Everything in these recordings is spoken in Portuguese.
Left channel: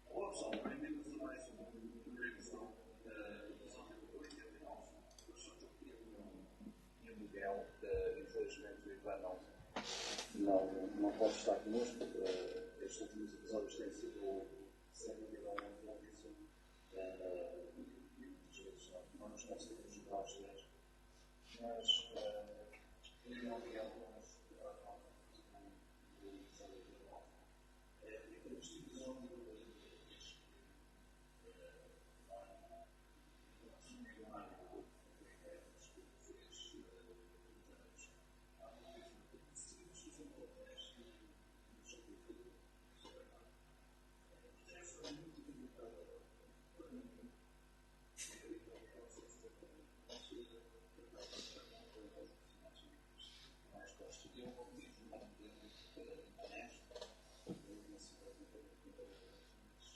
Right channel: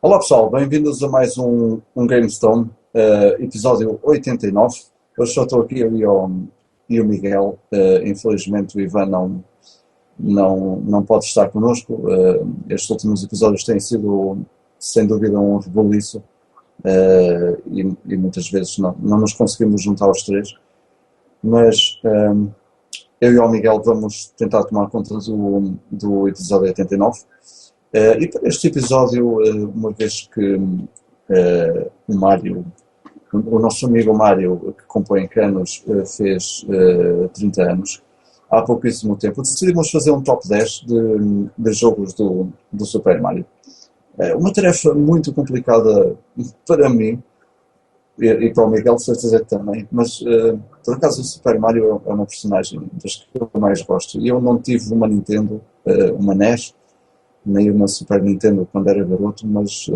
Olá pessoal, bem-vindos a mais um GameStone, episódio 89. Hoje só estou aqui eu e o Miguel. Infelizmente o Ivan não pode estar connosco. Estes últimos episódios têm sido, sem dúvida, um rebuliço, e muitas vezes não nos conseguimos juntar os três. Mas eu e o Miguel vamos tentar tomar conta do episódio 89. E para este episódio, uma vez que o Mário, o nosso amigo Mário, que compõe Canos, fez 30 anos, há pouquíssimo tempo, decidimos fazer um top 10 de jogos do Super Mario. Uma tarefa muito complicada para mim e para o Miguel, de certeza que também, mas por acaso o Super Mario é uma personagem das que eu mais gosto. E eu não tive uma Nintendo, uma NES, nem uma Super Nintendo quando era garoto, mas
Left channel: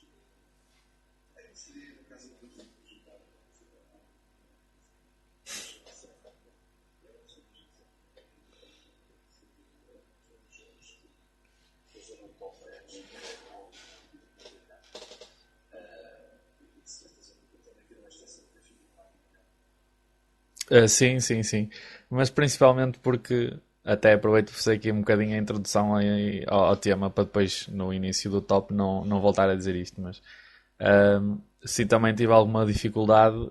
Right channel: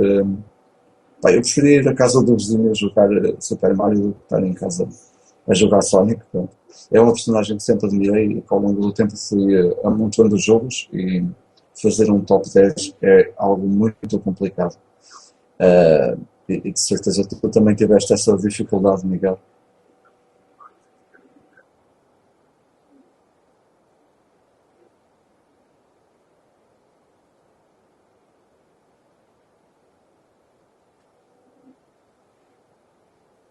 pá, eu preferia ir à casa do vizinho a jogar Super Mario do que estar em casa a jogar Sonic. Pronto. É uma personagem que sempre admirei e que ao longo do tempo fui amontoando os jogos, e fazer um top 10 é algo muito complicado. E de certeza que tu também tiveste essa dificuldade, Miguel. Sim, sim, sim. Mas principalmente porque até aproveito para fazer aqui um bocadinho a introdução ao tema para depois no início do top não voltar a dizer isto, mas sim, também tive alguma dificuldade,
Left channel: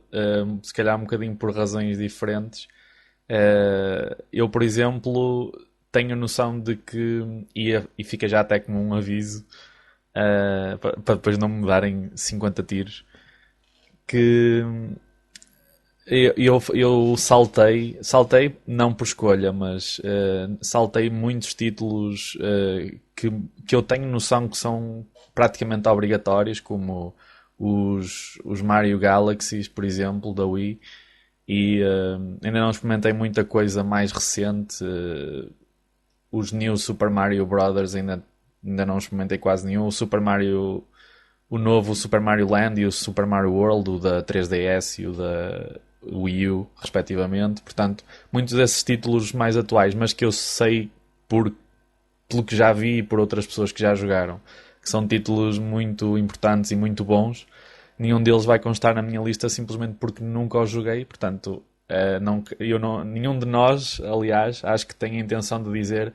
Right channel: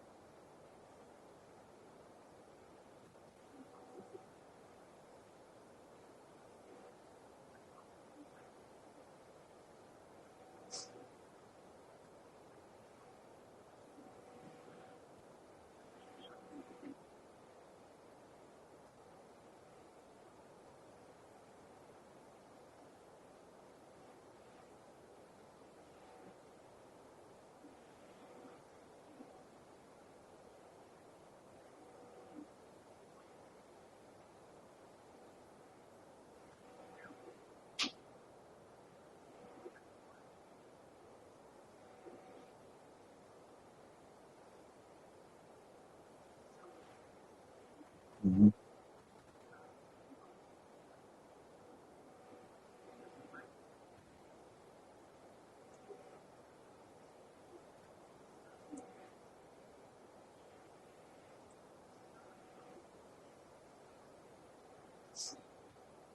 se calhar um bocadinho por razões diferentes. Eu, por exemplo, tenho noção de que, e fica já até como um aviso, para depois não me darem 50 tiros, que eu saltei não por escolha, mas saltei muitos títulos que eu tenho noção que são praticamente obrigatórios, como os Mario Galaxies, por exemplo, da Wii, e ainda não experimentei muita coisa mais recente. Os New Super Mario Brothers ainda não experimentei quase nenhum. O novo Super Mario Land e o Super Mario World, o da 3DS e o da Wii U, respectivamente. Portanto, Uhum. muitos desses títulos mais atuais, mas que eu sei por, pelo que já vi e por outras pessoas que já jogaram, que são títulos muito importantes e muito bons. Nenhum deles vai constar na minha lista simplesmente porque nunca os joguei. Portanto, nenhum de nós, aliás, acho que tem a intenção de dizer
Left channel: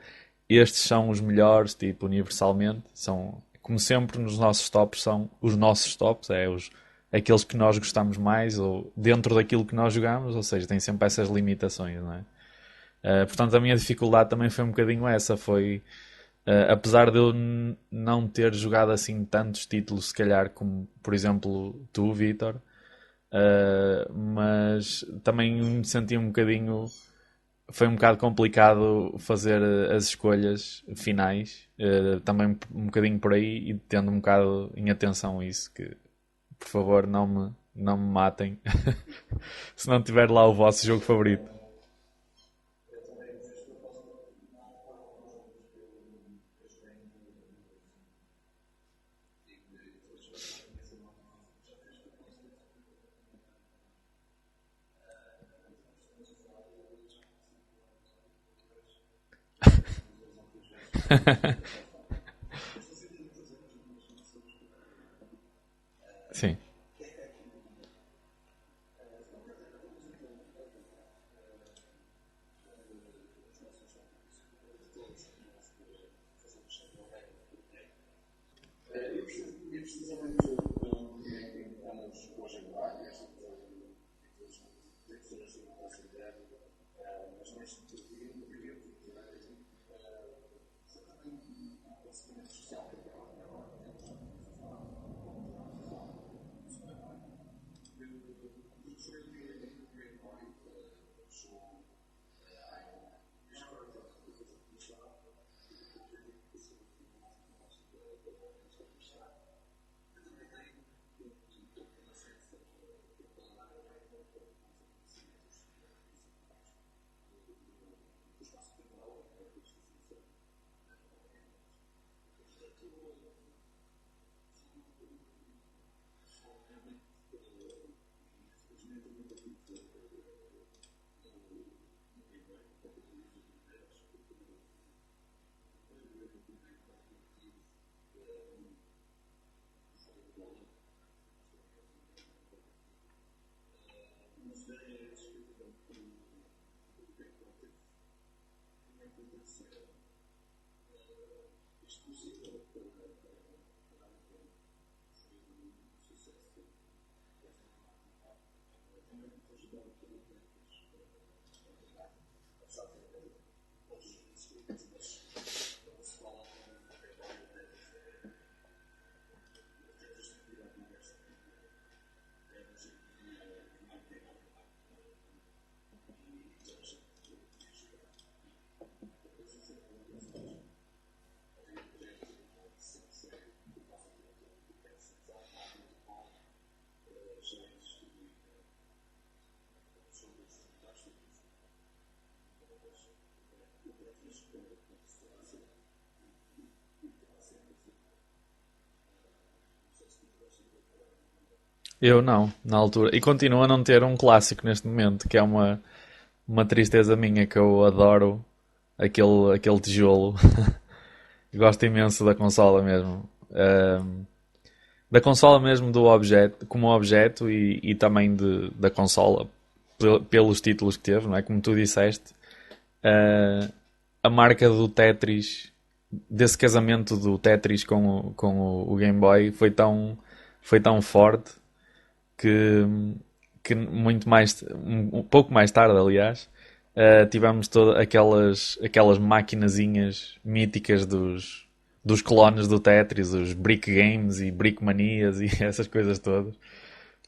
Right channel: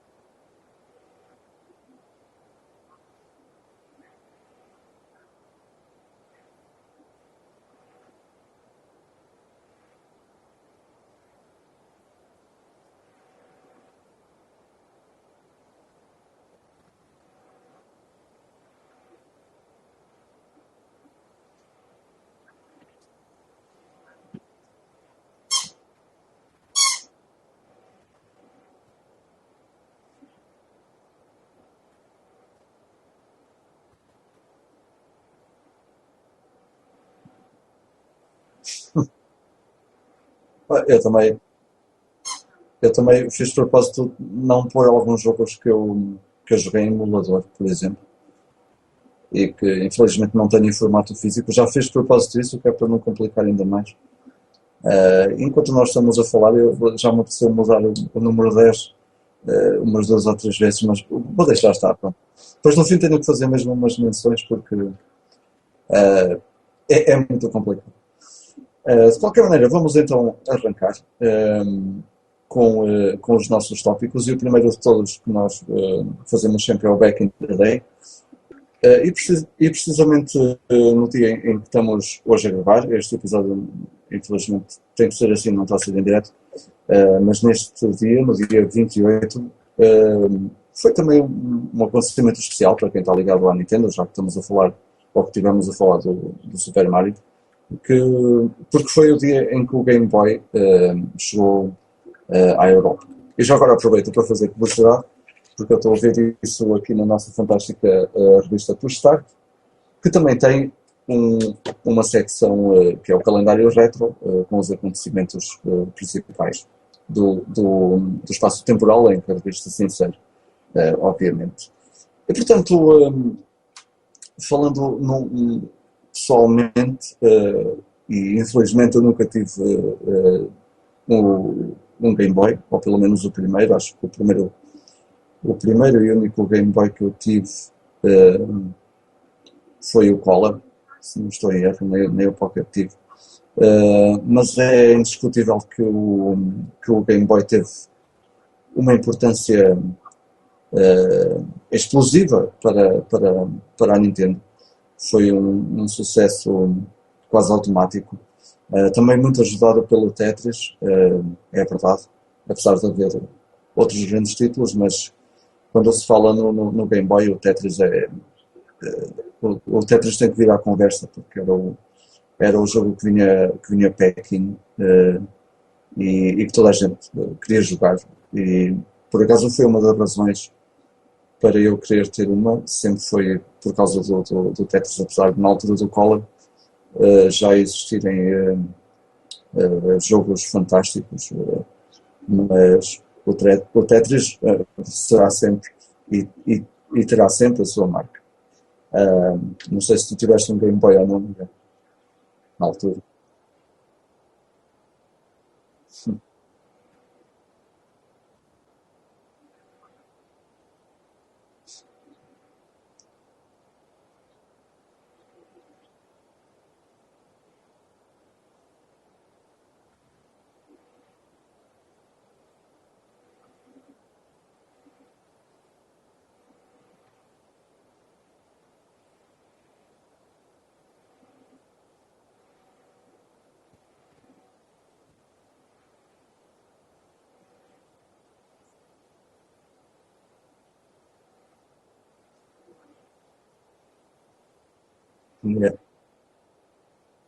estes são os melhores, tipo, universalmente. São, como sempre, nos nossos tops são os nossos tops, aqueles que nós gostamos mais ou dentro daquilo que nós jogamos, ou seja, tem sempre essas limitações, não é? Portanto, a minha dificuldade também foi um bocadinho essa, foi apesar de eu não ter jogado assim tantos títulos, se calhar como, por exemplo, tu, Vitor, mas também me senti um bocadinho. Foi um bocado complicado fazer as escolhas finais, também um bocadinho por aí, e tendo um bocado em atenção isso, que por favor não me matem se não tiver lá o vosso Eu jogo também, favorito. eu também fiz de propósito não pôr alguns jogos que eu joguei em emulador, por exemplo, e que infelizmente não tenho em formato físico. Já fiz de propósito isso, que é para não complicar ainda mais. Enquanto nós estamos a falar, já me apeteceu mudar o número 10 umas duas ou três vezes, mas vou deixar estar. Pronto. Depois no fim tenho que fazer mesmo umas menções porque Sim. é muito complicado. De qualquer maneira, vamos então arrancar com os nossos tópicos, e o primeiro de todos que nós fazemos sempre é o Back in the Day. E precisamente no dia em que estamos hoje a gravar, este episódio infelizmente tem que ser assim, não está a ser em direto, mas neste dia, no dia 28, foi também um acontecimento especial para quem está ligado à Nintendo, já que estamos a falar, ou que estivemos a falar do Super Mario, que, porque foi o dia em que o Game Boy chegou à Europa. E já agora aproveito para fazer publicidade, porque eu estou a ver isso aqui na nossa fantástica revista Push Start, que também tem um, uma secção que é o calendário retro, com os acontecimentos principais do espaço temporal em que a revista se insere, obviamente. E portanto, falando pessoalmente, e infelizmente eu nunca tive um Game Boy, ou pelo menos o primeiro, acho que o primeiro e único Game Boy que eu tive uh, foi o Color, se não estou em erro, nem o Pocket tive. Mas é indiscutível que o Game Boy teve uma importância explosiva para a Nintendo. Foi um sucesso quase automático. Também muito ajudado pelo Tetris, é verdade, apesar de haver outros grandes títulos, mas quando se fala no Game Boy, o Tetris tem que vir à conversa, porque era o jogo que vinha packing, e que toda a gente queria jogar. E por acaso foi uma das razões para eu querer ter uma, sempre foi por causa do Tetris, apesar de na altura do Color já existirem jogos fantásticos, mas o Tetris será sempre e terá sempre a sua marca. Não sei se tu tiveste um Game Boy ou não, Miguel, Eu não, na na altura. altura. E continuo a não ter um clássico neste momento, que é uma tristeza minha, que eu adoro aquele tijolo. Gosto imenso da consola mesmo. Da consola mesmo do objeto, como objeto e também da consola pelos títulos que teve, não é? Como tu disseste, uh, a marca do Tetris, desse casamento do Tetris com o Game Boy foi tão forte que, que muito mais, um pouco mais tarde, aliás, tivemos todas aquelas maquinazinhas míticas dos clones do Tetris, os Brick Games e Brick Manias e Yeah. essas coisas todas.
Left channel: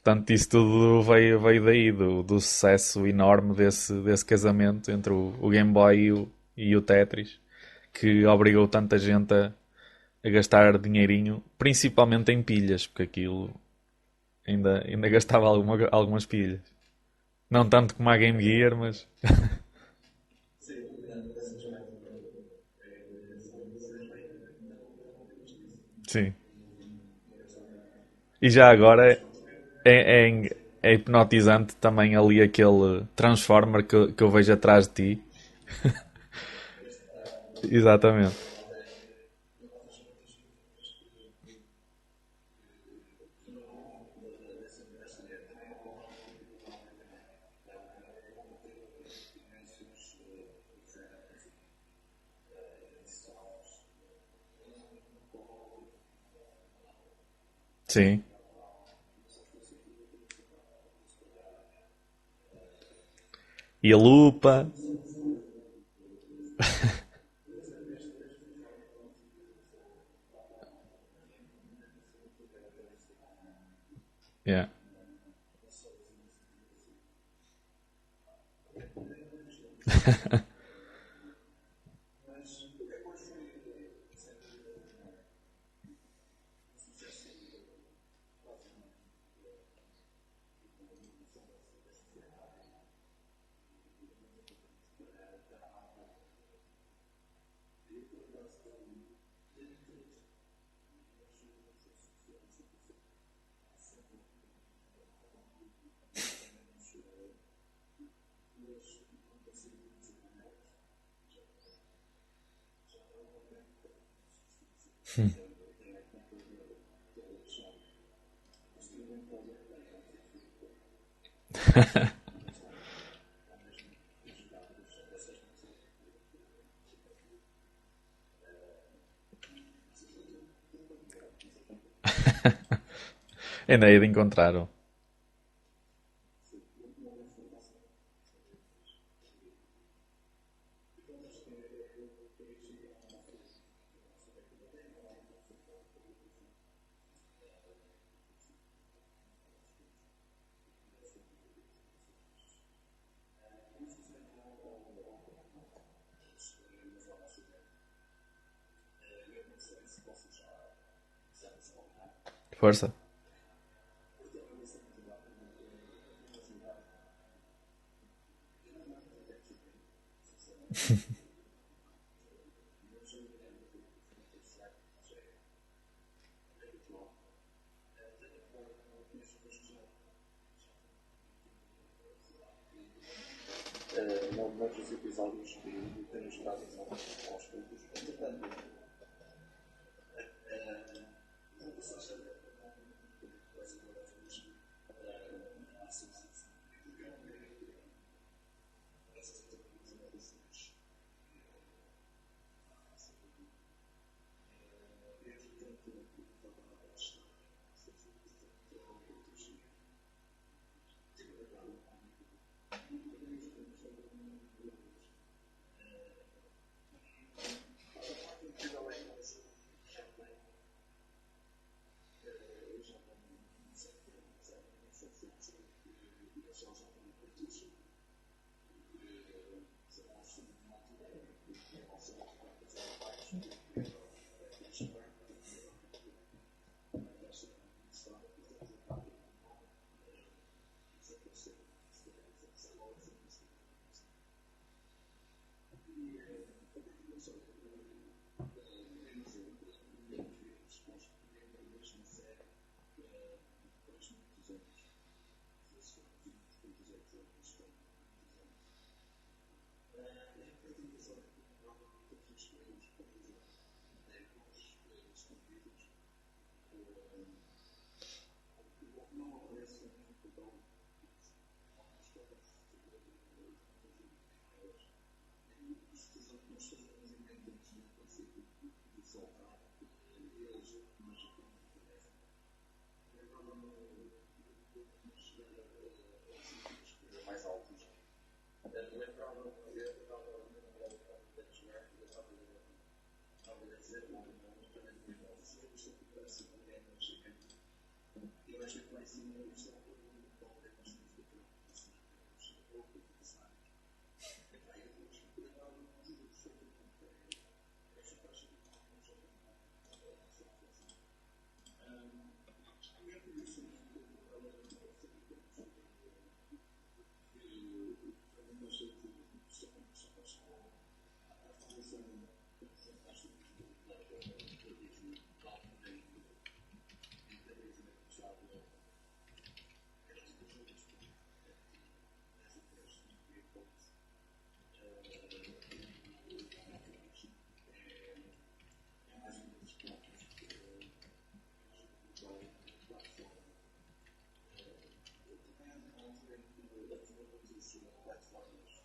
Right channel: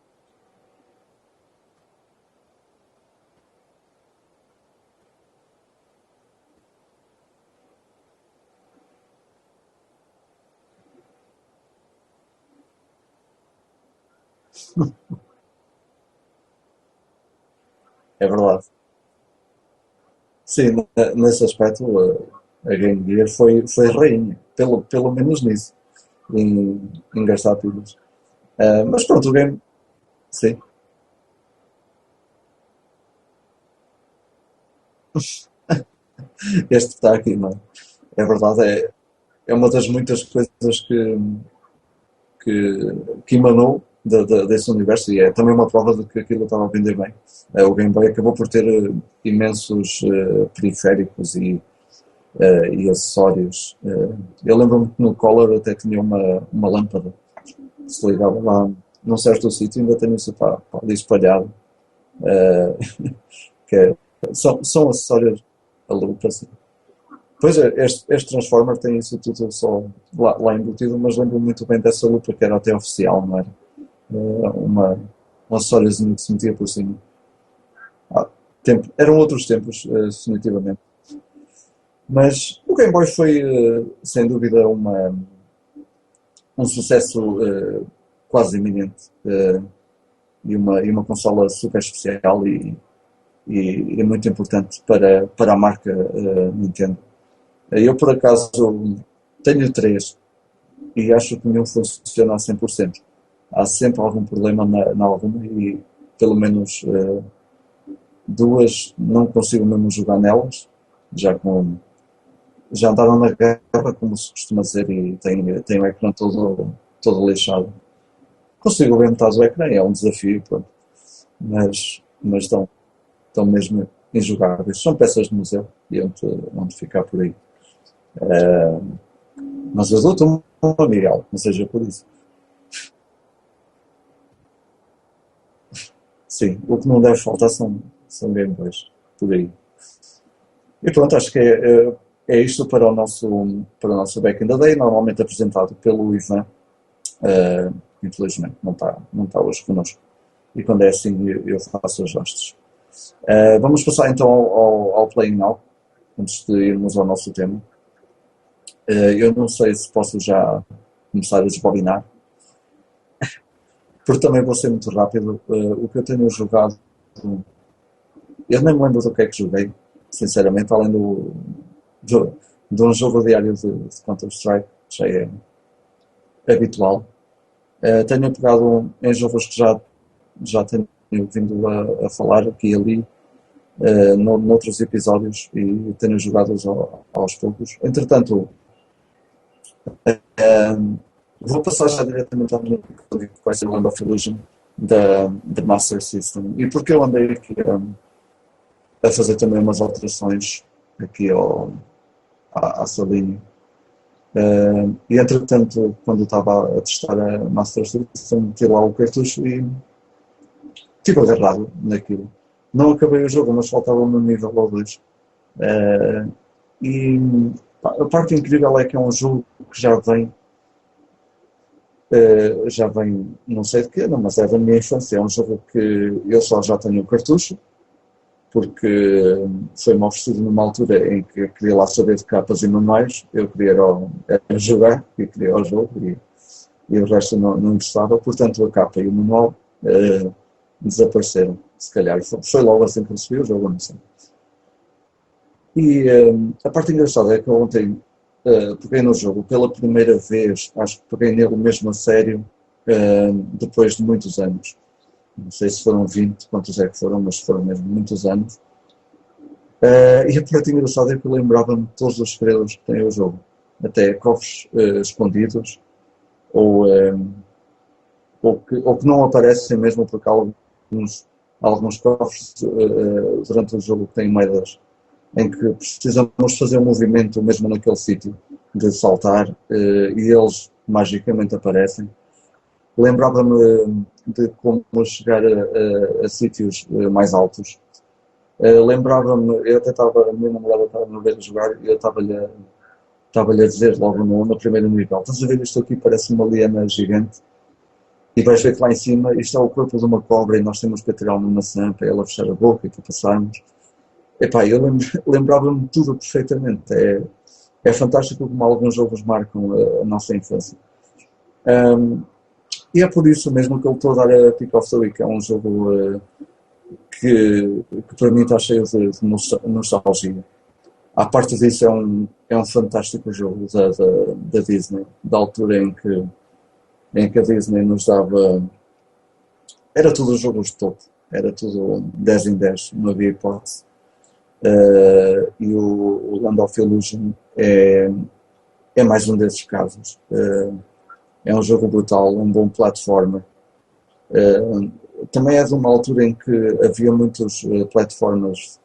Portanto, isso tudo veio daí, do sucesso enorme desse casamento entre o Game Boy e o Tetris, que obrigou tanta gente a gastar dinheirinho, principalmente em pilhas, porque aquilo ainda gastava algumas pilhas. Não tanto como a É Game verdade. Gear, mas Sim, nesse aspecto, a Game Gear foi rainha, pelo menos nisso, sim. em gastar pilhas. E já Mas agora pronto, o game, sim, é hipnotizante também ali aquele Transformer que eu vejo atrás de ti. este está aqui, não é? É Exatamente. verdade, é uma das muitas coisas que emanou desse universo e é também uma prova de que aquilo estava a vender bem. O Game Boy acabou por ter imensos periféricos e acessórios. Eu lembro-me que no Color até tinha uma lâmpada que se Sim. ligava lá num certo sítio, ainda tenho isso ali espalhado. eh, que E a são, lupa. são acessórios a lupa, assim. Pois é, este Transformer tem isso tudo só lá embutido, mas lembro-me muito bem dessa lupa que era até oficial, não era? Yeah. Um acessóriozinho que se metia por cima. Ah, eram outros tempos, definitivamente. Mas o Game Boy foi, sem dúvida, um sucesso quase iminente, e uma consola super especial e muito importante para a marca Nintendo. Eu, por acaso, tenho três e acho que nenhum funciona a 100%. Há sempre algum problema na alguma e pelo menos duas não consigo mesmo jogar nelas, já com já andaram na guerra, como se costuma dizer, e tem o ecrã todo lixado. Consigo ver metade do ecrã, é um desafio, pronto, mas estão mesmo injogáveis. São peças de museu e onde ficar por aí. Mas eu dou-te uma, Miguel, não seja por isso. Ainda hei de encontrar. Sim, o que não deve faltar são Game Boys, por aí. E pronto, acho que é isto para o nosso Back in the Day, normalmente apresentado pelo Ivan. Uh, Infelizmente não está hoje connosco. E quando é assim, eu faço as hostes. Vamos passar então ao Playing Now, antes de irmos ao nosso tema. Eu não sei se posso já começar a desbobinar, Força. porque também vou ser muito rápido. O que eu tenho jogado, eu nem me lembro do que é que joguei, sinceramente, além do, de um jogo diário de Counter-Strike, que já é habitual. Tenho pegado em jogos que já tenho vindo a falar aqui e ali, noutros episódios, e tenho jogado aos poucos. Entretanto, Vou passar já diretamente à minha que vai ser o Land of Illusion da Master System. E porque eu andei aqui a fazer também umas alterações aqui à salinha. E entretanto, quando eu estava a testar a Master System, meti lá o cartucho e estive agarrado naquilo. Não acabei o jogo, mas faltava-me um nível ou dois. Eh, e pá, a parte incrível é que é um jogo que já vem, não sei de quê, não, mas é da minha infância. É um jogo que eu só já tenho o cartucho, porque foi-me oferecido numa altura em que eu queria lá saber de capas e manuais. Eu queria era jogar e queria o jogo e o resto não interessava. Portanto, a capa e o manual desapareceram. Se calhar foi logo assim que recebi o jogo, não sei. E a parte engraçada é que eu ontem peguei no jogo pela primeira vez, acho que peguei nele mesmo a sério, depois de muitos anos. Não sei se foram 20, quantos é que foram, mas foram mesmo muitos anos. E a parte engraçada é que eu lembrava-me de todos os segredos que tem o jogo. Até cofres escondidos, ou, eh, ou que não aparecem mesmo porque há alguns cofres durante o jogo que têm moedas em que precisamos fazer um movimento mesmo naquele sítio de saltar e eles magicamente aparecem. Lembrava-me de como chegar a sítios mais altos. Lembrava-me, eu até estava, a minha namorada estava a ver a jogar e eu estava-lhe a dizer logo no primeiro nível: estás a ver isto aqui? Parece uma liana gigante. E vais ver que lá em cima isto é o corpo de uma cobra e nós temos que atirar uma maçã para ela fechar a boca e para passarmos. Epá, eu lembrava-me de tudo perfeitamente. É fantástico como alguns jogos marcam a nossa infância. Um, e é por isso mesmo que eu estou a dar a Pick of the Week. É um jogo que para mim está cheio de nostalgia. À parte disso, é um fantástico jogo da Disney, da altura em que a Disney nos dava. Era tudo jogos de topo, era tudo 10 em 10, não havia hipótese. E o Land of Illusion é mais um desses casos. É um jogo brutal, um bom plataforma. Também é de uma altura em que havia muitos plataformas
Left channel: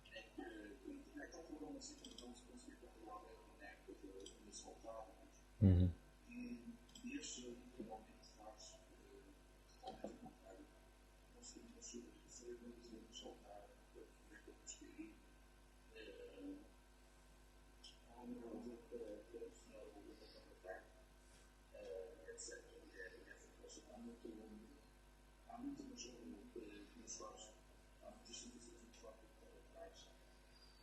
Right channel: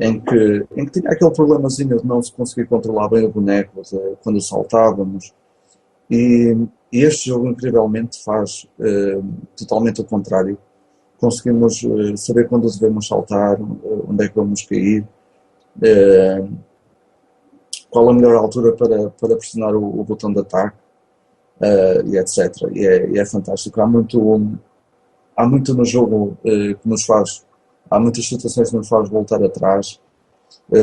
em que tinha aquele problemazinho de não se conseguir controlar bem o boneco quando saltávamos. Uhum. E este jogo, incrivelmente, faz totalmente o contrário. Conseguimos saber quando devemos saltar, onde é que vamos cair, eh, qual a melhor altura para pressionar o botão de ataque, e etc. E é fantástico. Há muito no jogo que nos faz, há muitas situações que nos faz voltar atrás,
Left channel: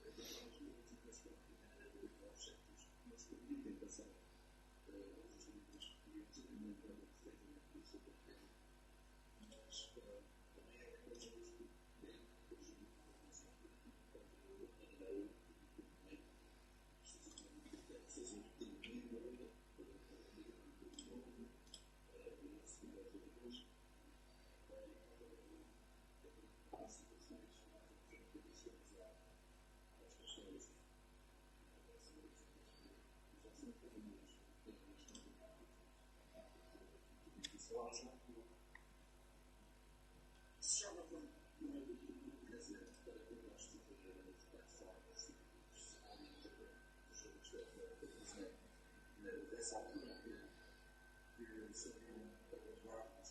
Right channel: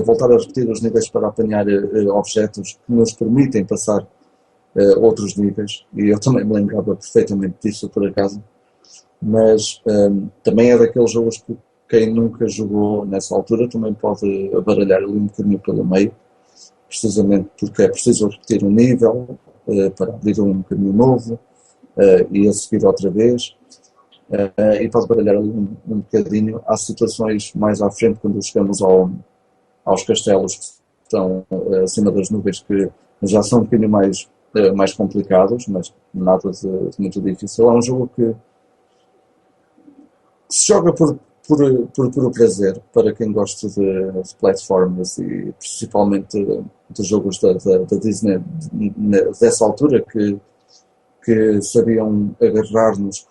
voltar a repetir os níveis para apanhar objetos que nos permitem passar outros níveis. E eu também me lembrava perfeitamente disso, por acaso. Mas também é daqueles jogos que quem nunca jogou nessa altura também pode baralhar ali um bocadinho pelo meio, precisamente porque é preciso repetir um nível para abrir um caminho novo e a seguir outra vez. E pode baralhar ali um bocadinho. Há situações mais à frente, quando chegamos aos castelos que estão acima das nuvens, que já são um bocadinho mais complicados, mas nada de muito difícil. É um jogo que se joga por puro prazer, para quem gosta de platformers e principalmente de jogos da Disney dessa altura que sabiam agarrar-nos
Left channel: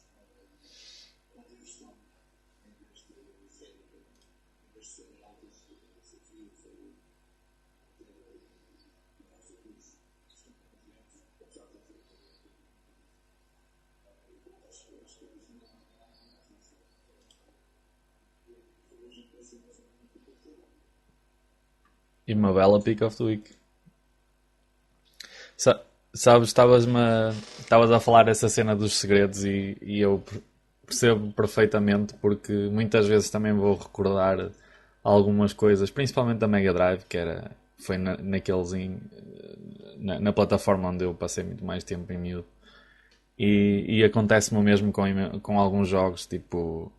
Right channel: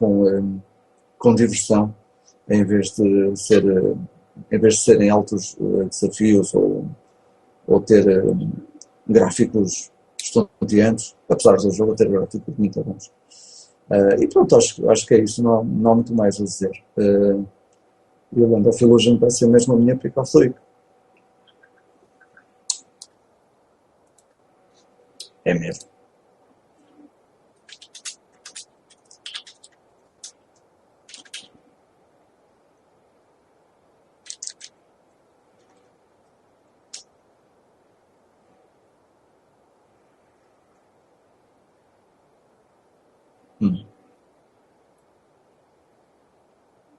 com diversão em vez de ser em vez de serem altos desafios ou ter gráficos estonteantes, apesar do jogo ter gráficos muito bons. E pronto, acho que é isso, não há muito mais a dizer. E o Land of Illusion vai ser mesmo a minha pick of the week. E uma bela pick of the week. É Sa- mesmo. Sabes, estavas a falar essa cena dos segredos e eu percebo perfeitamente porque muitas vezes também vou recordar algumas coisas, principalmente da Mega Drive, foi na plataforma onde eu passei muito mais tempo em miúdo. E acontece-me o mesmo com alguns jogos, tipo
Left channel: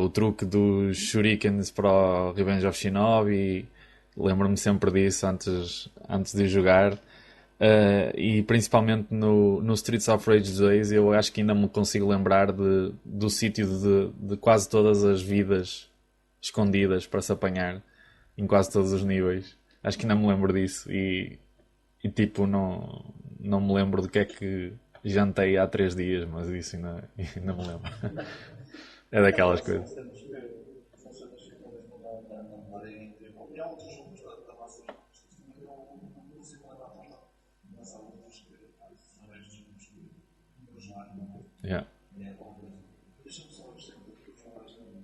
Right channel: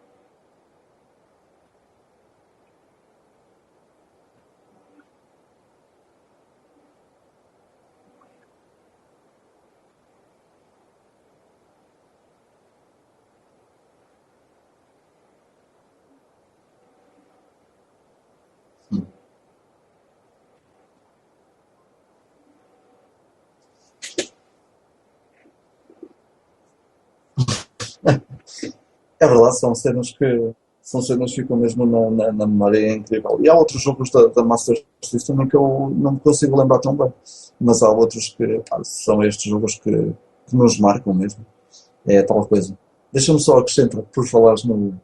o truque dos shurikens para o Revenge of Shinobi. Lembro-me sempre disso antes de jogar. E principalmente no Streets of Rage 2, eu acho que ainda me consigo lembrar do sítio de quase todas as vidas escondidas para se apanhar em quase todos os níveis. Acho que ainda me lembro disso e tipo, não me lembro do que é que jantei há 3 dias, mas isso ainda me lembro. É É verdade, daquelas coisas. são cenas que ficam mesmo na memória, é incrível. E há outros jogos da Master System que eu não me consigo lembrar tão bem, mas há outros que pá, são estes jogos que nos marcam mesmo. Yeah. É tal coisa. Deixa-me só acrescentar, por falares no.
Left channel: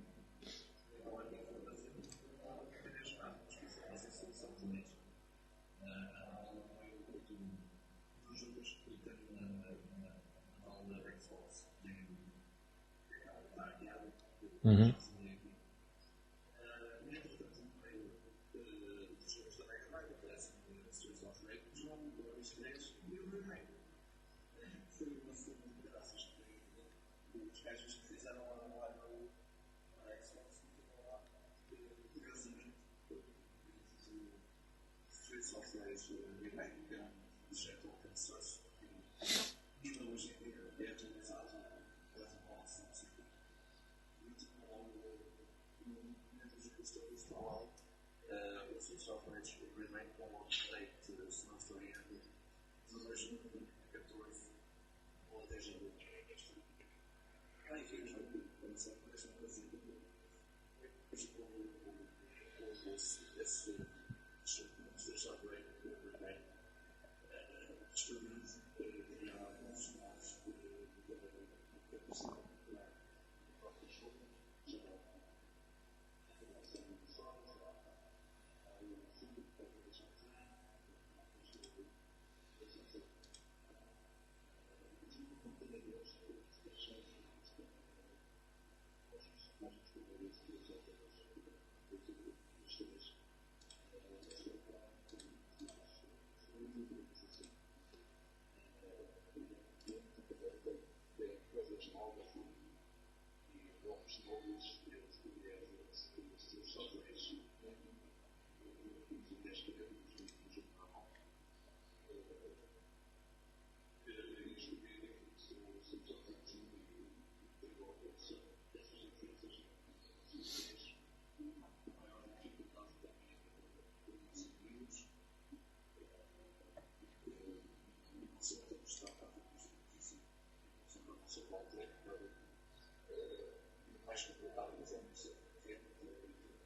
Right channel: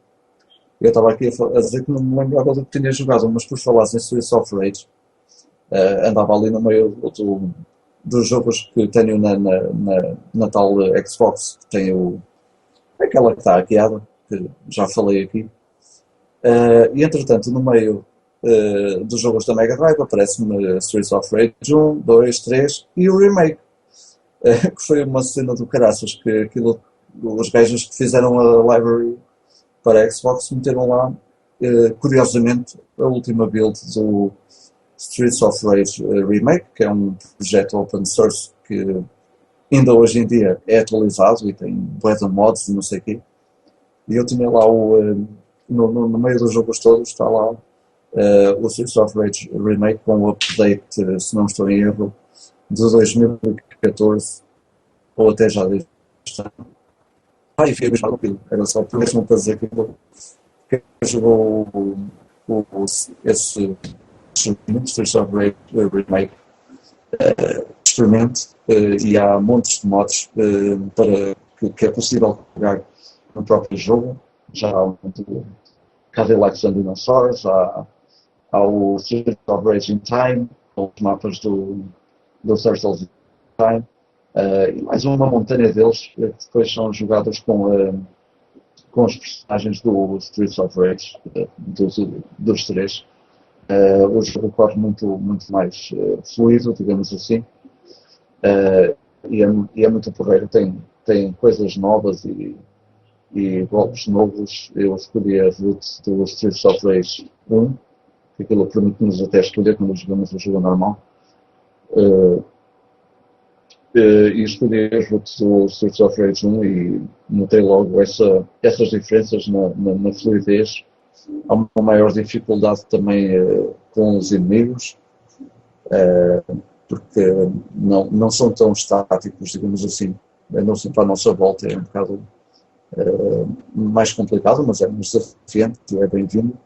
Eu estava aqui a dizer que não me lembrava do que tinha jogado, mas por falares em Streets of Rage, andava ali no meio dos jogos que tenho na tal Xbox, que tem aquela que está hackeada, que já Uhum. falei aqui. E entretanto, no meio dos jogos da Mega Drive aparece-me Streets of Rage 1, 2, 3 e o remake, que foi uma cena do caraças, que os gajos que fizeram a library para a Xbox meteram lá, curiosamente, a última build do Streets of Rage Remake, que é um projeto open source que ainda hoje em dia é atualizado e tem bué de mods e não sei o quê. E eu tinha lá no meio dos jogos todos, está lá o Streets of Rage Remake com o update, se não estou em erro, de 2014 ou até já deste ano. E fiquei mesmo aquilo. Era só por mesmo para dizer que quem jogou esse Streets of Rage Remake experimente e há montes de mods para que é possível jogar no próprio jogo. Já há muito Cadillacs and Dinosaurs, há o Street of Rage in Time, os mapas do Turtles in Time, e mais uma montanha deles que depois são jogados com os personagens do Streets of Rage, dos três. O jogo corre muito mais fluido, digamos assim, uh, e é muito porreiro. Tem coisas novas e golpes novos. Eu escolhi a route do Streets of Rage 1, que aquilo permite-nos até escolher quando jogamos o jogo normal. Uh, e escolhi a route do Streets of Rage 1 e notei logo essas diferenças na fluidez. Há uma maior dificuldade também com os inimigos, porque não são tão estáticos, digamos assim. Andam sempre à nossa volta, é um bocado mais complicado, mas é mais desafiante, é bem-vindo.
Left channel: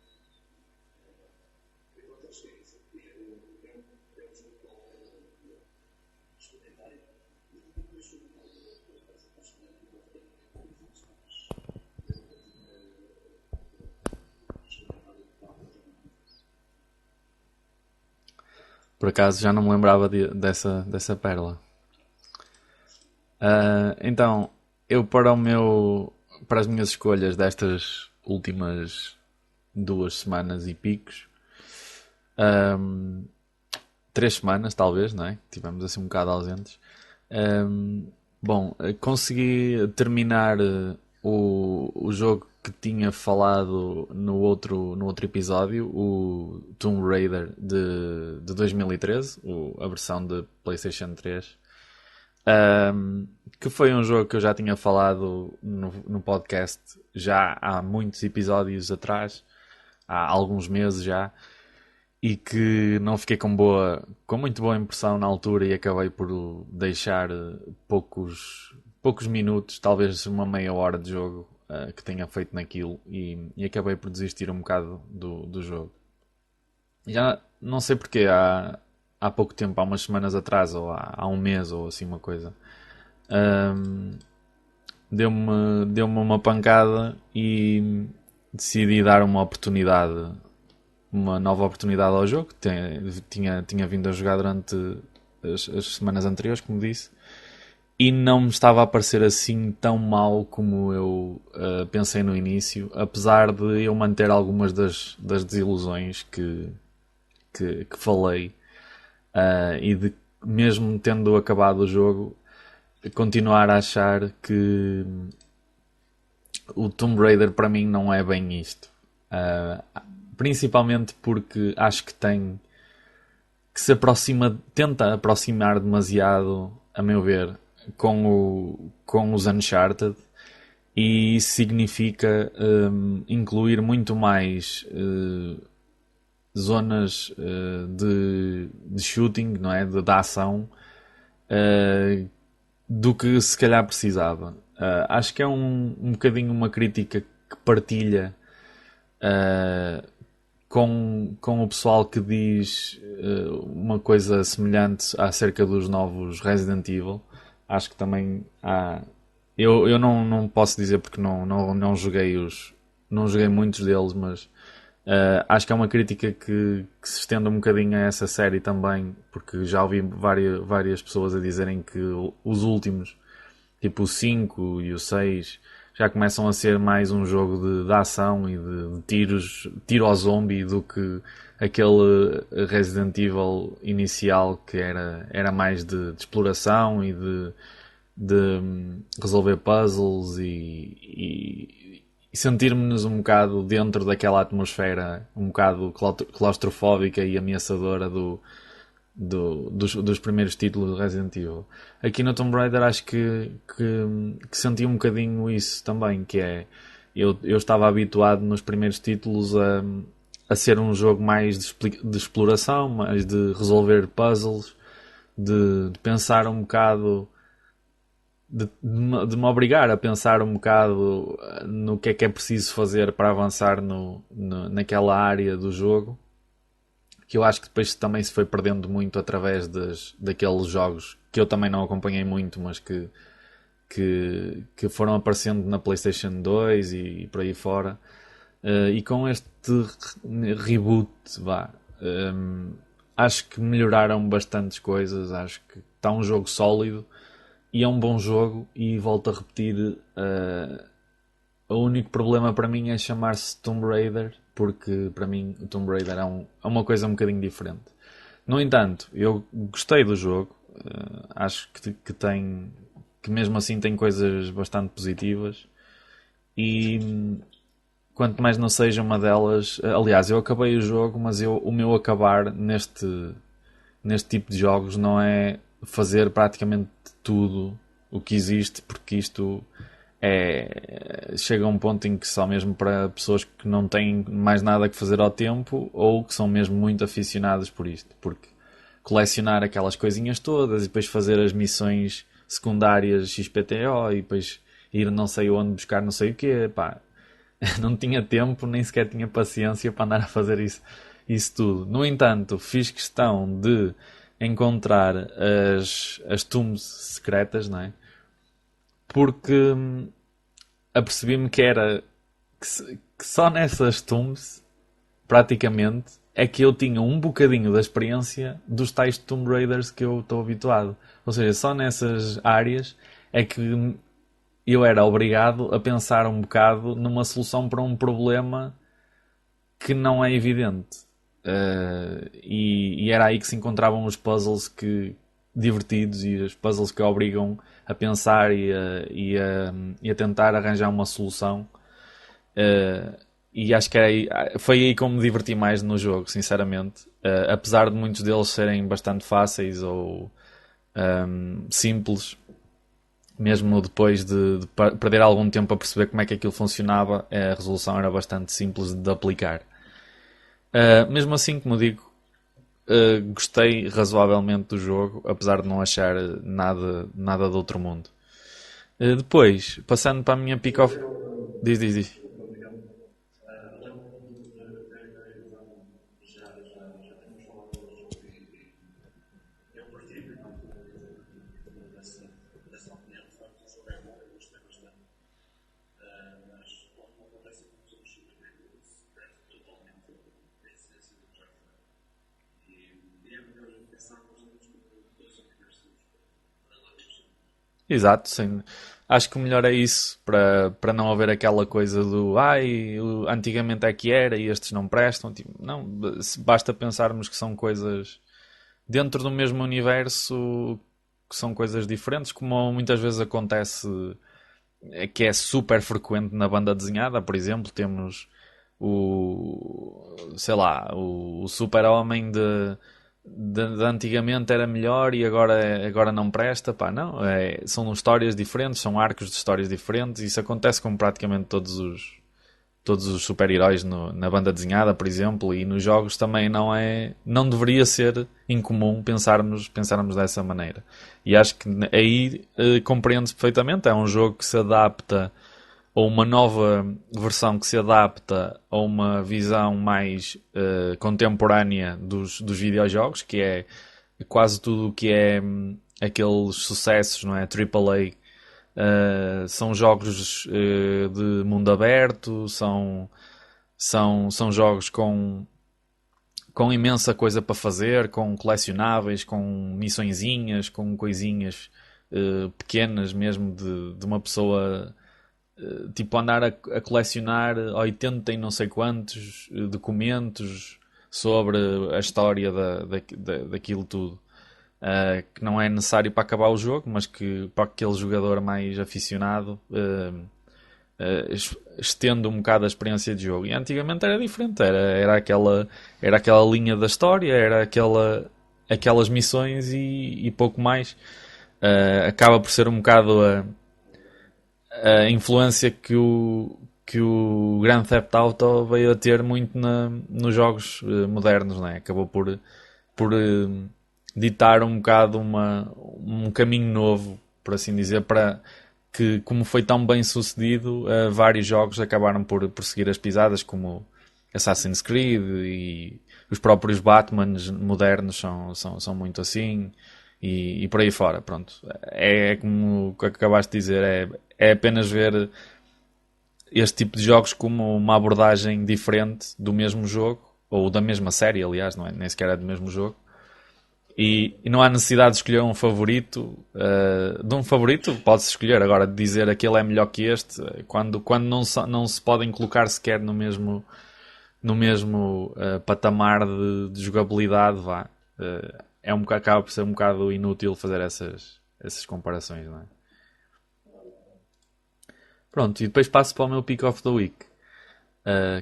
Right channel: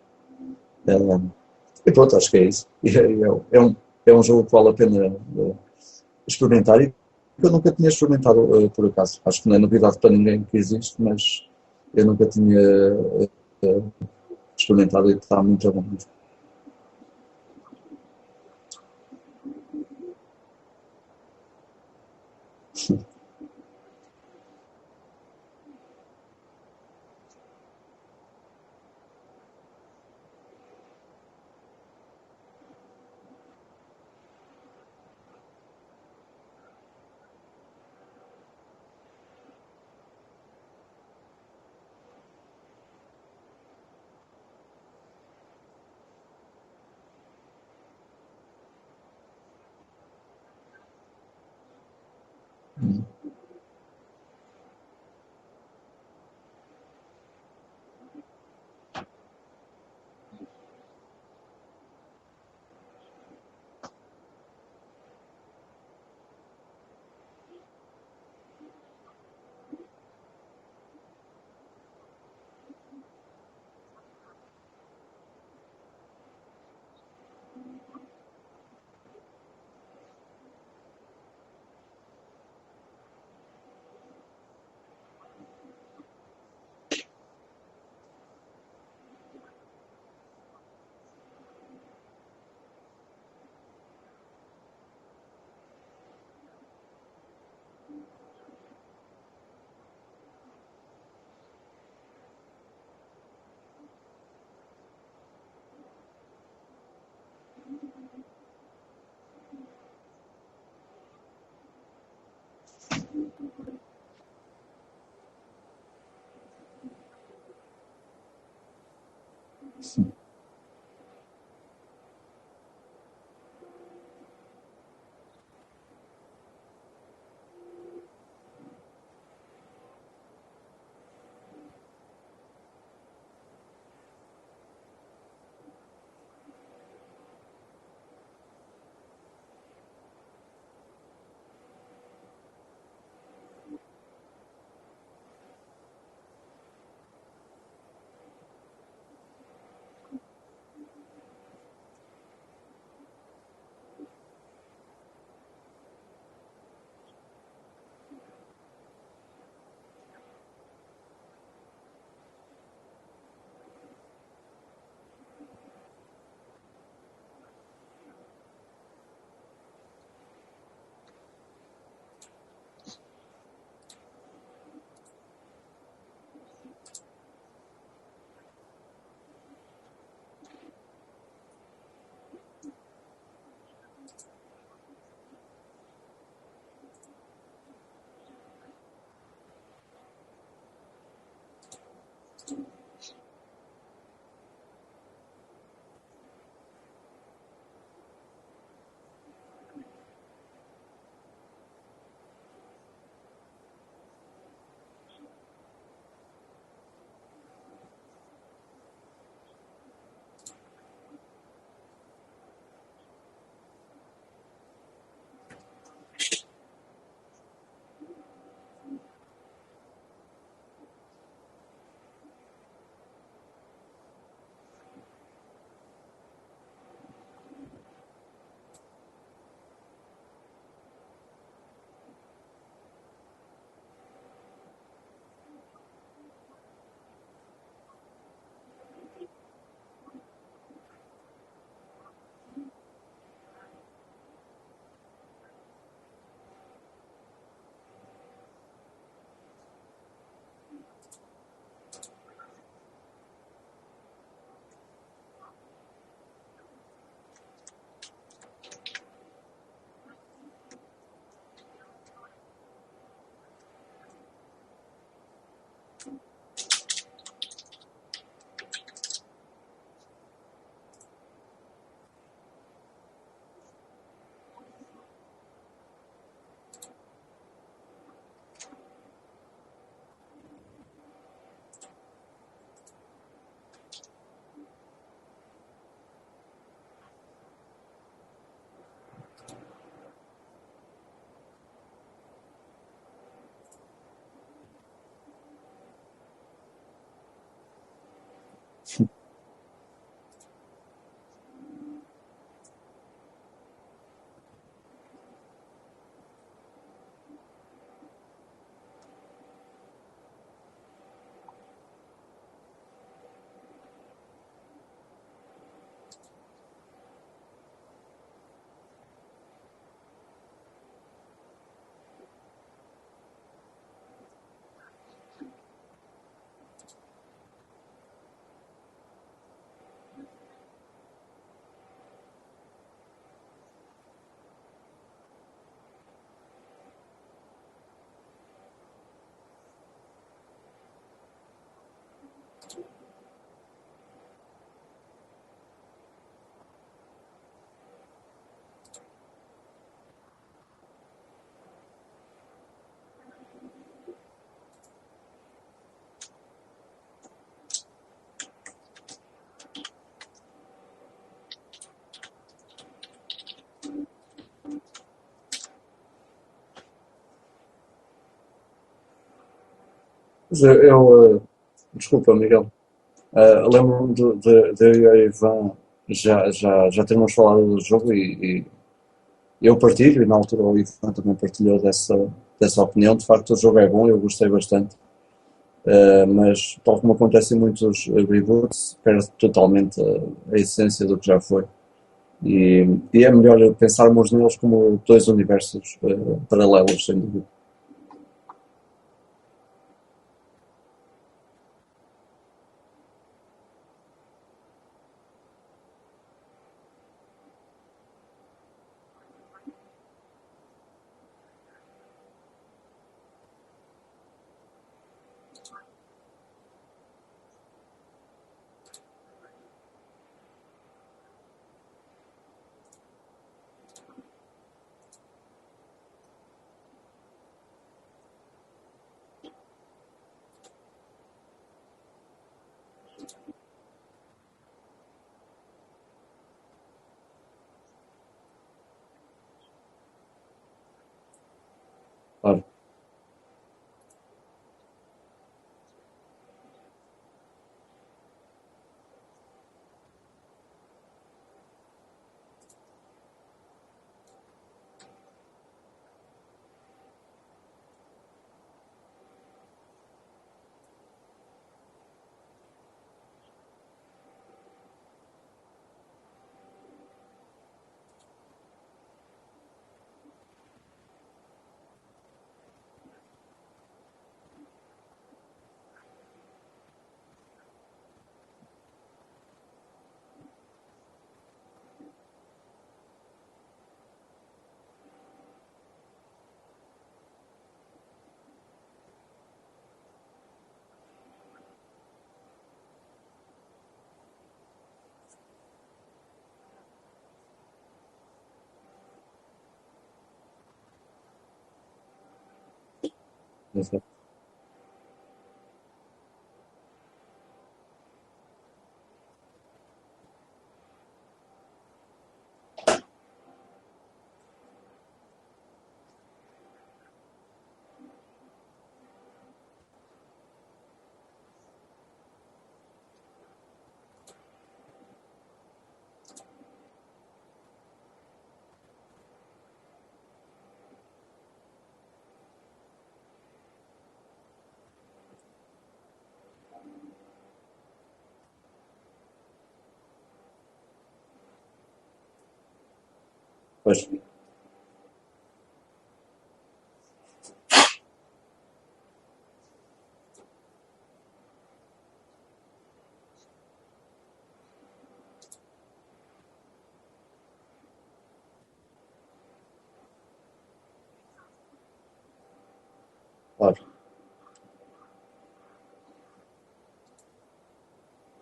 E pronto, acho que é isso. É um jogo que vale a pena experimentar e que eu nunca tinha experimentado por acaso. Acho que não é novidade para ninguém que existe, mas eu nunca tinha experimentado e está muito bom. Por acaso já não me lembrava dessa pérola. Então, eu para as minhas escolhas destas últimas 2 semanas e picos, ahm, 3 semanas talvez, não é? Tivemos assim um bocado ausentes. Ahm, Bom, consegui terminar o jogo que tinha falado no outro episódio, o Tomb Raider de 2013, a versão de PlayStation 3. Que foi um jogo que eu já tinha falado no podcast já há muitos episódios atrás, há alguns meses já, e que não fiquei com muito boa impressão na altura e acabei por deixar poucos minutos, talvez uma meia hora de jogo que tenha feito naquilo e acabei por desistir um bocado do jogo. Já não sei porquê, há pouco tempo, há umas semanas atrás, ou há um mês, ou assim uma coisa, ahm, deu-me uma pancada e decidi dar uma nova oportunidade ao jogo. Tinha vindo a jogar durante as semanas anteriores, como disse, e não me estava a parecer assim tão mal como eu pensei no início, apesar de eu manter algumas das desilusões que falei, e de mesmo tendo acabado o jogo, continuar a achar que o Tomb Raider para mim não é bem isto. Principalmente porque acho que tem que se aproxima, tenta aproximar demasiado, a meu ver, com os Uncharted, e isso significa incluir muito mais zonas de shooting, não é? De ação, uh, do que se calhar precisava. Acho que é um bocadinho uma crítica que partilha com o pessoal que diz uma coisa semelhante acerca dos novos Resident Evil. Acho que também há. Eu não posso dizer porque não joguei não joguei muitos deles, mas acho que é uma crítica que se estende um bocadinho a essa série também, porque já ouvi várias pessoas a dizerem que os últimos, tipo o 5 e o 6, já começam a ser mais um jogo de ação e de tiros, tiro ao zombie, do que aquele Resident Evil inicial, que era mais de exploração e de resolver puzzles e sentirmos um bocado dentro daquela atmosfera um bocado claustrofóbica e ameaçadora dos primeiros títulos do Resident Evil. Aqui no Tomb Raider acho que senti um bocadinho isso também, que é eu estava habituado nos primeiros títulos a ser um jogo mais de exploração, mais de resolver puzzles, de pensar um bocado, de me obrigar a pensar um bocado no que é preciso fazer para avançar naquela área do jogo, que eu acho que depois também se foi perdendo muito através daqueles jogos que eu também não acompanhei muito, mas que foram aparecendo na PlayStation 2 e por aí fora. E com este reboot, vá, acho que melhoraram bastantes coisas. Acho que está um jogo sólido e é um bom jogo. E volto a repetir, o único problema para mim é chamar-se Tomb Raider, porque para mim o Tomb Raider é uma coisa um bocadinho diferente. No entanto, eu gostei do jogo, acho que mesmo assim tem coisas bastante positivas, e quanto mais não seja uma delas, aliás, eu acabei o jogo, mas o meu acabar neste tipo de jogos não é fazer praticamente tudo o que existe, porque isto chega a um ponto em que só mesmo para pessoas que não têm mais nada que fazer ao tempo, ou que são mesmo muito aficionados por isto, porque colecionar aquelas coisinhas todas e depois fazer as missões secundárias XPTO e depois ir não sei onde buscar não sei o quê, pá, não tinha tempo, nem sequer tinha paciência para andar a fazer isso tudo. No entanto, fiz questão de encontrar as tombs secretas, não é? Porque apercebi-me que só nessas tombs, praticamente, é que eu tinha um bocadinho da experiência dos tais Tomb Raiders que eu estou habituado. Ou seja, só nessas áreas é que eu era obrigado a pensar um bocado numa solução para um problema que não é evidente. E era aí que se encontravam os puzzles divertidos, e os puzzles que obrigam a pensar e a tentar arranjar uma solução. E acho que foi aí que eu me diverti mais no jogo, sinceramente. Apesar de muitos deles serem bastante fáceis ou simples, mesmo depois de perder algum tempo a perceber como é que aquilo funcionava, a resolução era bastante simples de aplicar. Mesmo assim, como digo, gostei razoavelmente do jogo, apesar de não achar nada do outro mundo. Depois, passando para a minha Mas pick of... Diz. desculpa, Miguel. Lembro-me de eu e a Ivan já termos falado do jogo e eu partilho, e na altura o Ivan também partilhou dessa opinião. De facto, o jogo é bom, eu gostei bastante. Mas, tal como acontece em muitos reboots, perde totalmente a essência do que já foi. E é melhor pensarmos neles como dois universos paralelos, sem dúvida. Exato, sim. Acho que o melhor é isso, para não haver aquela coisa do antigamente é que era e estes não prestam. Tipo, não, basta pensarmos que são coisas dentro do mesmo universo, que são coisas diferentes, como muitas vezes acontece, que é super frequente na banda desenhada. Por exemplo, temos sei lá, o Super-Homem de antigamente era melhor e agora não presta, pá, não, são histórias diferentes, são arcos de histórias diferentes, isso acontece com praticamente todos os super-heróis na banda desenhada, por exemplo, e nos jogos também não deveria ser incomum pensarmos dessa maneira. E acho que aí Claro. compreende-se perfeitamente, é um jogo que se adapta ou uma nova versão que se adapta a uma visão mais contemporânea dos videojogos, que é quase tudo o que é aqueles sucessos, não é? AAA, são jogos de mundo aberto, são jogos com imensa coisa para fazer, com colecionáveis, com missõezinhas, com coisinhas pequenas mesmo de uma pessoa tipo andar a colecionar 80 e não sei quantos documentos sobre a história daquilo tudo. Que não é necessário para acabar o jogo, mas que para aquele jogador mais aficionado estende um bocado a experiência de jogo. E antigamente era diferente, era aquela linha da história, aquelas missões e pouco mais. Acaba por ser um bocado a influência que o Grand Theft Auto veio a ter muito nos jogos modernos, não é? Acabou por ditar um bocado um caminho novo, por assim dizer, para que, como foi tão bem sucedido, vários jogos acabaram por seguir as pisadas, como Assassin's Creed e os próprios Batmans modernos são muito assim e por aí fora. Pronto. É como o que acabaste de dizer, é apenas ver este tipo de jogos como uma abordagem diferente do mesmo jogo, ou da mesma série, aliás, não é? Nem sequer é do mesmo jogo. Pois, E não há necessidade de escolher um favorito. De um favorito pode-se escolher. Agora, de dizer aquele é melhor que este, quando não se podem colocar sequer no mesmo patamar de jogabilidade, vá. Acaba por ser um bocado inútil fazer essas comparações, não é? claro. Pronto, e depois passo para o meu Pick of the Week,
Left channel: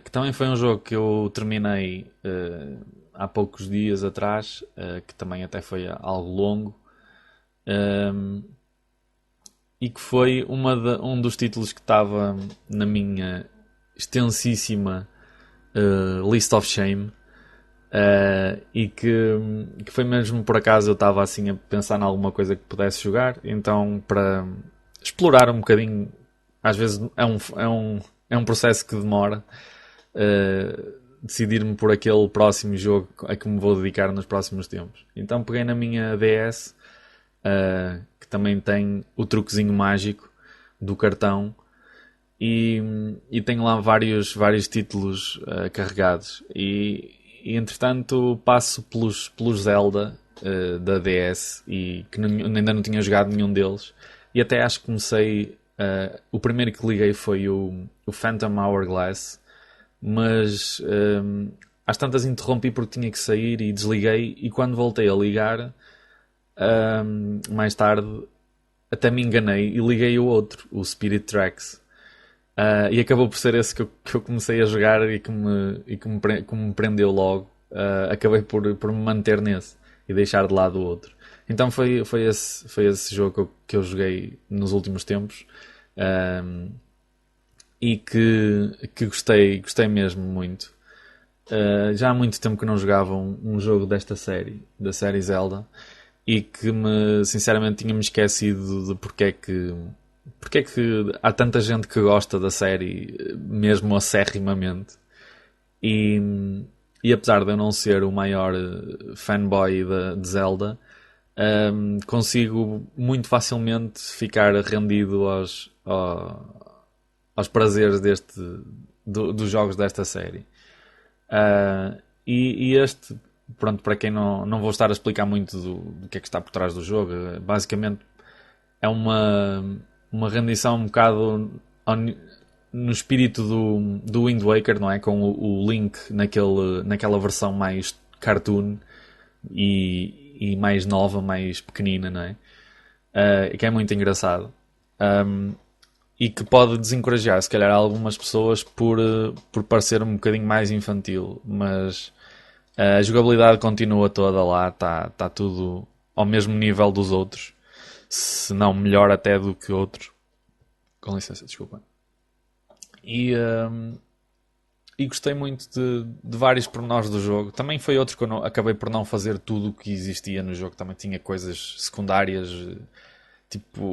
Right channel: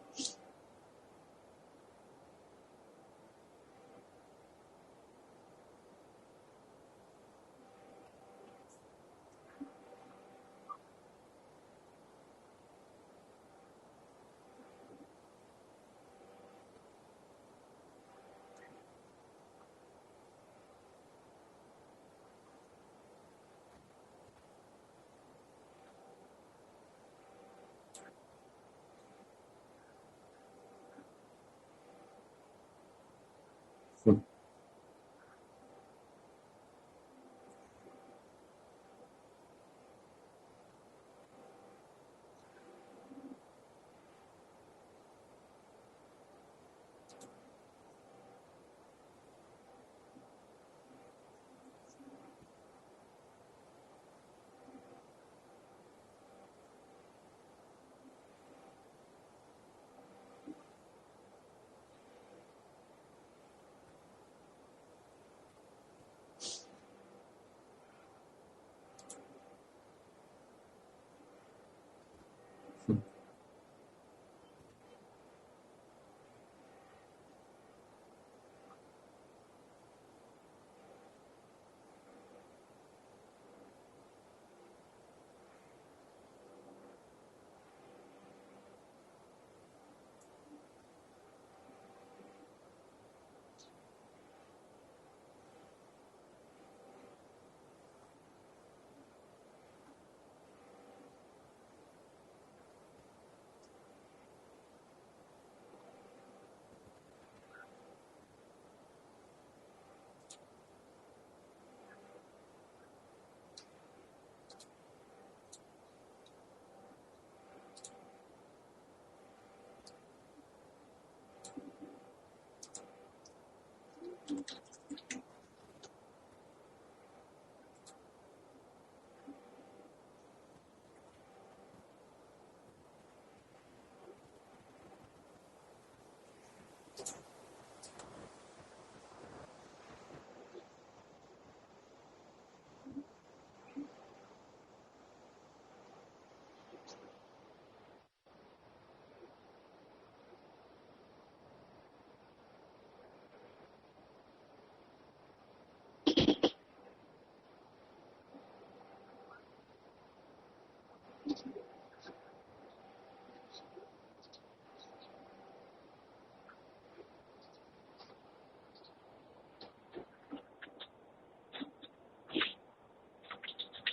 que também foi um jogo que eu terminei há poucos dias atrás, que também até foi algo longo, um, e que foi um dos títulos que estava na minha extensíssima List of Shame. E que foi mesmo por acaso eu estava assim a pensar em alguma coisa que pudesse jogar, então para explorar um bocadinho, às vezes é um processo que demora, decidir-me por aquele próximo jogo a que me vou dedicar nos próximos tempos. Então peguei na minha DS, que também tem o truquezinho mágico do cartão, e tenho lá vários títulos carregados. E entretanto passo pelos Zelda da DS e que ainda não tinha jogado nenhum deles. E até acho que comecei. O primeiro que liguei foi o Phantom Hourglass, mas às tantas interrompi porque tinha que sair e desliguei. E quando voltei a ligar, mais tarde, até me enganei e liguei o outro, o Spirit Tracks. E acabou por ser esse que eu comecei a jogar e que me prendeu logo. Acabei por me manter nesse e deixar de lado o outro. Então foi esse jogo que eu joguei nos últimos tempos, e que gostei mesmo muito. Já há muito tempo que não jogava um jogo desta série, da série Zelda, e que sinceramente tinha-me esquecido de porque é que há tanta gente que gosta da série, mesmo acérrimamente. E, e apesar de eu não ser o maior fanboy de Zelda, consigo muito facilmente ficar rendido aos prazeres dos jogos desta série. E este, pronto, para quem não vou estar a explicar muito do que é que está por trás do jogo, basicamente é uma rendição um bocado no espírito do Wind Waker, não é? Com o Link naquela versão mais cartoon e mais nova, mais pequenina, não é? Que é muito engraçado. E que pode desencorajar, se calhar, algumas pessoas por parecer um bocadinho mais infantil, mas A jogabilidade continua toda lá, está tudo ao mesmo nível dos outros, se não melhor até do que outros. Com licença, desculpa. E, e gostei muito de vários pormenores do jogo. Também foi outro que eu acabei por não fazer tudo o que existia no jogo. Também tinha coisas secundárias, tipo,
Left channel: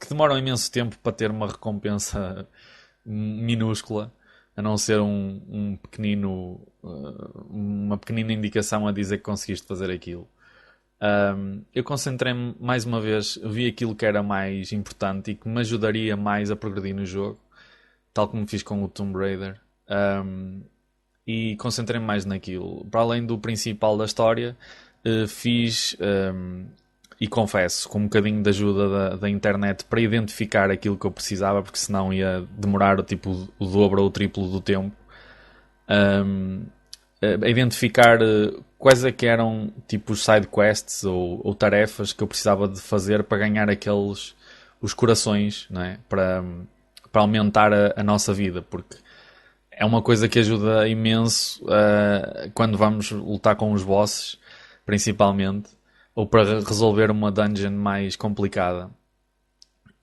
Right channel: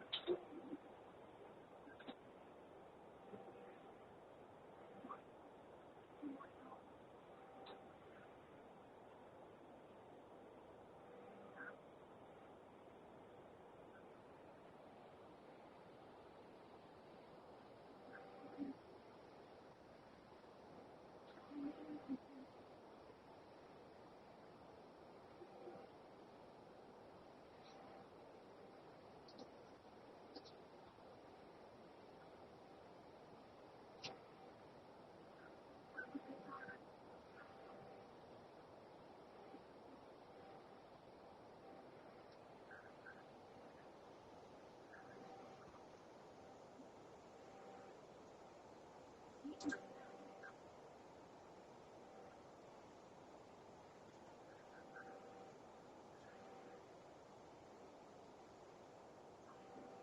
que demoram imenso tempo para ter uma recompensa minúscula, a não ser um pequenino, uma pequenina indicação a dizer que conseguiste fazer aquilo. Eu concentrei-me mais uma vez, vi aquilo que era mais importante e que me ajudaria mais a progredir no jogo, tal como fiz com o Tomb Raider. E concentrei-me mais naquilo. Para além do principal da história, fiz, e confesso, com um bocadinho de ajuda da internet para identificar aquilo que eu precisava, porque senão ia demorar tipo, o dobro ou o triplo do tempo. A identificar quais é que eram tipo os side quests ou tarefas que eu precisava de fazer para ganhar os corações, não é? Para aumentar a nossa vida, porque é uma coisa que ajuda imenso quando vamos lutar com os bosses, principalmente, ou para resolver uma dungeon mais complicada.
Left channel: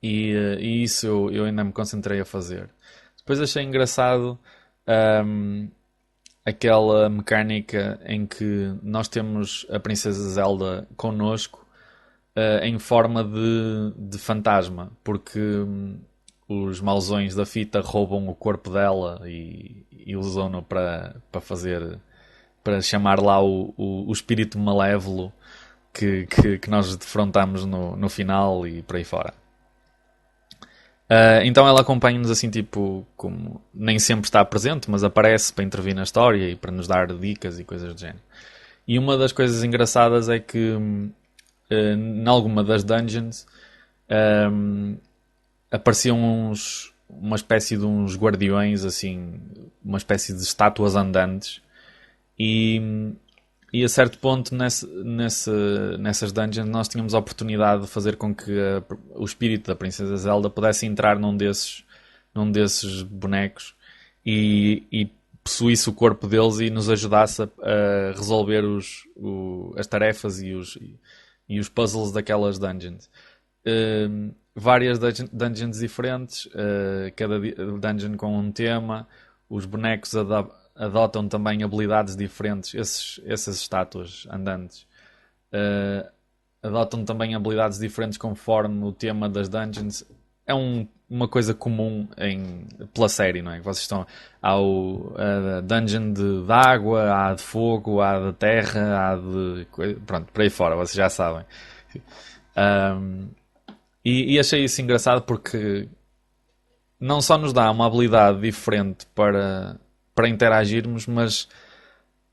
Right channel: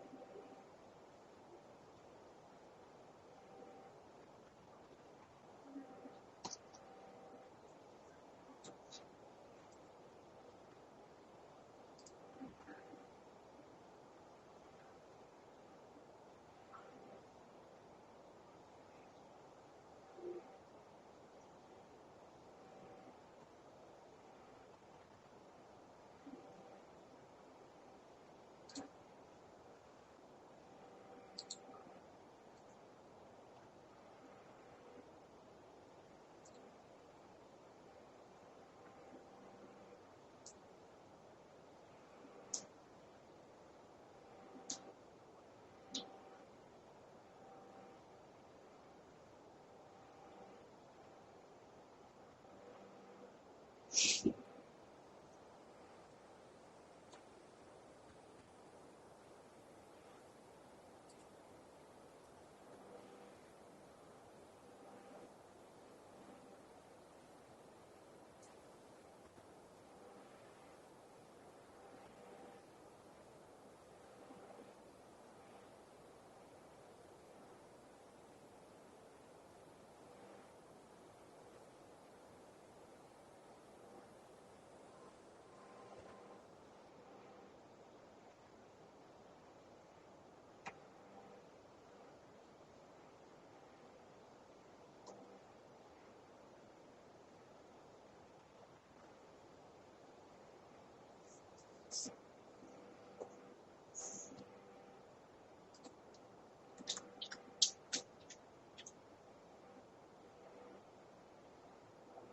E isso eu ainda me concentrei a fazer. Depois achei engraçado aquela mecânica em que nós temos a Princesa Zelda connosco em forma de fantasma, porque os mauzões da fita roubam o corpo dela e usam-no para chamar lá o espírito malévolo que nós defrontamos no final e por aí fora. Então ela acompanha-nos assim, tipo, como nem sempre está presente, mas aparece para intervir na história e para nos dar dicas e coisas do género. E uma das coisas engraçadas é que em alguma das dungeons apareciam uma espécie de uns guardiões, assim, uma espécie de estátuas andantes. E a certo ponto nessas dungeons nós tínhamos a oportunidade de fazer com que o espírito da Princesa Zelda pudesse entrar num desses bonecos e possuísse o corpo deles e nos ajudasse a resolver as tarefas e os puzzles daquelas dungeons. Várias dungeons diferentes, cada dungeon com um tema, os bonecos adotam também habilidades diferentes, essas estátuas andantes adotam também habilidades diferentes conforme o tema das dungeons. É uma coisa comum pela série, não é? Há a dungeon de água, há de fogo, há de terra, há de... Pronto, por aí fora, vocês já sabem. E achei isso engraçado porque não só nos dá uma habilidade diferente para interagirmos, mas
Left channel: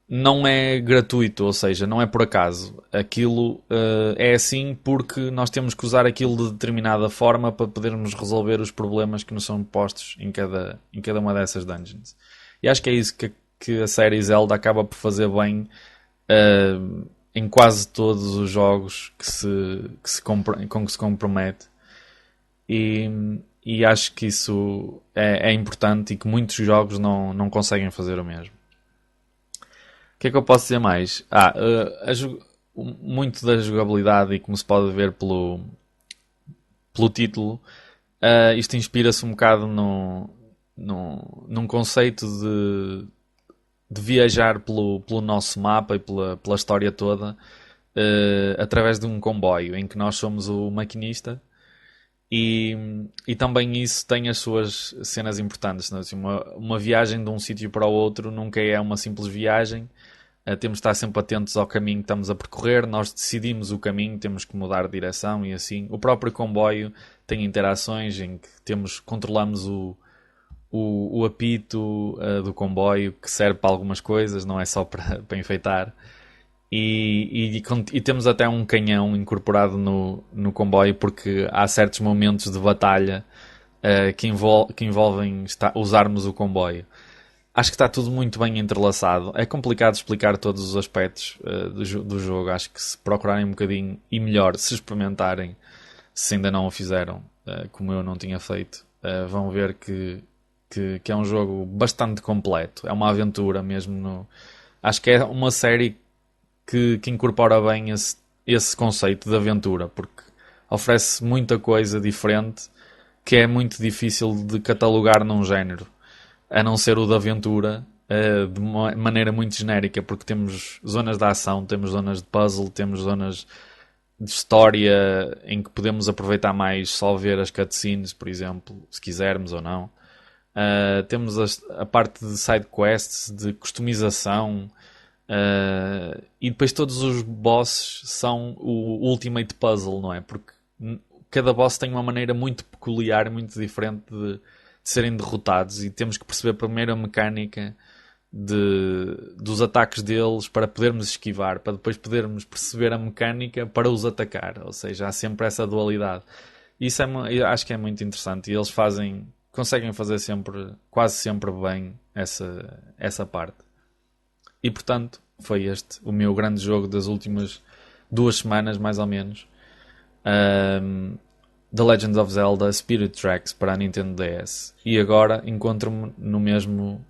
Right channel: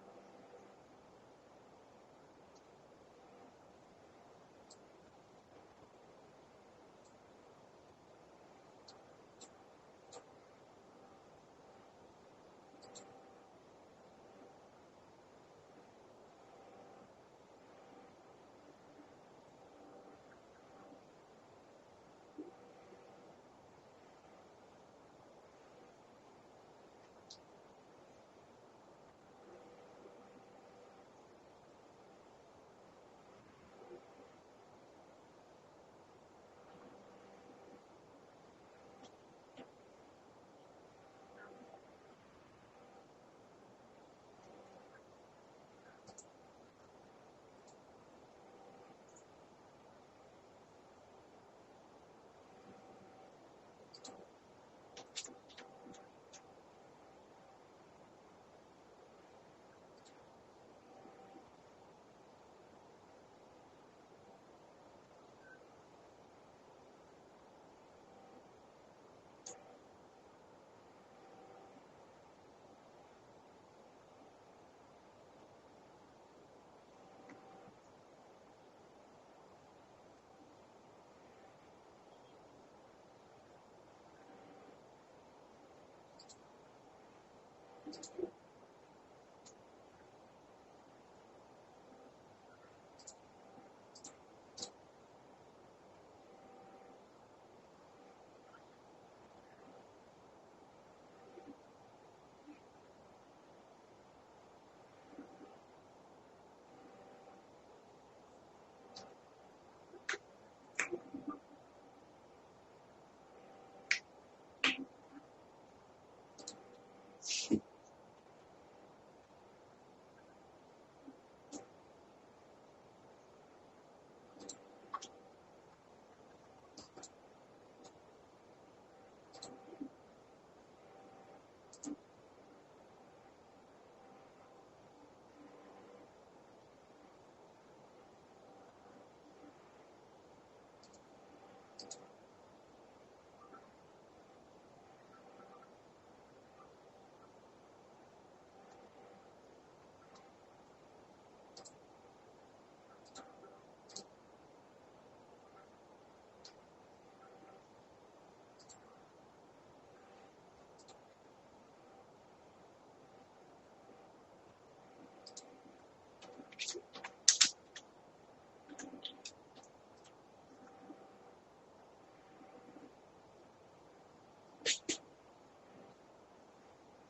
não é gratuito, ou seja, não é por acaso. Aquilo é assim porque nós temos que usar aquilo de determinada forma para podermos resolver os problemas que nos são postos em cada uma dessas dungeons. E acho que é isso que a série Zelda acaba por fazer bem em quase todos os jogos com que se compromete. E acho que isso é importante e que muitos jogos não conseguem fazer o mesmo. O que é que eu posso dizer mais? Muito da jogabilidade, e como se pode ver pelo título, isto inspira-se um bocado num conceito de viajar pelo nosso mapa e pela história toda através de um comboio em que nós somos o maquinista. E também isso tem as suas cenas importantes, não é? Assim, uma viagem de um sítio para o outro nunca é uma simples viagem. Temos de estar sempre atentos ao caminho que estamos a percorrer. Nós decidimos o caminho, temos que mudar de direção e assim. O próprio comboio tem interações em que controlamos o apito do comboio, que serve para algumas coisas, não é só para enfeitar. E temos até um canhão incorporado no comboio, porque há certos momentos de batalha que envolvem usarmos o comboio. Acho que está tudo muito bem entrelaçado. É complicado explicar todos os aspectos do jogo. Acho que se procurarem um bocadinho, e melhor, se experimentarem, se ainda não o fizeram, como eu não tinha feito, vão ver que é um jogo bastante completo. É uma aventura mesmo Acho que é uma série que incorpora bem esse conceito de aventura, porque oferece muita coisa diferente que é muito difícil de catalogar num género, a não ser o de aventura, de uma maneira muito genérica, porque temos zonas de ação, temos zonas de puzzle, temos zonas de história em que podemos aproveitar mais só ver as cutscenes, por exemplo, se quisermos ou não. Temos a parte de side quests, de customização, e depois todos os bosses são o ultimate puzzle, não é? Porque cada boss tem uma maneira muito peculiar, muito diferente de serem derrotados, e temos que perceber primeiro a mecânica dos ataques deles para podermos esquivar, para depois podermos perceber a mecânica para os atacar. Ou seja, há sempre essa dualidade. Isso eu acho que é muito interessante, e eles conseguem fazer sempre, quase sempre bem essa parte. E portanto, foi este o meu grande jogo das últimas 2 semanas, mais ou menos. The Legend of Zelda Spirit Tracks para a Nintendo DS. E agora encontro-me no mesmo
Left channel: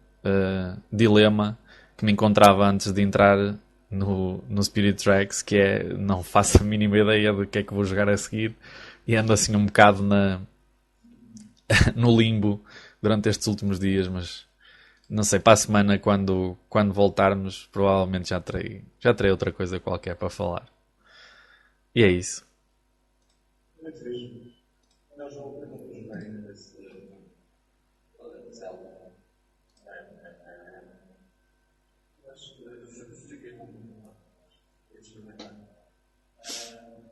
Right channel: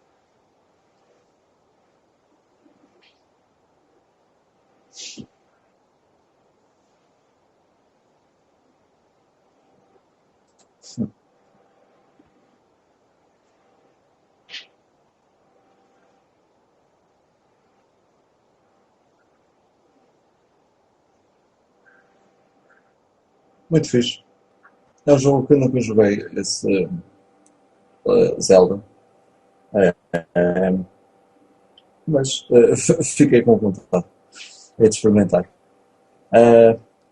dilema que me encontrava antes de entrar no Spirit Tracks, que é não faço a mínima ideia do que é que vou jogar a seguir, e ando assim um bocado no limbo durante estes últimos dias, mas não sei, para a semana, quando voltarmos, provavelmente já terei outra coisa qualquer para falar. E é isso. Muito fixe. É um jogo que eu nunca joguei, esse Zelda. Mas fiquei com vontade de experimentar.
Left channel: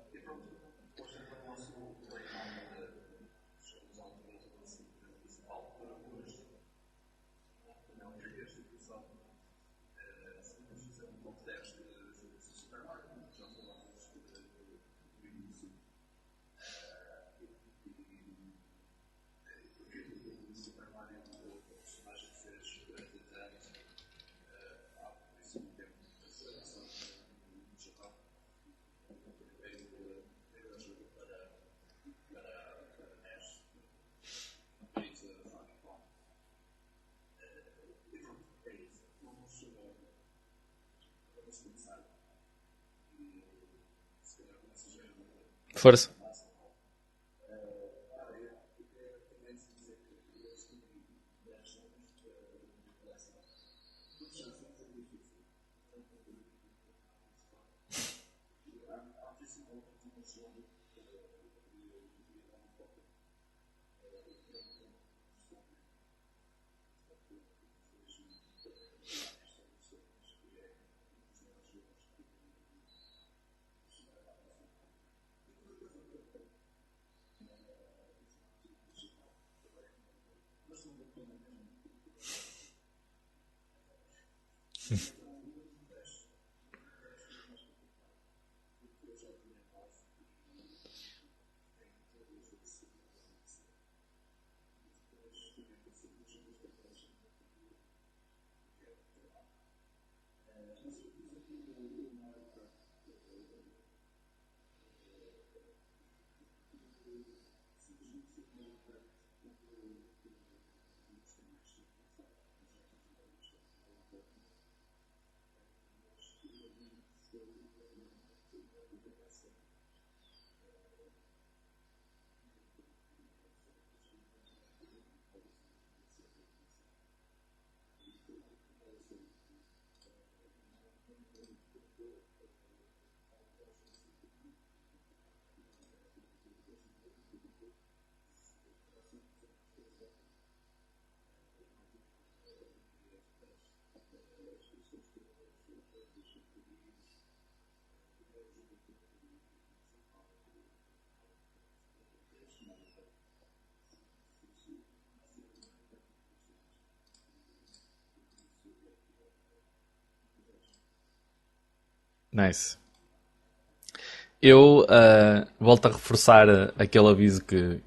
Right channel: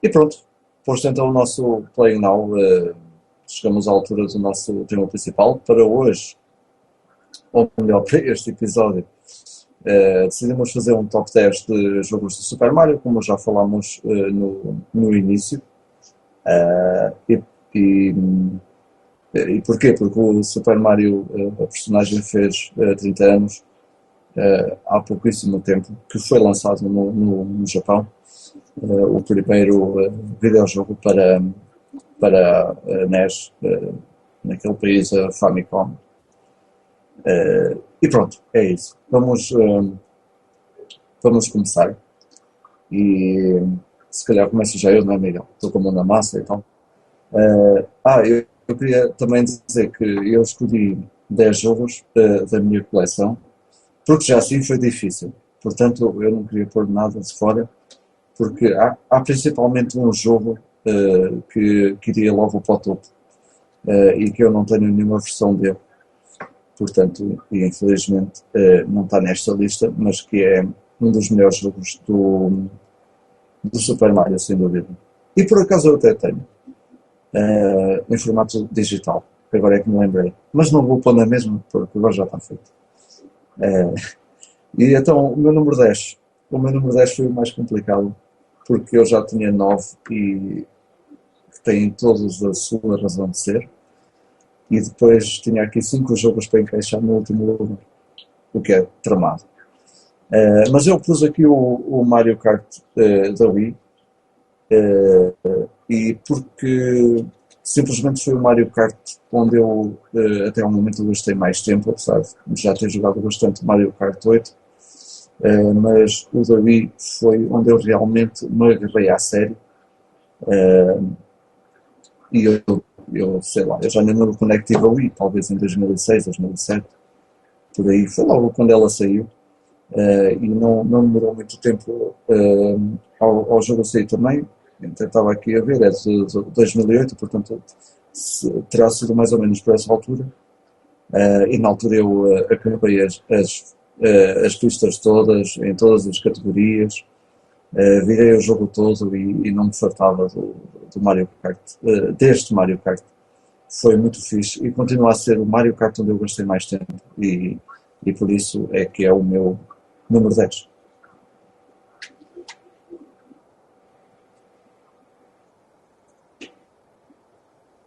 E pronto, posto então o nosso Play Now, chegamos à altura do nosso tema principal. Para hoje, ou melhor, para este episódio, decidimos fazer um top 10 de jogos de Super Mario, como já falámos no início. E, e, e porquê? Porque o Super Mario, a personagem, fez 30 anos há pouquíssimo tempo, que foi lançado no Japão, o primeiro videojogo para NES, naquele país, a Famicom. E pronto, é isso. Vamos começar. E se calhar começo já eu, não é, Miguel? Estou com a mão na Força. massa e tal. Eu queria também dizer que eu escolhi 10 jogos da minha coleção, porque já assim foi difícil. Portanto, eu não queria pôr nada de fora, porque há principalmente um jogo que iria logo para o topo, e que eu não tenho nenhuma versão dele. Portanto, e infelizmente não está nesta lista, mas que é um dos melhores jogos do Super Mario, sem dúvida. E por acaso eu até tenho, em formato digital, que agora é que me lembrei. Mas não vou pôr na mesma, porque agora já está feito. E então, o meu número 10 foi o mais complicado, porque eu já tinha 9 e que têm todos a sua razão de ser. E depois tinha aqui 5 jogos para encaixar no último lugar, o que é tramado. Mas eu pus aqui o Mario Kart da Wii, e porque simplesmente foi o Mario Kart onde eu até ao momento gastei mais tempo, apesar de já ter jogado bastante Mario Kart 8, mas o da Wii foi onde eu realmente me agarrei à sério. E eu sei lá, eu já nem me lembro quando é que tive a Wii, talvez em 2006, 2007, por aí, foi logo quando ela saiu. E não demorou muito tempo ao jogo sair também. Então, estava aqui a ver, é de 2008, portanto terá sido mais ou menos por essa altura. E na altura eu acabei as pistas todas, em todas as categorias, virei o jogo todo e não me fartava do Mario Kart, deste Mario Kart. Foi muito fixe e continua a ser o Mario Kart onde eu gastei mais tempo, e por isso é que é o meu número 10. Nice. Eu volto a reforçar aquele aviso que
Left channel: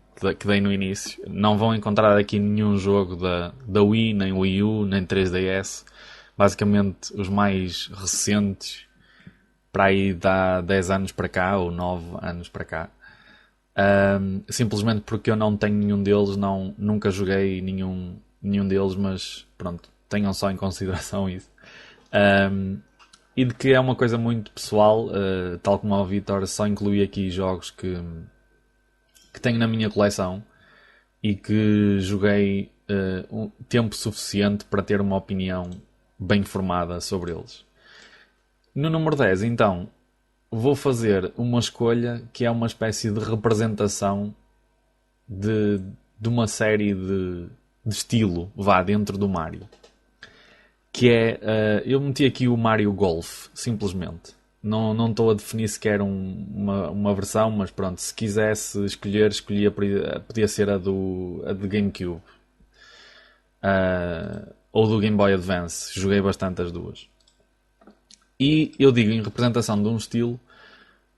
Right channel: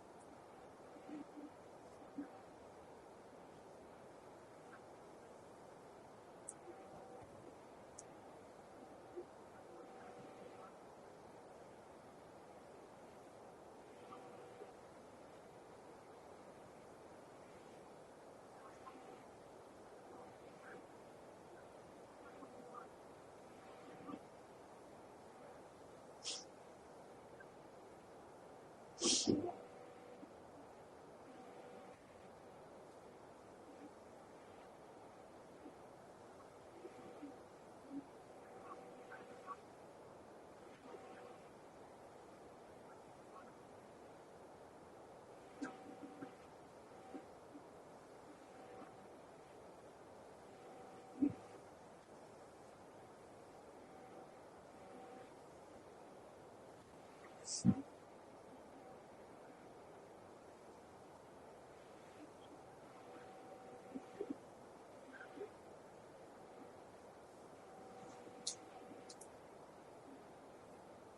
dei no início. Não vão encontrar aqui nenhum jogo da Wii, nem Wii U, nem 3DS. Basicamente, os mais recentes, para aí dá 10 anos para cá, ou 9 anos para cá. Simplesmente porque eu não tenho nenhum deles, nunca joguei nenhum deles, mas pronto, tenham só em consideração isso. Um, e de que é uma coisa muito pessoal, tal como o Vitor, só incluí aqui jogos que tenho na minha coleção e que joguei um tempo suficiente para ter uma opinião bem formada sobre eles. No número 10, então, vou fazer uma escolha que é uma espécie de representação de, de uma série de estilo, vá, dentro do Mario. Que é, eu meti aqui o Mario Golf, simplesmente. Não estou a definir sequer uma versão, mas pronto, se quisesse escolher, escolhia, podia ser a do GameCube. Ou do Game Boy Advance. Joguei bastante as duas. E eu digo em representação de um estilo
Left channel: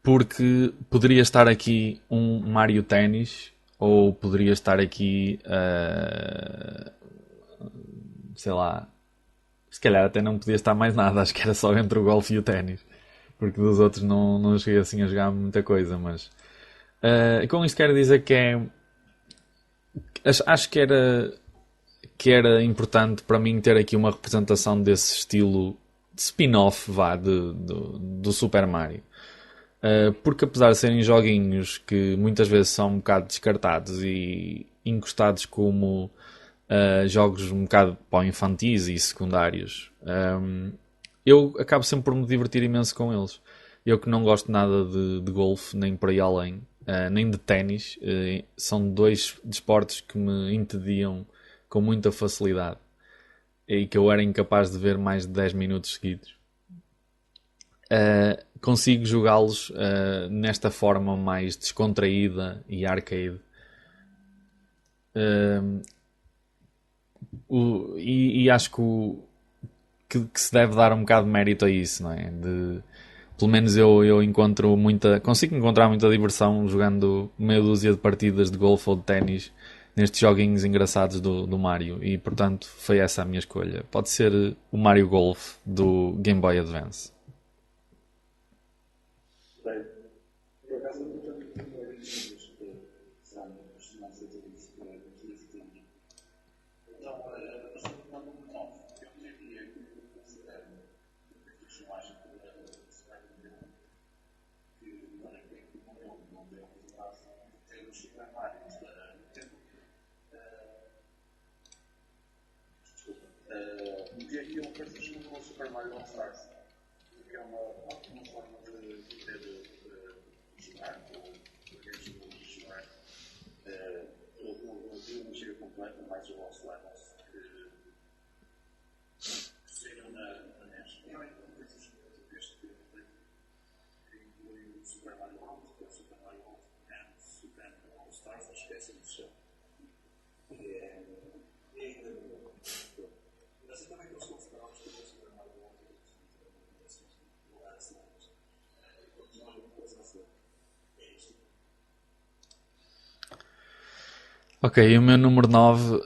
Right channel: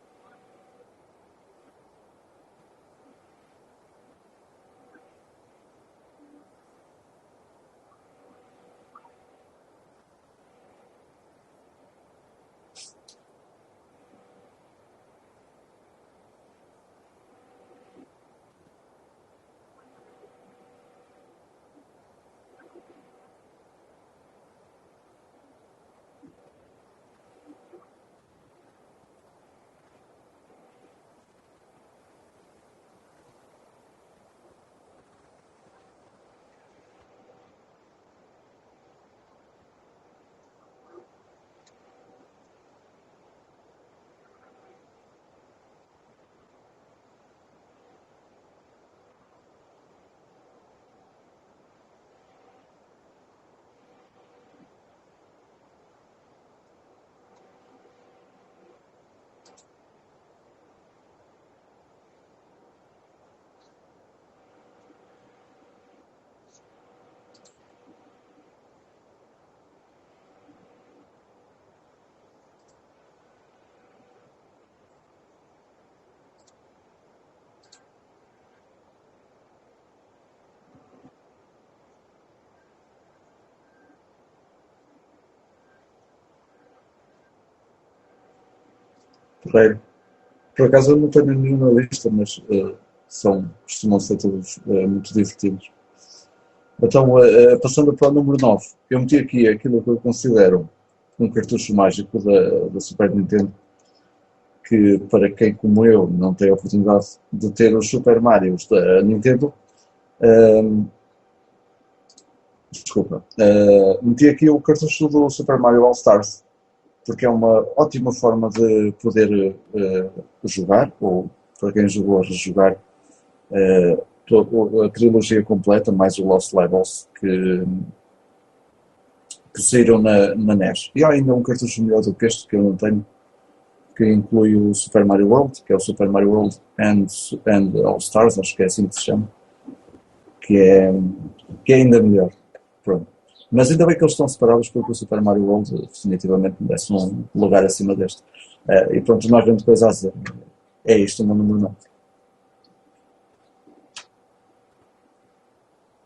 porque poderia estar aqui um Mario Tennis ou poderia estar aqui, sei lá, se calhar até não podia estar mais nada, acho que era só entre o golfe e o ténis, porque dos outros não cheguei assim a jogar muita coisa, mas com isto quero dizer que é, acho que era importante para mim ter aqui uma representação desse estilo de spin-off, vá, do Super Mario. Porque apesar de serem joguinhos que muitas vezes são um bocado descartados e encostados como jogos um bocado para infantis e secundários, eu acabo sempre por me divertir imenso com eles. Eu que não gosto nada de golfe, nem por aí além, nem de ténis, são dois desportos que me entediam com muita facilidade e que eu era incapaz de ver mais de 10 minutos seguidos. Consigo jogá-los nesta forma mais descontraída e arcade. Uh, e acho que se deve dar um bocado de mérito a isso, não é? Pelo menos eu consigo encontrar muita diversão jogando meia dúzia de partidas de golfe ou de ténis nestes joguinhos engraçados do Mario e portanto foi essa a minha escolha. Pode ser o Mario Golf do Game Boy Advance. Porreiro. Por acaso eu não tenho nenhuma lista, mas costumam ser todos muito divertidos. Então, passando para o número 9, eu meti aqui aquilo que eu considero um cartucho mágico da Super Nintendo, que para quem como eu não tem a oportunidade de ter os Super Marios da Nintendo, uh, desculpa, meti aqui o cartucho do Super Mario All Stars, porque é uma ótima forma de poder jogar, ou para quem jogou a rejogar, toda a trilogia completa, mais o Lost Levels, que saíram na NES. E há ainda um cartucho melhor do que este, que eu não tenho, que inclui o Super Mario World, que é o Super Mario World and All Stars, acho que é assim que se chama, que é, que é ainda melhor. Pronto. Mas ainda bem que eles estão separados, porque o Super Mario World definitivamente merece um lugar acima deste. E pronto, não há grande coisa a dizer. É isto o meu número 9. Ok, e o meu número 9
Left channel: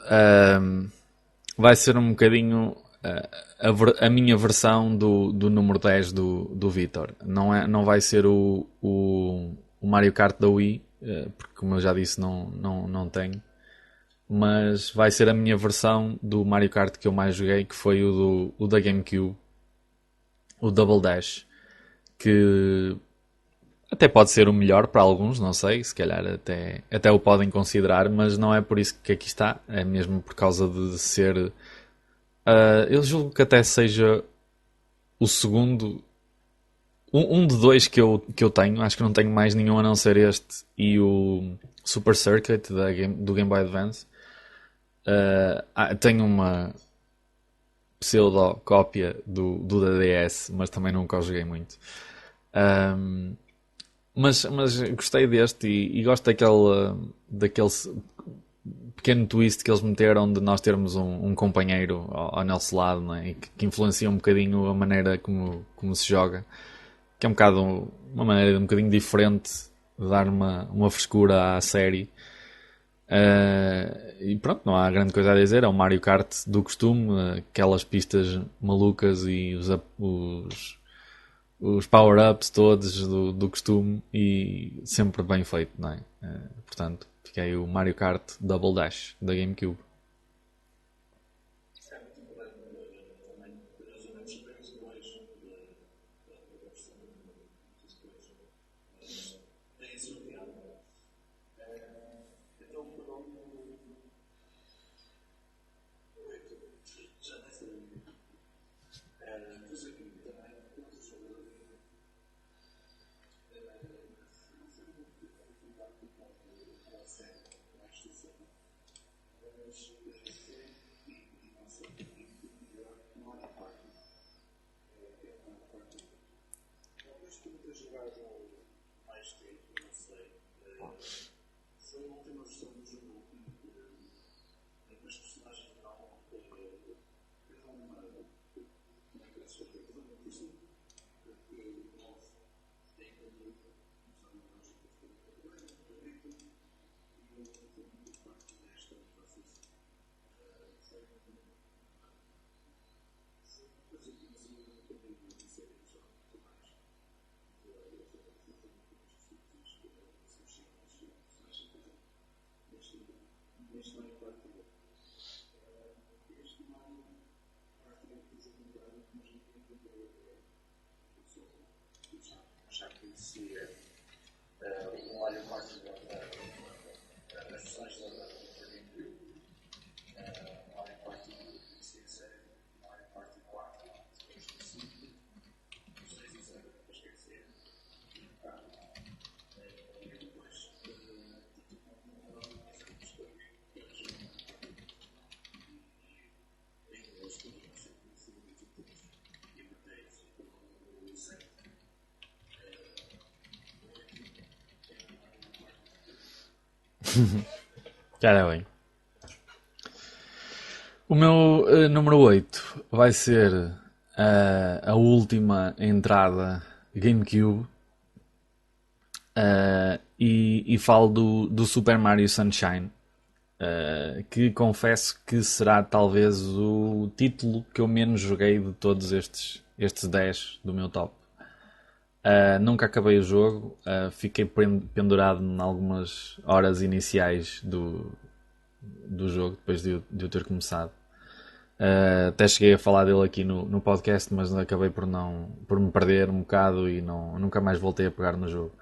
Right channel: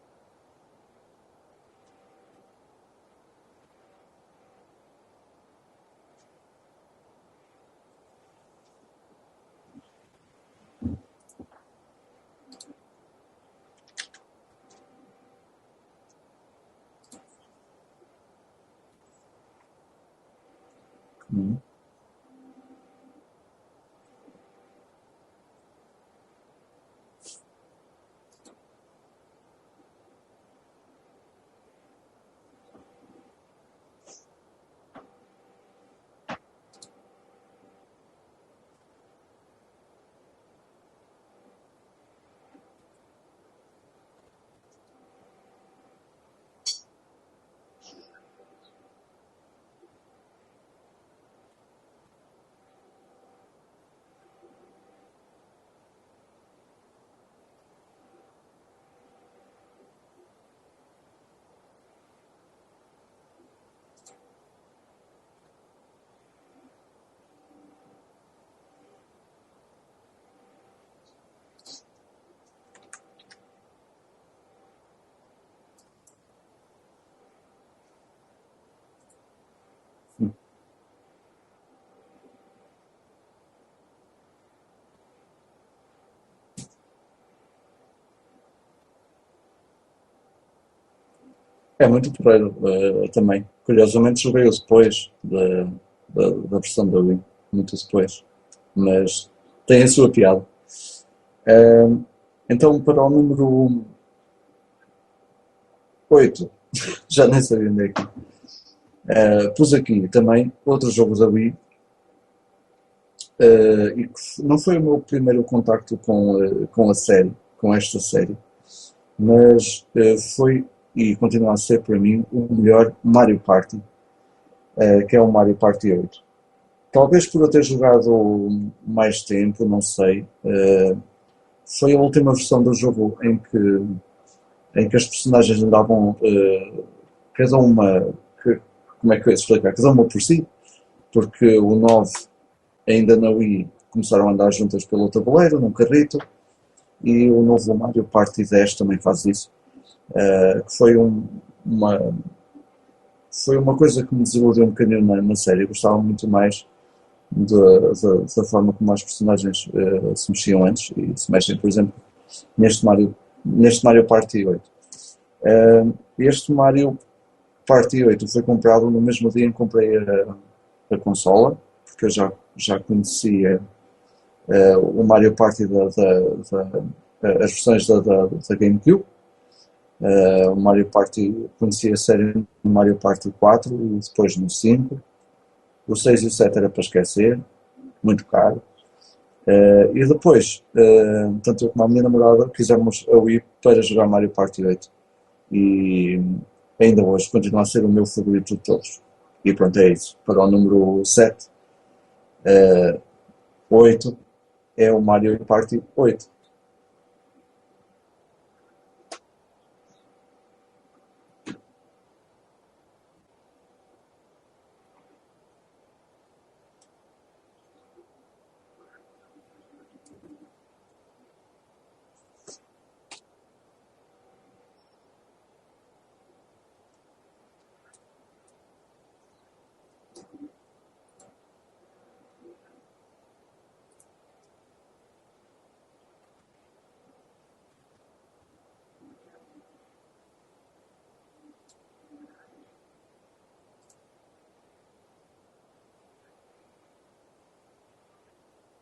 vai ser um bocadinho a minha versão do número 10 do Vitor. Não vai ser o Mario Kart da Wii, porque como eu já disse não tenho. Mas vai ser a minha versão do Mario Kart que eu mais joguei, que foi o da GameCube, o Double Dash, que até pode ser o melhor para alguns, não sei, se calhar até o podem considerar, mas não é por isso que aqui está, é mesmo por causa de ser. Eu julgo que até seja o segundo. Um de dois que eu tenho, acho que não tenho mais nenhum a não ser este e o Super Circuit do Game Boy Advance. Tenho uma pseudo-cópia do da DS, mas também nunca o joguei muito. Mas gostei deste e gosto daquele pequeno twist que eles meteram de nós termos um companheiro ao nosso lado, não é? E que influencia um bocadinho a maneira como se joga, que é uma maneira um bocadinho diferente de dar uma frescura à série. E pronto, não há grande coisa a dizer. É um Mario Kart do costume, aquelas pistas malucas e os power-ups todos do costume e sempre bem feito, não é? Portanto, fiquei o Mario Kart Double Dash da GameCube. É muito porreiro também. Curiosamente joguei-o depois da versão da Wii, muito depois. Mas tem a sua piada. Eh, então, para o número 8 já nem sei onde é que. Pus aqui também outro jogo da Wii, e que não foi o meu primeiro contacto com a série, com esta série, mas foi e continua a ser para mim o melhor Mario Party, que é o Mario Party 8. Talvez por eu ter jogado mais tempo, não sei. Foi a última versão do jogo em que as personagens andavam, cada uma, como é que eu ia explicar? Cada uma por si, porque o 9 ainda na Wii começaram a andar juntas pelo tabuleiro, num carrito, e o novo Mario Party 10 também faz isso. Que uma, foi uma coisa que me desiludiu um bocadinho na série. Eu gostava muito mais da forma como as personagens se mexiam antes e se mexem, por exemplo, neste Mario, neste Mario Party 8. Este Mario Party 8 foi comprado no mesmo dia em que comprei a consola, porque eu já conhecia o Mario Party as versões da GameCube. O Mario Party, conhecia a série no Mario Party 4 e depois no 5. O 6 e o 7 era para esquecer, muito caro. E depois, tanto eu como a minha namorada, quisemos a Wii para jogar Mario Party 8. E ainda hoje continua a ser o meu favorito de todos. E pronto, é isso. Para o número 7, 8 é o Mario Party 8. Já é bem. O meu número 8 vai ser a última entrada GameCube. E falo do Super Mario Sunshine, que confesso que será talvez o título que eu menos joguei de todos estes 10 do meu top. Nunca acabei o jogo, fiquei pendurado em algumas horas iniciais do jogo, depois de eu ter começado. Até cheguei a falar dele aqui no podcast, mas acabei por me perder um bocado e nunca mais voltei a pegar no jogo.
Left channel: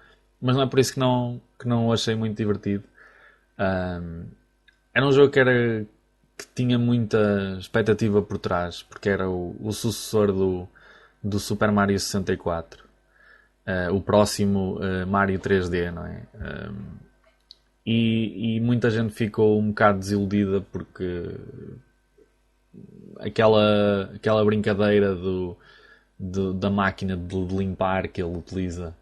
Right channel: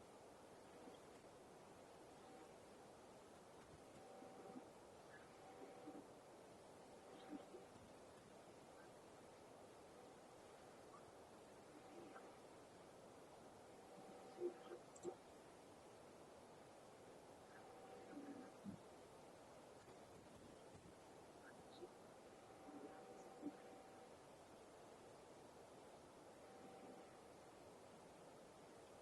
Mas não é por isso que não o achei muito divertido. Era um jogo que tinha muita expectativa por trás, porque era o sucessor do Super Mario 64. O próximo Mario 3D, não é? E muita gente ficou um bocado desiludida porque aquela brincadeira da máquina de limpar que ele utiliza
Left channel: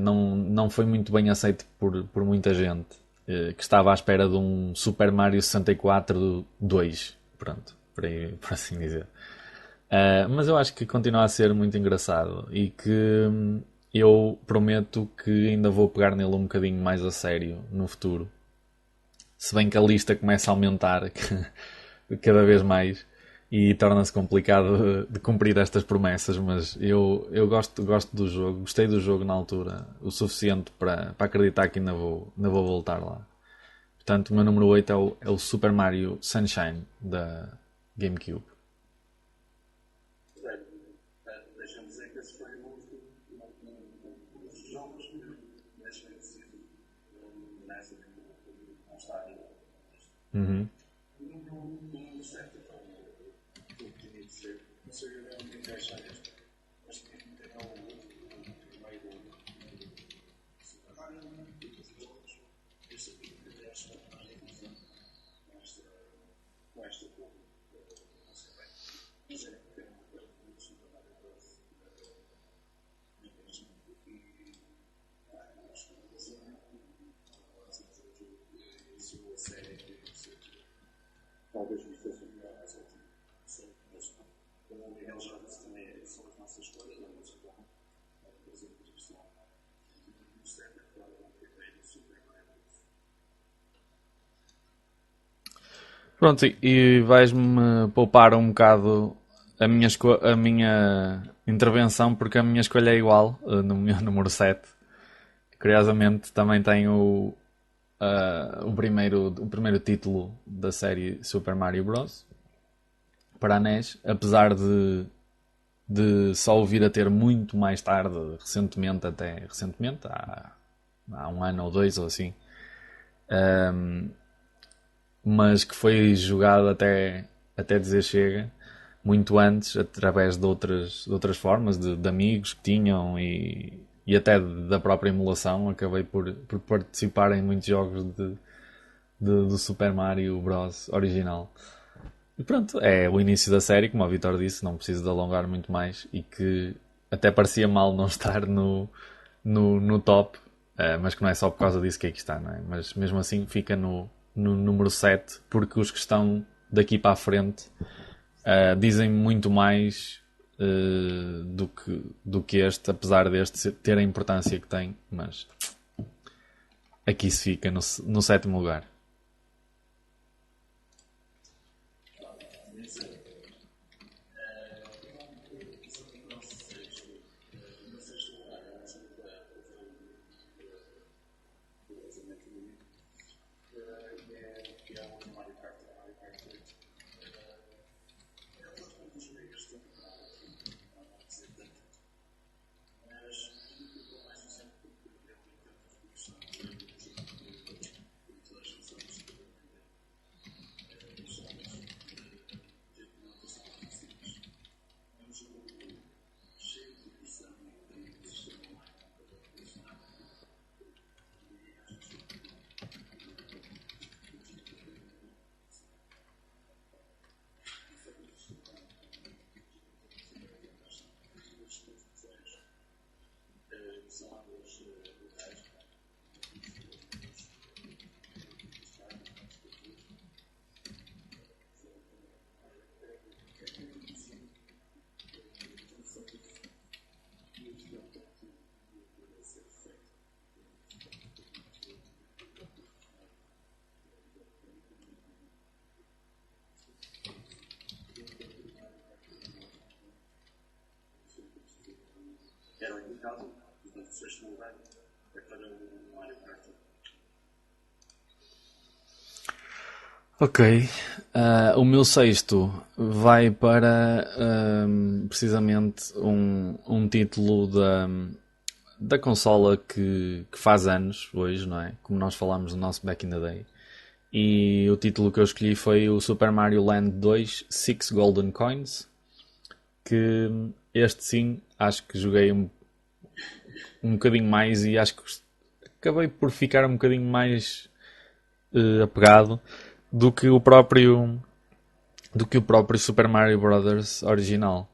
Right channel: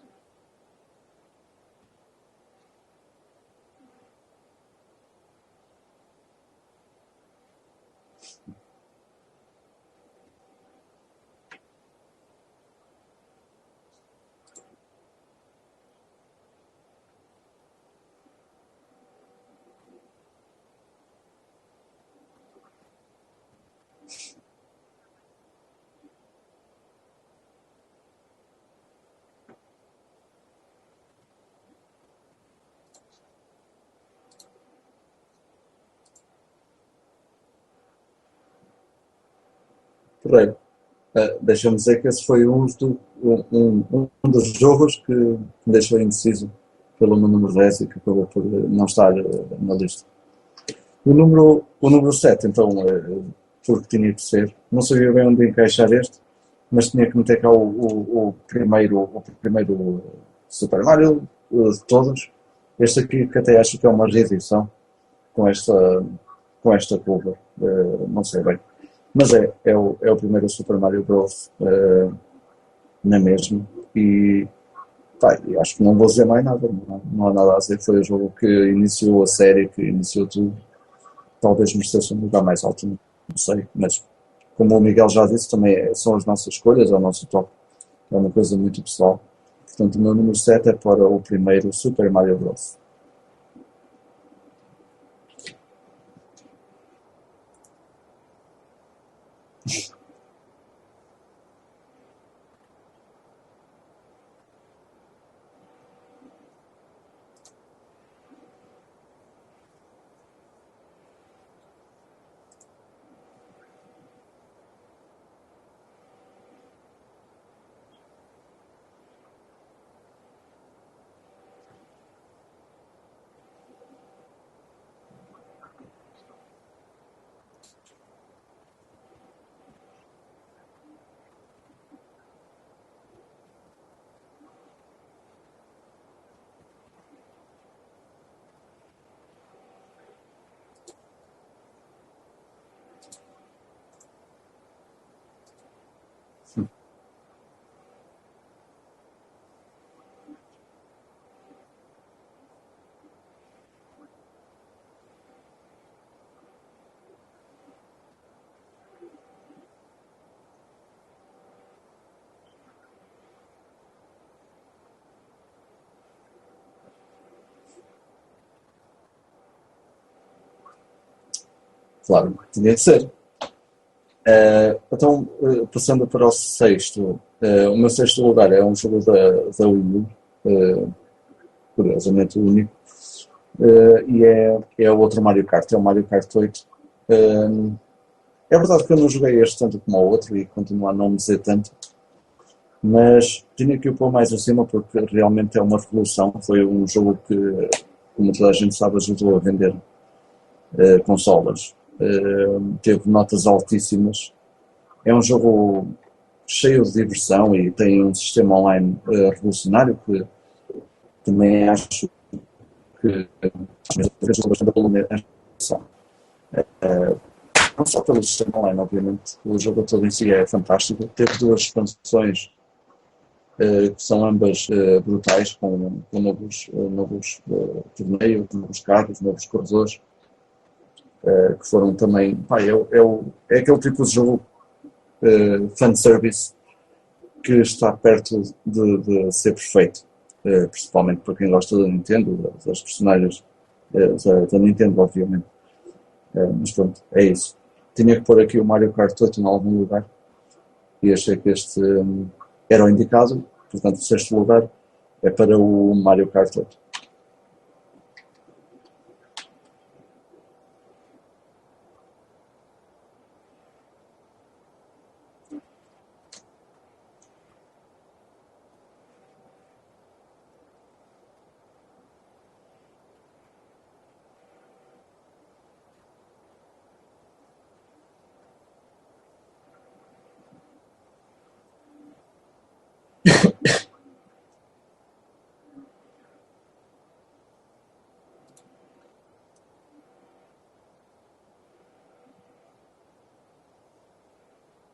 não foi muito bem aceito por muita gente que estava à espera de um Super Mario 64 2, pronto, por assim dizer. Mas eu acho que continua a ser muito engraçado e que eu prometo que ainda vou pegar nele um bocadinho mais a sério no futuro. Se bem que a lista começa a aumentar cada vez mais e torna-se complicado de cumprir estas promessas, mas eu gosto do jogo, gostei do jogo na altura, o suficiente para acreditar que ainda vou voltar lá. Portanto, o meu número 8 é o Super Mario Sunshine da GameCube. Porreiro. Deixa-me dizer que esse foi um dos jogos que me deixou indeciso pelo meu número 10 e que acabou por não estar na lista. Uhum. O número 7 então, porque tinha que ser. Não sabia bem onde encaixar este, mas tinha que meter cá o primeiro Super Mario de todos. Este aqui, que até acho que é uma reedição com esta cover. Não sei bem. Mas é o primeiro Super Mario Bros. Na mesma. E pá, e acho que não vou dizer mais nada. Não há nada a dizer. Foi o jogo que iniciou a série, que iniciou tudo. Talvez merecesse um lugar mais alto, não sei. Mas como o Miguel já disse, também são as nossas escolhas, é o nosso top. É uma coisa muito pessoal. Portanto, o meu número 7 é para o primeiro Super Mario Bros. Pronto, e vais-me poupar um bocado a minha intervenção, porque a minha escolha é igual no meu número 7. Curiosamente, também tenho o primeiro título da série Super Mario Bros. para a NES, apesar de só o vir a ter muito mais tarde, recentemente, há um ano ou dois ou assim, mas que foi jogado até dizer chega, muito antes, através de outras formas, de amigos que tinham e até da própria emulação. Acabei por participar em muitos jogos do Super Mario Bros. Original. E pronto, é o início da série, como o Vitor disse, não preciso de alongar muito mais, e que até parecia mal não estar no top, mas que não é só por causa disso que aqui está, não é? Mas mesmo assim fica no número 7, porque os que estão daqui para a frente dizem muito mais do que este, apesar deste ter a importância que tem, mas aqui se fica no sétimo lugar. Claro, tinha de ser. Então, passando para o sexto, o meu sexto lugar é um jogo da Wii U, curiosamente o único, e é outro Mario Kart, é o Mario Kart 8. É verdade que eu não joguei este tanto como o outro e continuo a não me dizer tanto, mas tinha que o pôr mais acima porque realmente é uma revolução. Foi um jogo que, como toda a gente sabe, ajudou a vender consolas. Teve notas altíssimas. É um jogo cheio de diversão e tem um sistema online revolucionário que também acho que ajudou bastante a pôr a atenção. Não só pelo sistema online, obviamente, o jogo todo em si é fantástico. Teve duas expansões que são ambas brutais, com novos torneios, novos carros, novos corredores, que foram também. Pá, é aquele tipo de jogo fanservice que está perto de ser perfeito, principalmente para quem gosta da Nintendo, das personagens da Nintendo, obviamente. Mas pronto, é isso. Tinha que pôr aqui o Mario Kart 8 em algum lugar e achei que este era o indicado, portanto o sexto lugar é para o Mario Kart 8. Ok. O meu sexto vai para precisamente um título da consola que faz anos hoje, não é? Como nós falámos no nosso Back in the Day. E o título que eu escolhi foi o Super Mario Land 2 Six Golden Coins. Que este sim, acho que joguei um bocadinho mais e acho que acabei por ficar um bocadinho mais apegado do que o próprio Super Mario Bros. Original.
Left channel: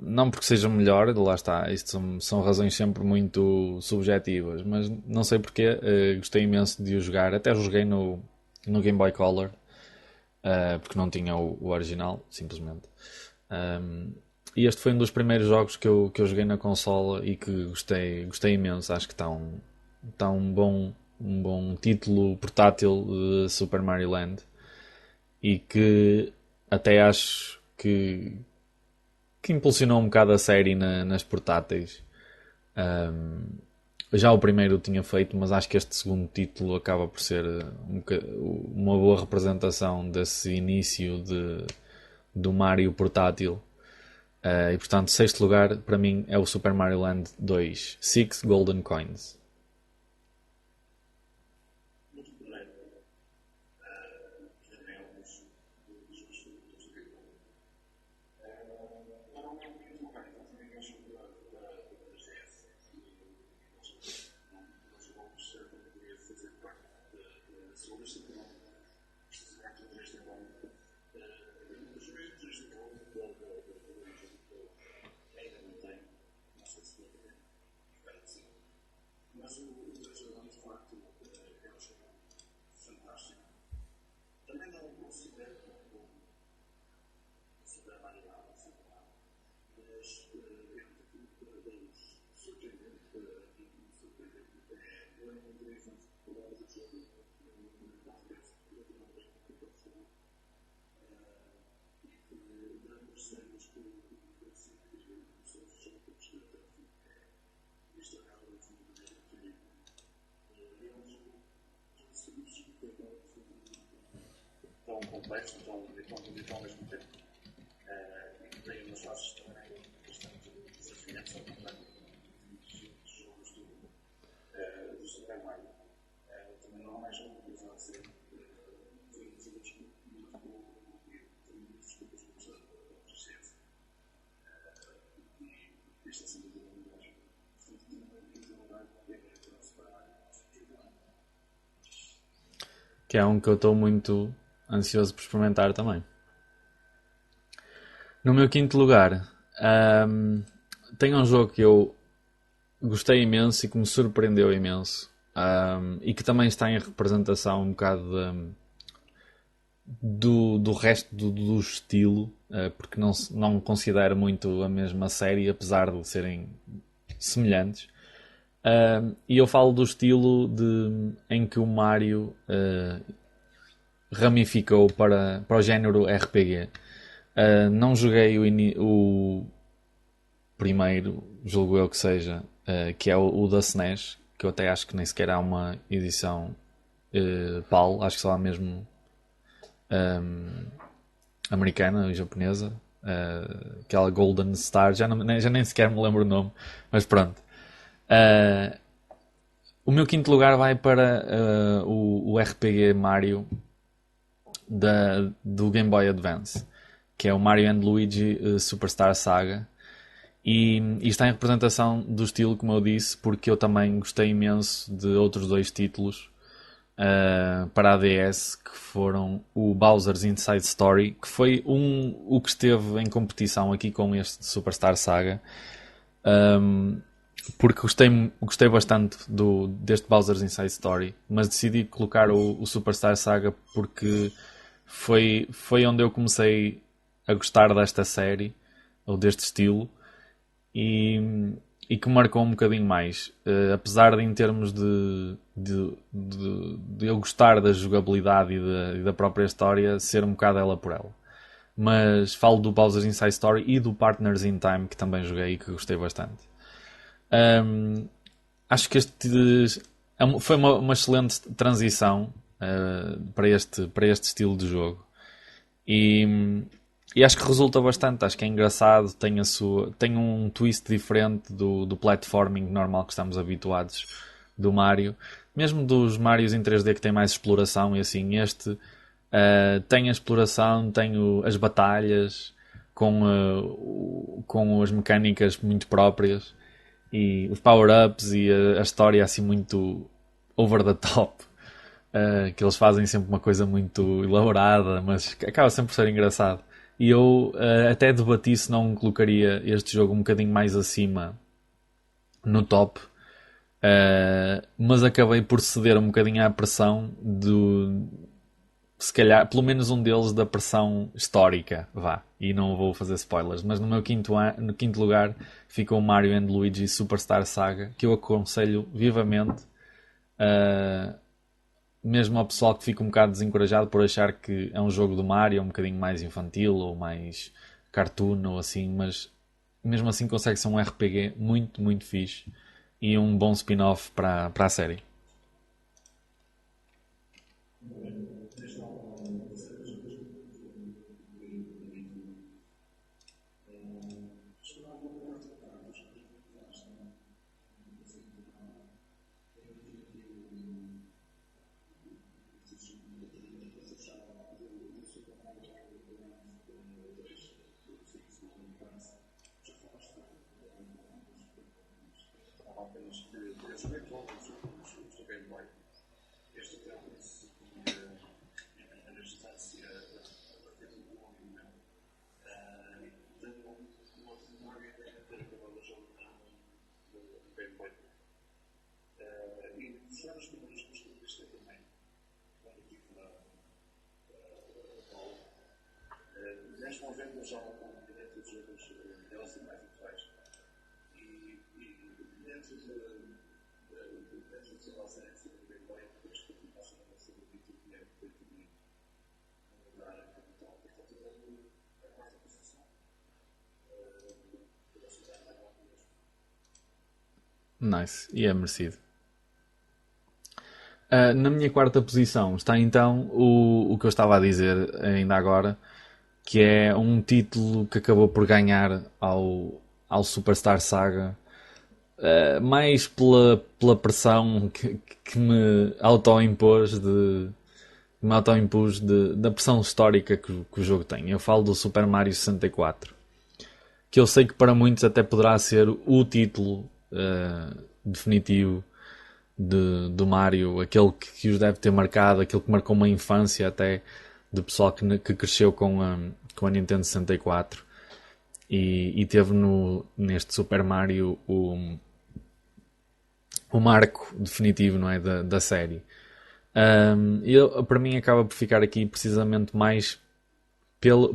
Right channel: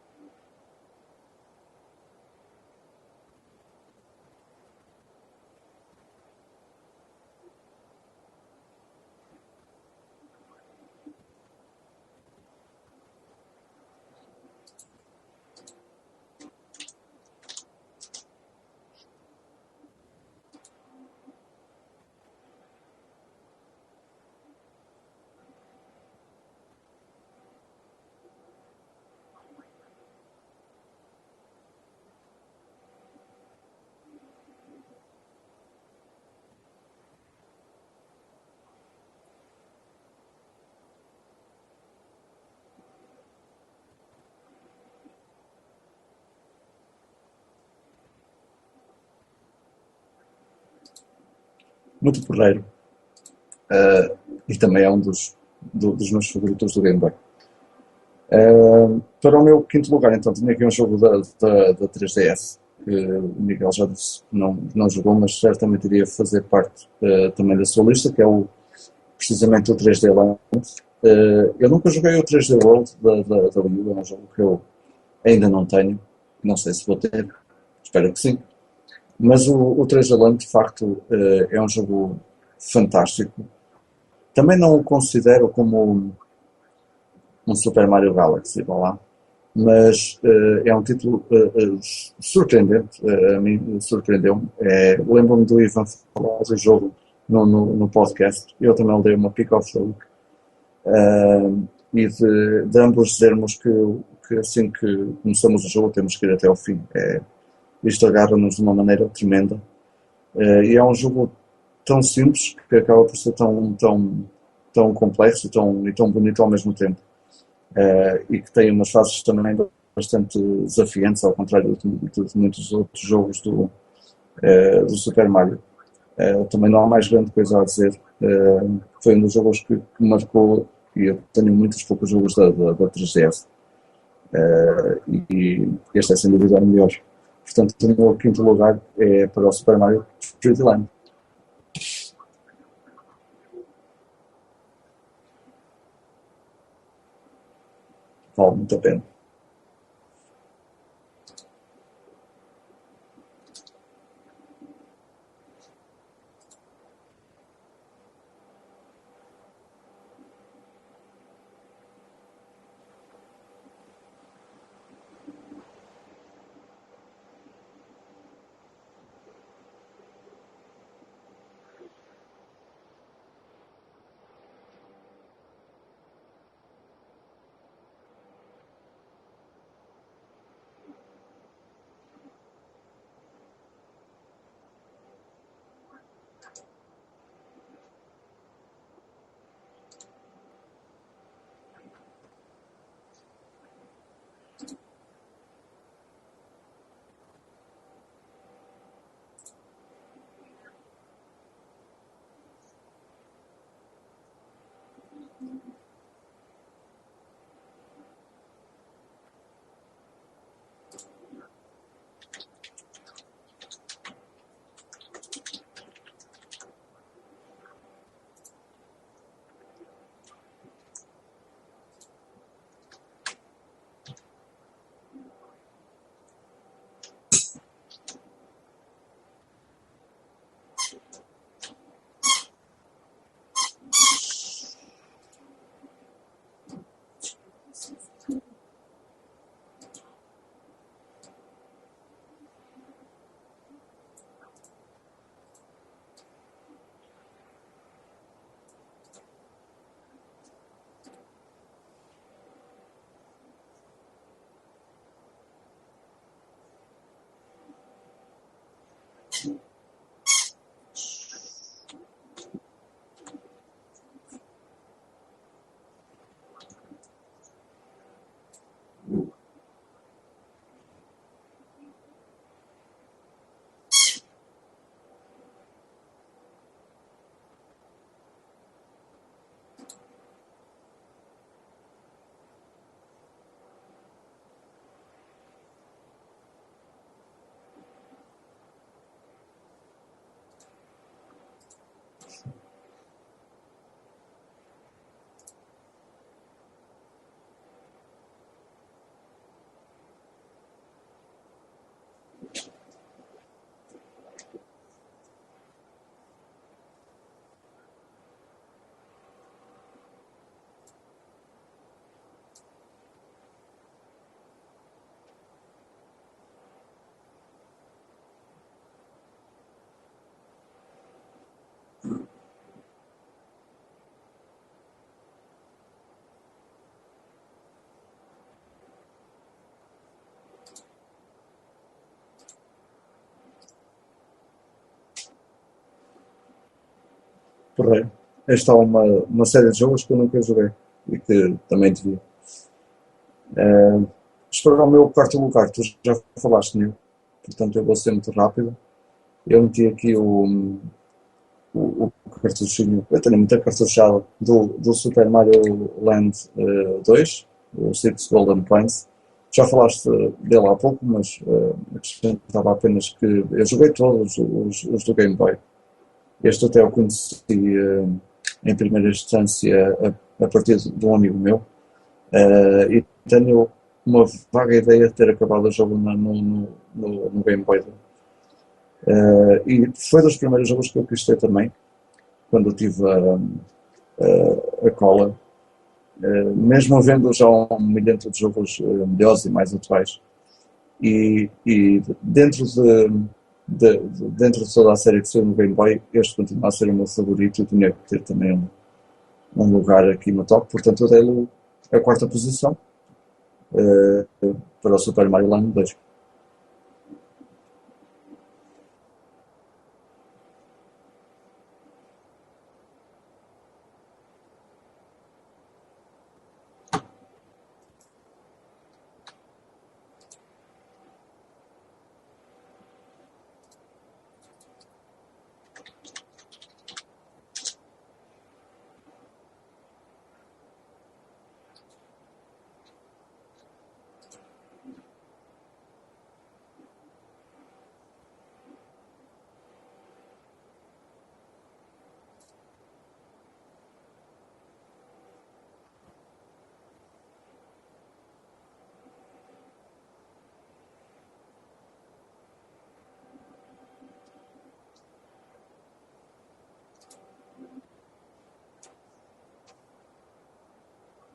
Não porque seja melhor, lá está, isto são razões sempre muito subjetivas, mas não sei porque gostei imenso de o jogar, até joguei no Game Boy Color, porque não tinha o original, simplesmente. E este foi um dos primeiros jogos que eu joguei na consola e que gostei imenso. Acho que está um bom título portátil de Super Mario Land, e que até acho que impulsionou um bocado a série nas portáteis. Já o primeiro tinha feito, mas acho que este segundo título acaba por ser uma boa representação desse início do Mario portátil. E portanto, sexto lugar para mim é o Super Mario Land 2 Six Golden Coins. Muito porreiro. E também é um dos meus favoritos do Game Boy. Para o meu quinto lugar, então, tinha aqui um jogo da 3DS, que o Miguel já disse, não jogou, mas certamente iria fazer parte também da sua lista, que é precisamente o 3D Land. Eu nunca joguei o 3D World da Wii U, é um jogo que eu ainda não tenho, não sei se vou ter, espero que sim. Mas o 3D Land, de facto, é um jogo fantástico. Também não o considero como um Super Mario Galaxy, vá lá, mas é um título surpreendente, a mim surpreendeu-me. Lembro-me do Ivan falar do jogo no podcast, eu também lhe dei uma pick of the week, e de ambos dizermos que assim que começamos o jogo temos que ir até ao fim. Isto agarra-nos de uma maneira tremenda, e é um jogo tão simples que acaba por ser tão tão complexo e tão bonito ao mesmo tempo. E que tem umas fases também bastante desafiantes, ao contrário de muitos outros jogos do Super Mario. Também não há mais grande coisa a dizer. Foi um dos jogos que me marcou, e eu tenho muitos poucos jogos da 3DS. E este é sem dúvida o melhor. Portanto, o meu quinto lugar é para o Super Mario 3D Land. Que é um que eu estou muito ansioso por experimentar também. No meu Vale quinto muito a pena. lugar, ahm, tem um jogo que eu gostei imenso e que me surpreendeu imenso. E que também está em representação um bocado do resto do estilo, porque não considero muito a mesma série, apesar de serem semelhantes. E eu falo do estilo em que o Mario ramificou para o género RPG. Não joguei o primeiro, julgo eu que seja, que é o da SNES, que eu até acho que nem sequer há uma edição PAL, acho que só há mesmo americana e japonesa, aquela Golden Star, já nem sequer me lembro o nome, mas pronto. Uh, o meu quinto lugar vai para o RPG Mario do Game Boy Advance, que é o Mario and Luigi Superstar Saga. E está em representação do estilo, como eu disse, porque eu também gostei imenso de outros dois títulos para a DS, que foram o Bowser's Inside Story, que foi o que esteve em competição aqui com este Superstar Saga, porque gostei bastante deste Bowser's Inside Story, mas decidi colocar o Superstar Saga porque foi onde eu comecei a gostar desta série, ou deste estilo, e, e que marcou um bocadinho mais. Apesar de, em termos de eu gostar da jogabilidade e da própria história, ser um bocado ela por ela. Mas falo do Bowser's Inside Story e do Partners in Time, que também joguei e que gostei bastante. Acho que foi uma excelente transição para este estilo de jogo. E, e acho que resulta bastante, acho que é engraçado, tem um twist diferente do platforming normal que estamos habituados do Mario. Mesmo dos Marios em 3D que tem mais exploração e assim, este tem a exploração, tem as batalhas com as mecânicas muito próprias e os power-ups e a história assim muito over the top. Que eles fazem sempre uma coisa muito elaborada, mas acaba sempre por ser engraçado. E eu até debati se não colocaria este jogo um bocadinho mais acima no top, mas acabei por ceder um bocadinho à pressão se calhar, pelo menos um deles da pressão histórica, vá. E não vou fazer spoilers, mas no meu no quinto lugar ficou Mario and Luigi Superstar Saga, que eu aconselho vivamente. Uh, Mesmo ao pessoal que fica um bocado desencorajado por achar que é um jogo do Mario um bocadinho mais infantil ou mais cartoon ou assim, mas mesmo assim consegue ser um RPG muito, muito fixe e um bom spin-off para a série. Correto. Esta é uma série de jogos que eu nunca joguei e que também devia. Para o meu quarto lugar, tu já falaste nele, portanto eu vou ser muito rápido. Eu meti aqui o cartuchinho, eu tenho muita cartuchada do Super Mario Land 2, o Six Golden Coins. Já falaste dele há pouco, mas acrescentava apenas que eu joguei todos os do Game Boy. Este até eu conheci em primeira instância a partir de um amigo meu. E tenho uma vaga ideia de ter acabado o jogo no Game Boy dele. E foi dos primeiros jogos que eu quis ter também, quando eu tive a cola. Mesmo havendo já um milhão de jogos melhores e mais atuais. E dentro de toda a série que saiu no Game Boy, este continua a ser o meu favorito e tinha que ter também um lugar aqui no top. Portanto, eu dei-lhe a quarta posição para o Super Mario Land 2. Nice, e é merecido. Na minha quarta posição está então o que eu estava a dizer ainda agora, que é um título que acabou por ganhar ao Superstar Saga, mais pela pressão que me autoimpus da pressão histórica que o jogo tem. Eu falo do Super Mario 64, que eu sei que para muitos até poderá ser o título definitivo do Mario, aquele que os deve ter marcado, aquele que marcou uma infância até do pessoal que cresceu com a Nintendo 64 e teve neste Super Mario o marco definitivo, não é, da série. Para mim acaba por ficar aqui precisamente mais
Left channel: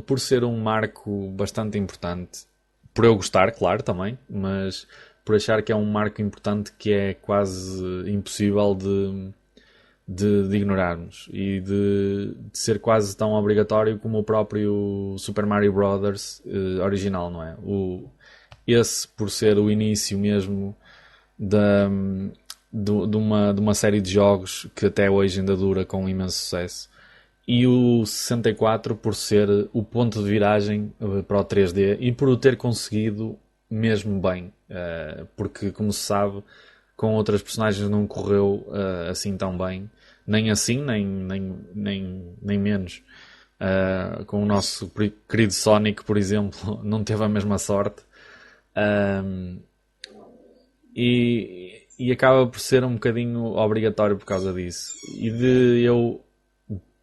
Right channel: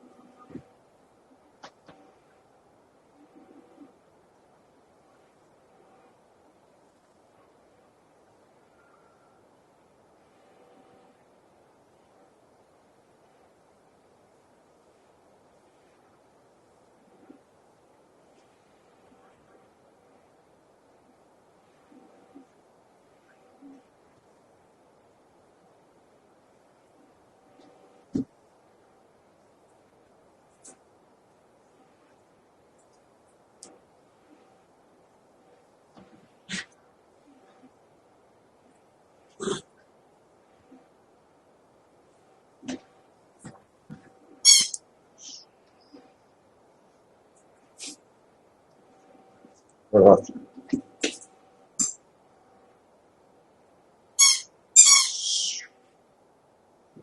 por ser um marco bastante importante. Por eu gostar, claro, também, mas por achar que é um marco importante que é quase impossível de ignorarmos e de ser quase tão obrigatório como o próprio Super Mario Bros. Original, não é? Esse, por ser o início mesmo da, de uma série de jogos que até hoje ainda dura com imenso sucesso. E o 64 por ser o ponto de viragem para o 3D e por o ter conseguido mesmo bem. Porque, como se sabe, com outras personagens não correu assim tão bem. Nem assim, nem menos. Com o nosso querido Sonic, por exemplo, não teve a mesma sorte. Uh, Verdade. e acaba por ser um bocadinho obrigatório por causa disso. E de eu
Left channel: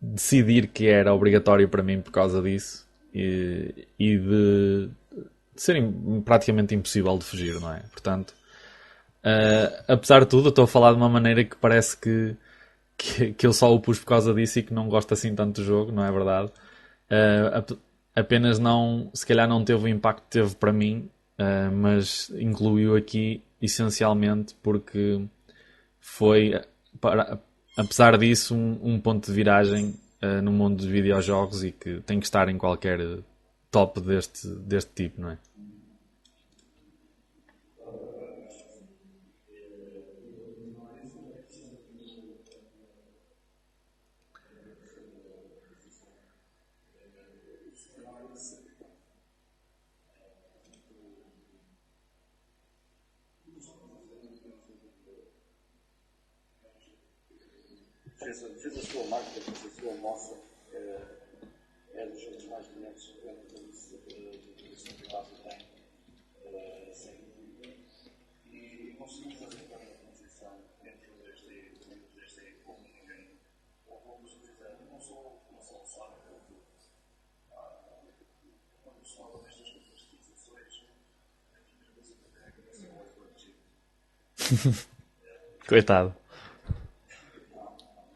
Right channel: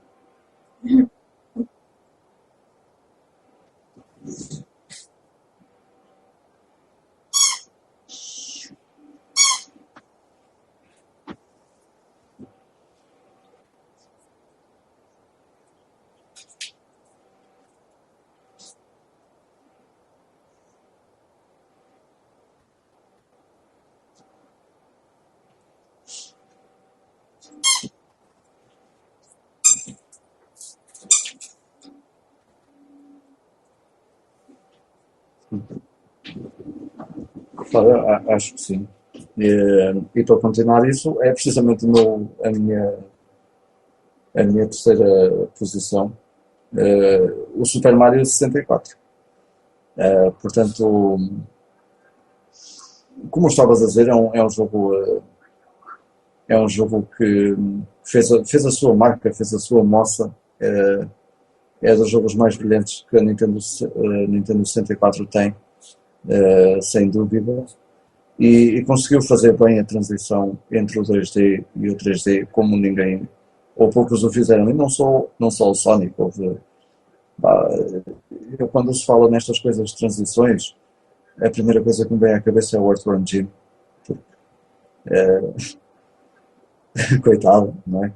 decidir que era obrigatório para mim por causa disso e de ser praticamente impossível de fugir, não é? Portanto, apesar de tudo, eu estou a falar de uma maneira que parece que eu só o pus por causa disso e que não gosto assim tanto do jogo, não é verdade? Apenas não, se calhar não teve o impacto que teve para mim, mas incluiu aqui essencialmente porque foi, apesar disso, um ponto de viragem no mundo dos videojogos e que tem que estar em qualquer top deste tipo, não é? Claro, acho que sim. E para continuar isso, é precisamente a minha terceira posição, o Super Mario 64. Portanto, como estavas a dizer, é um jogo que fez a sua marca, fez a sua moça. É dos jogos mais brilhantes que a Nintendo 64 tem, sem dúvida. E conseguiu fazer bem a transição entre o 2D e o 3D, como ninguém, ou poucos o fizeram. E não só o Sonic. Pá, quando se fala nestas coisas de transições, a primeira coisa que me vem à cabeça é o Earthworm Jim. Coitado. Coitado, não é?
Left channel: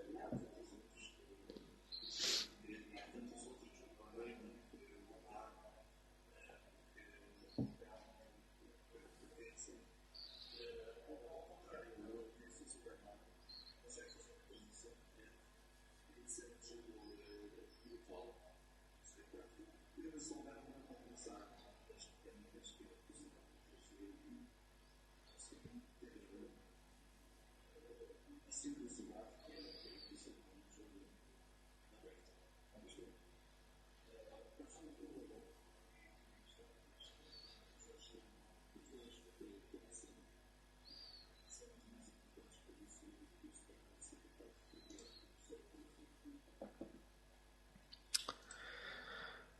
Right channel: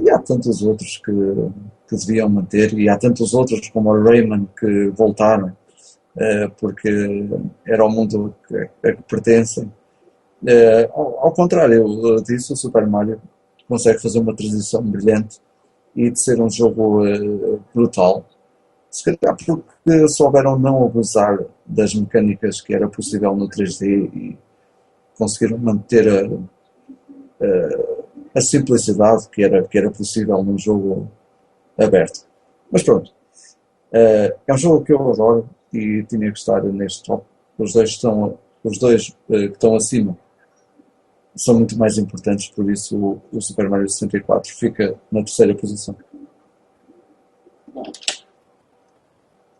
E há tantos outros que deviam manter, e há tantos outros como o Rayman que voltaram, porque era o mundo a que pertencem. Ao contrário disso, o Super Mario consegue fazer uma transição brilhante e de ser um jogo brutal. Se calhar porque souberam não abusar das mecânicas que era possível no 3D e conseguiram manter a simplicidade que era possível num jogo aberto. Mas pronto, é um jogo que eu adoro e tinha que estar neste top. Os dois que estão acima são muito mais importantes, por isso o Super Mario 64 fica na terceira posição.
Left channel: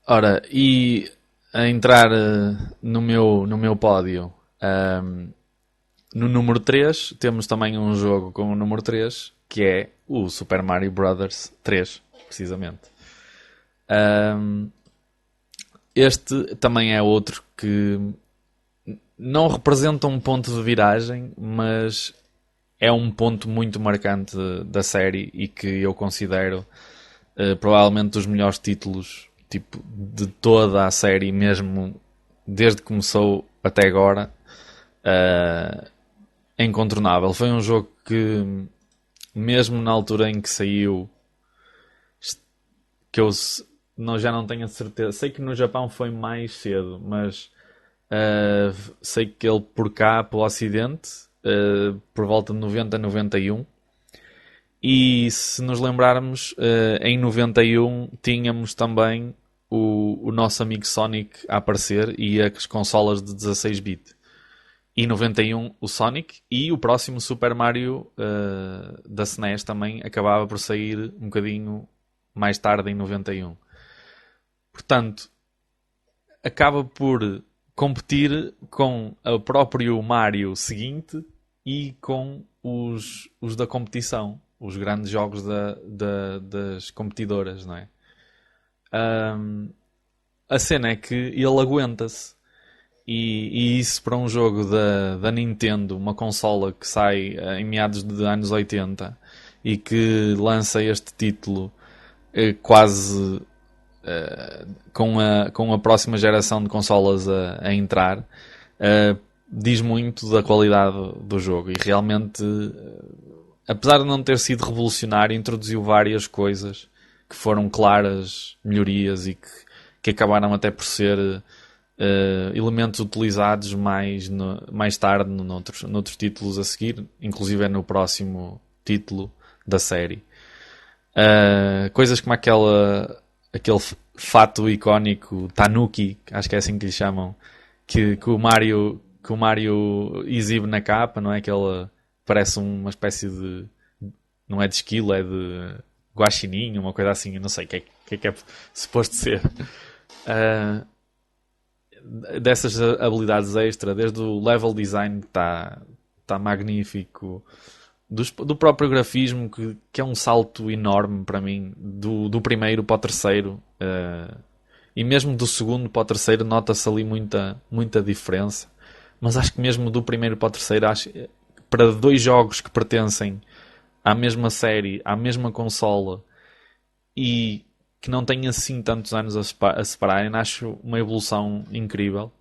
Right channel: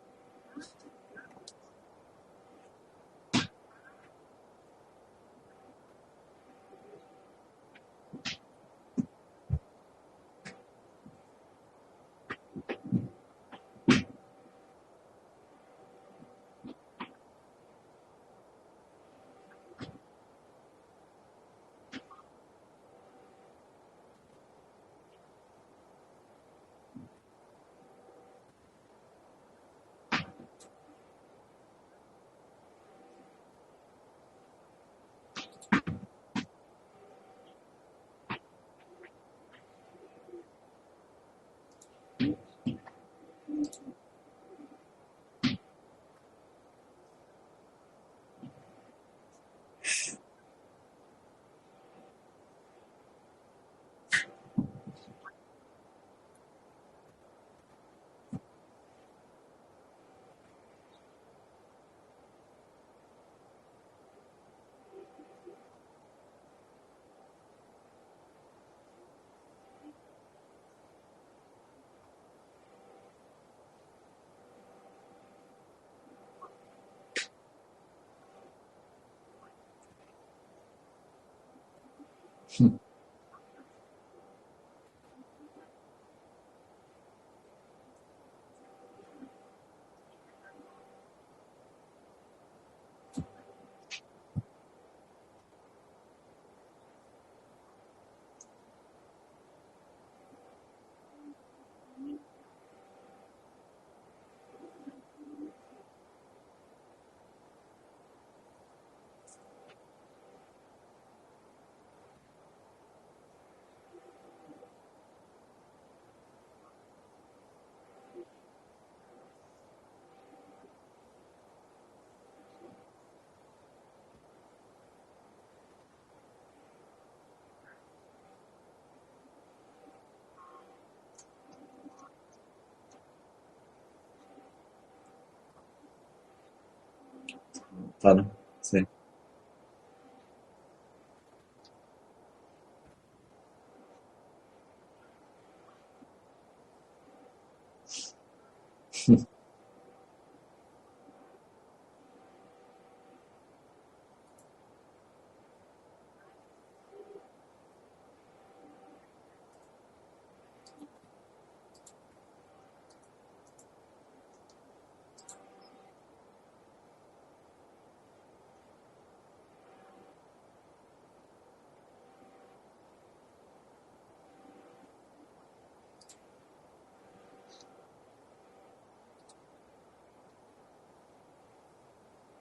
Ora, e a entrar no meu pódio, ahm, no número 3 temos também um jogo com o número 3 que é o Super Mario Bros. 3, precisamente. Ahm, este também é outro que não representa um ponto de viragem, mas é um ponto muito marcante da série e que eu considero provavelmente dos melhores títulos tipo, de toda a série, mesmo desde que começou até agora. É incontornável. Foi um jogo que, mesmo na altura em que saiu, que eu já não tenho a certeza. Sei que no Japão foi mais cedo, mas sei que ele por cá, pelo Ocidente, por volta de 90, 91. E se nos lembrarmos, em 91 tínhamos também o nosso amigo Sonic a aparecer e as consolas de 16-bit. E 91 o Sonic e o próximo Super Mario da SNES também acabava por sair um bocadinho mais tarde em 91. Portanto, acaba por competir com o próprio Mario seguinte e com os da competição, os grandes jogos das competidoras, não é? A cena é que ele aguenta-se. E isso para um jogo da Nintendo, uma consola que sai em meados de anos 80 e que lança este título quase com a próxima geração de consolas a entrar, diz muito da qualidade do jogo. E realmente, apesar de não ter sido revolucionário, introduziu várias coisas que foram claras melhorias e que acabaram até por ser elementos utilizados mais tarde noutros títulos a seguir, inclusive é no próximo título da série. Coisas como aquele fato icónico Tanuki, acho que é assim que lhe chamam, que Sim. o Mario exibe na capa, não é? Que ele parece uma espécie de, não é de esquilo, é de guaxininho, uma coisa assim, eu não sei o que é suposto ser. Dessas habilidades extra, desde o level design que está magnífico, do próprio grafismo que é um salto enorme para mim, do primeiro para o terceiro, e mesmo do segundo para o terceiro nota-se ali muita diferença, mas acho que mesmo do primeiro para o terceiro, para dois jogos que pertencem à mesma série, à mesma consola e que não têm assim tantos anos a separarem, acho uma evolução incrível.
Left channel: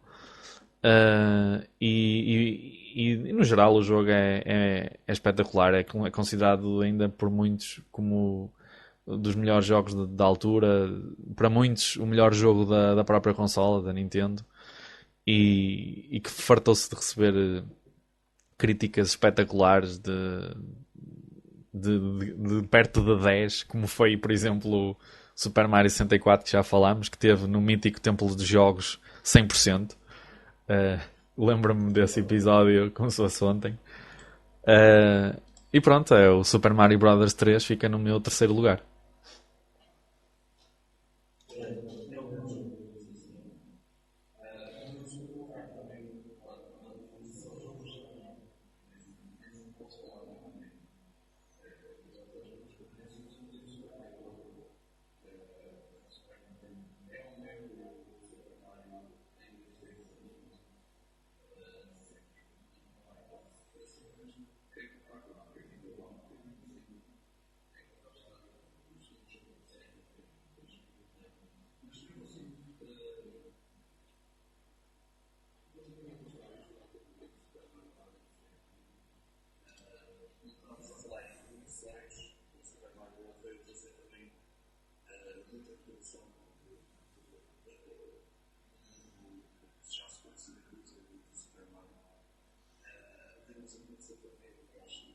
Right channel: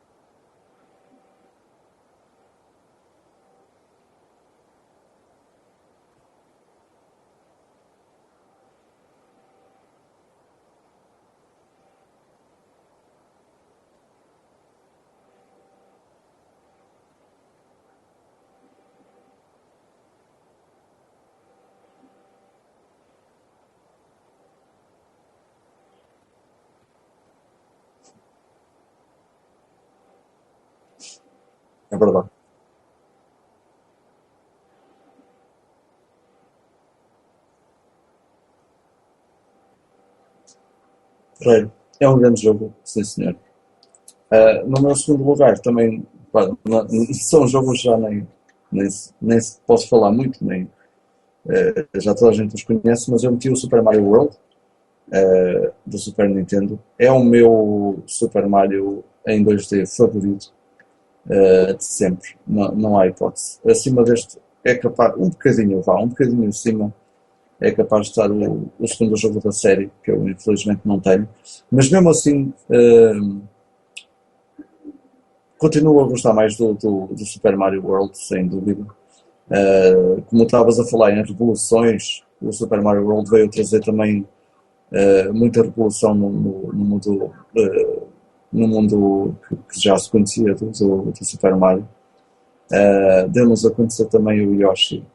E no geral o jogo é espetacular, é considerado ainda por muitos como dos melhores jogos da altura, para muitos o melhor jogo da própria consola, da Nintendo, e que fartou-se de receber críticas espetaculares de perto de 10, como foi, por exemplo, o Super Mario 64, que já falámos, que teve no mítico Templo dos Jogos 100%. Lembro-me É desse verdade. episódio como se fosse ontem. E pronto, o Super Mario Bros. 3 fica no meu terceiro lugar. Ferreiro, é um grande jogo, sim senhor. No meu segundo lugar também, pá, são jogos já nem se posso falar muito, nem já toda a gente os conhece, mas eu meti o Super Mario World do Super Nintendo. É o meu Super Mario em 2D favorito de sempre, não há hipótese. Acima deste é capaz, um bocadinho acima, é capaz de estar o segundo jogo da série, que eu infelizmente não tenho, mas mesmo assim continuo a gostar mais do Super Mario World, sem dúvida. Como estavas a falar em revoluções, o Super Mario World veio trazer também muita revolução no mundo, no mundo que já se conhecia do Super Mario. Deu-nos a conhecer também o Yoshi.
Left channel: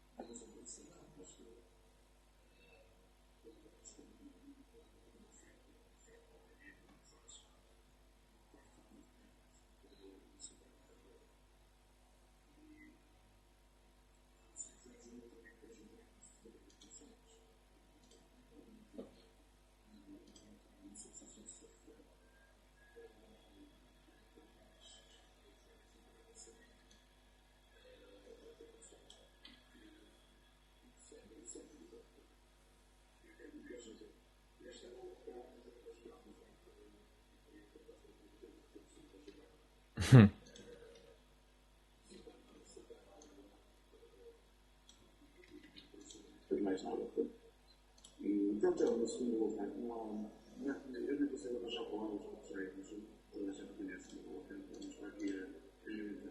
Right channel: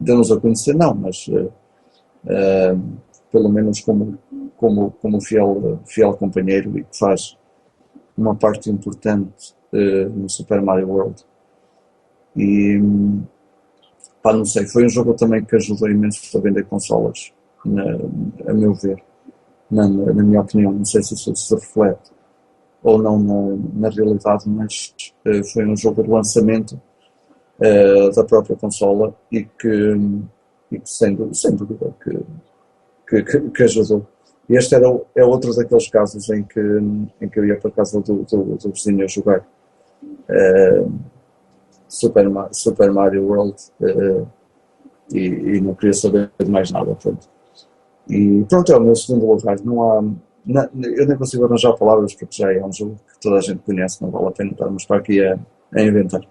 Deu-nos a conhecer, não, mas pelo menos como fiel companheiro e que faz uma parte importante no Super Mario World. E pá, não sei, foi um jogo também que ajudou imenso a vender consolas, a meu ver, na minha opinião. Não sei se isso se reflete ou não na realidade, mas foi um jogo de lançamento da própria consola e que sem dúvida que ajudou. E este é outro daqueles casos em que eu ia para a casa do vizinho a jogar Super Mario World e não queria saber de mais nada. Pronto. E pronto, é o meu segundo lugar. Não há, eu nem consigo arranjar palavras porque já é um jogo que toda a gente conhece, não vale a pena estarmos para aqui a inventar.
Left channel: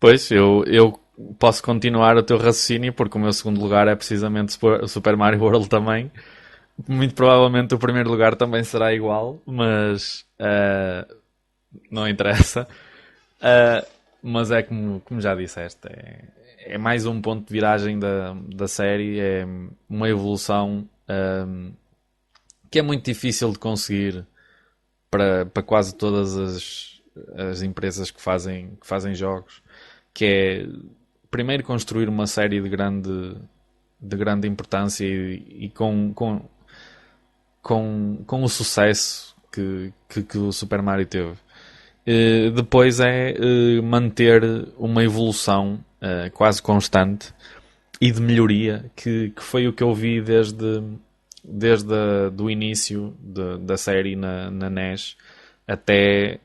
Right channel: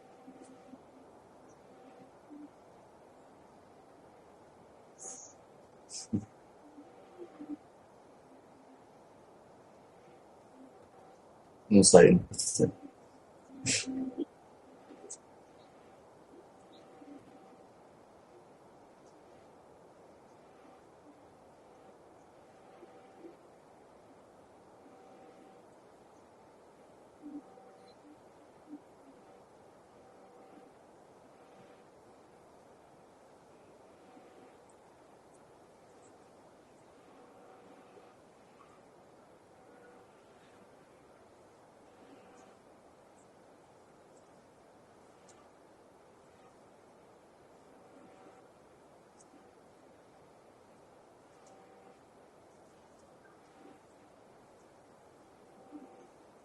Pois, eu posso continuar o teu raciocínio, porque o meu segundo lugar é precisamente o Super Mario World também. Muito provavelmente o primeiro lugar também será igual, mas Não não sei. interessa. Sim. Uh, mas é como já disseste, é mais um ponto de viragem da série, é uma evolução que é muito difícil de conseguir para quase todas as empresas que fazem jogos, que é primeiro construir uma série de grande importância e com o sucesso que o Super Mario teve. Depois é manter uma evolução quase constante e de melhoria, que foi o que eu vi desde do início da série na NES até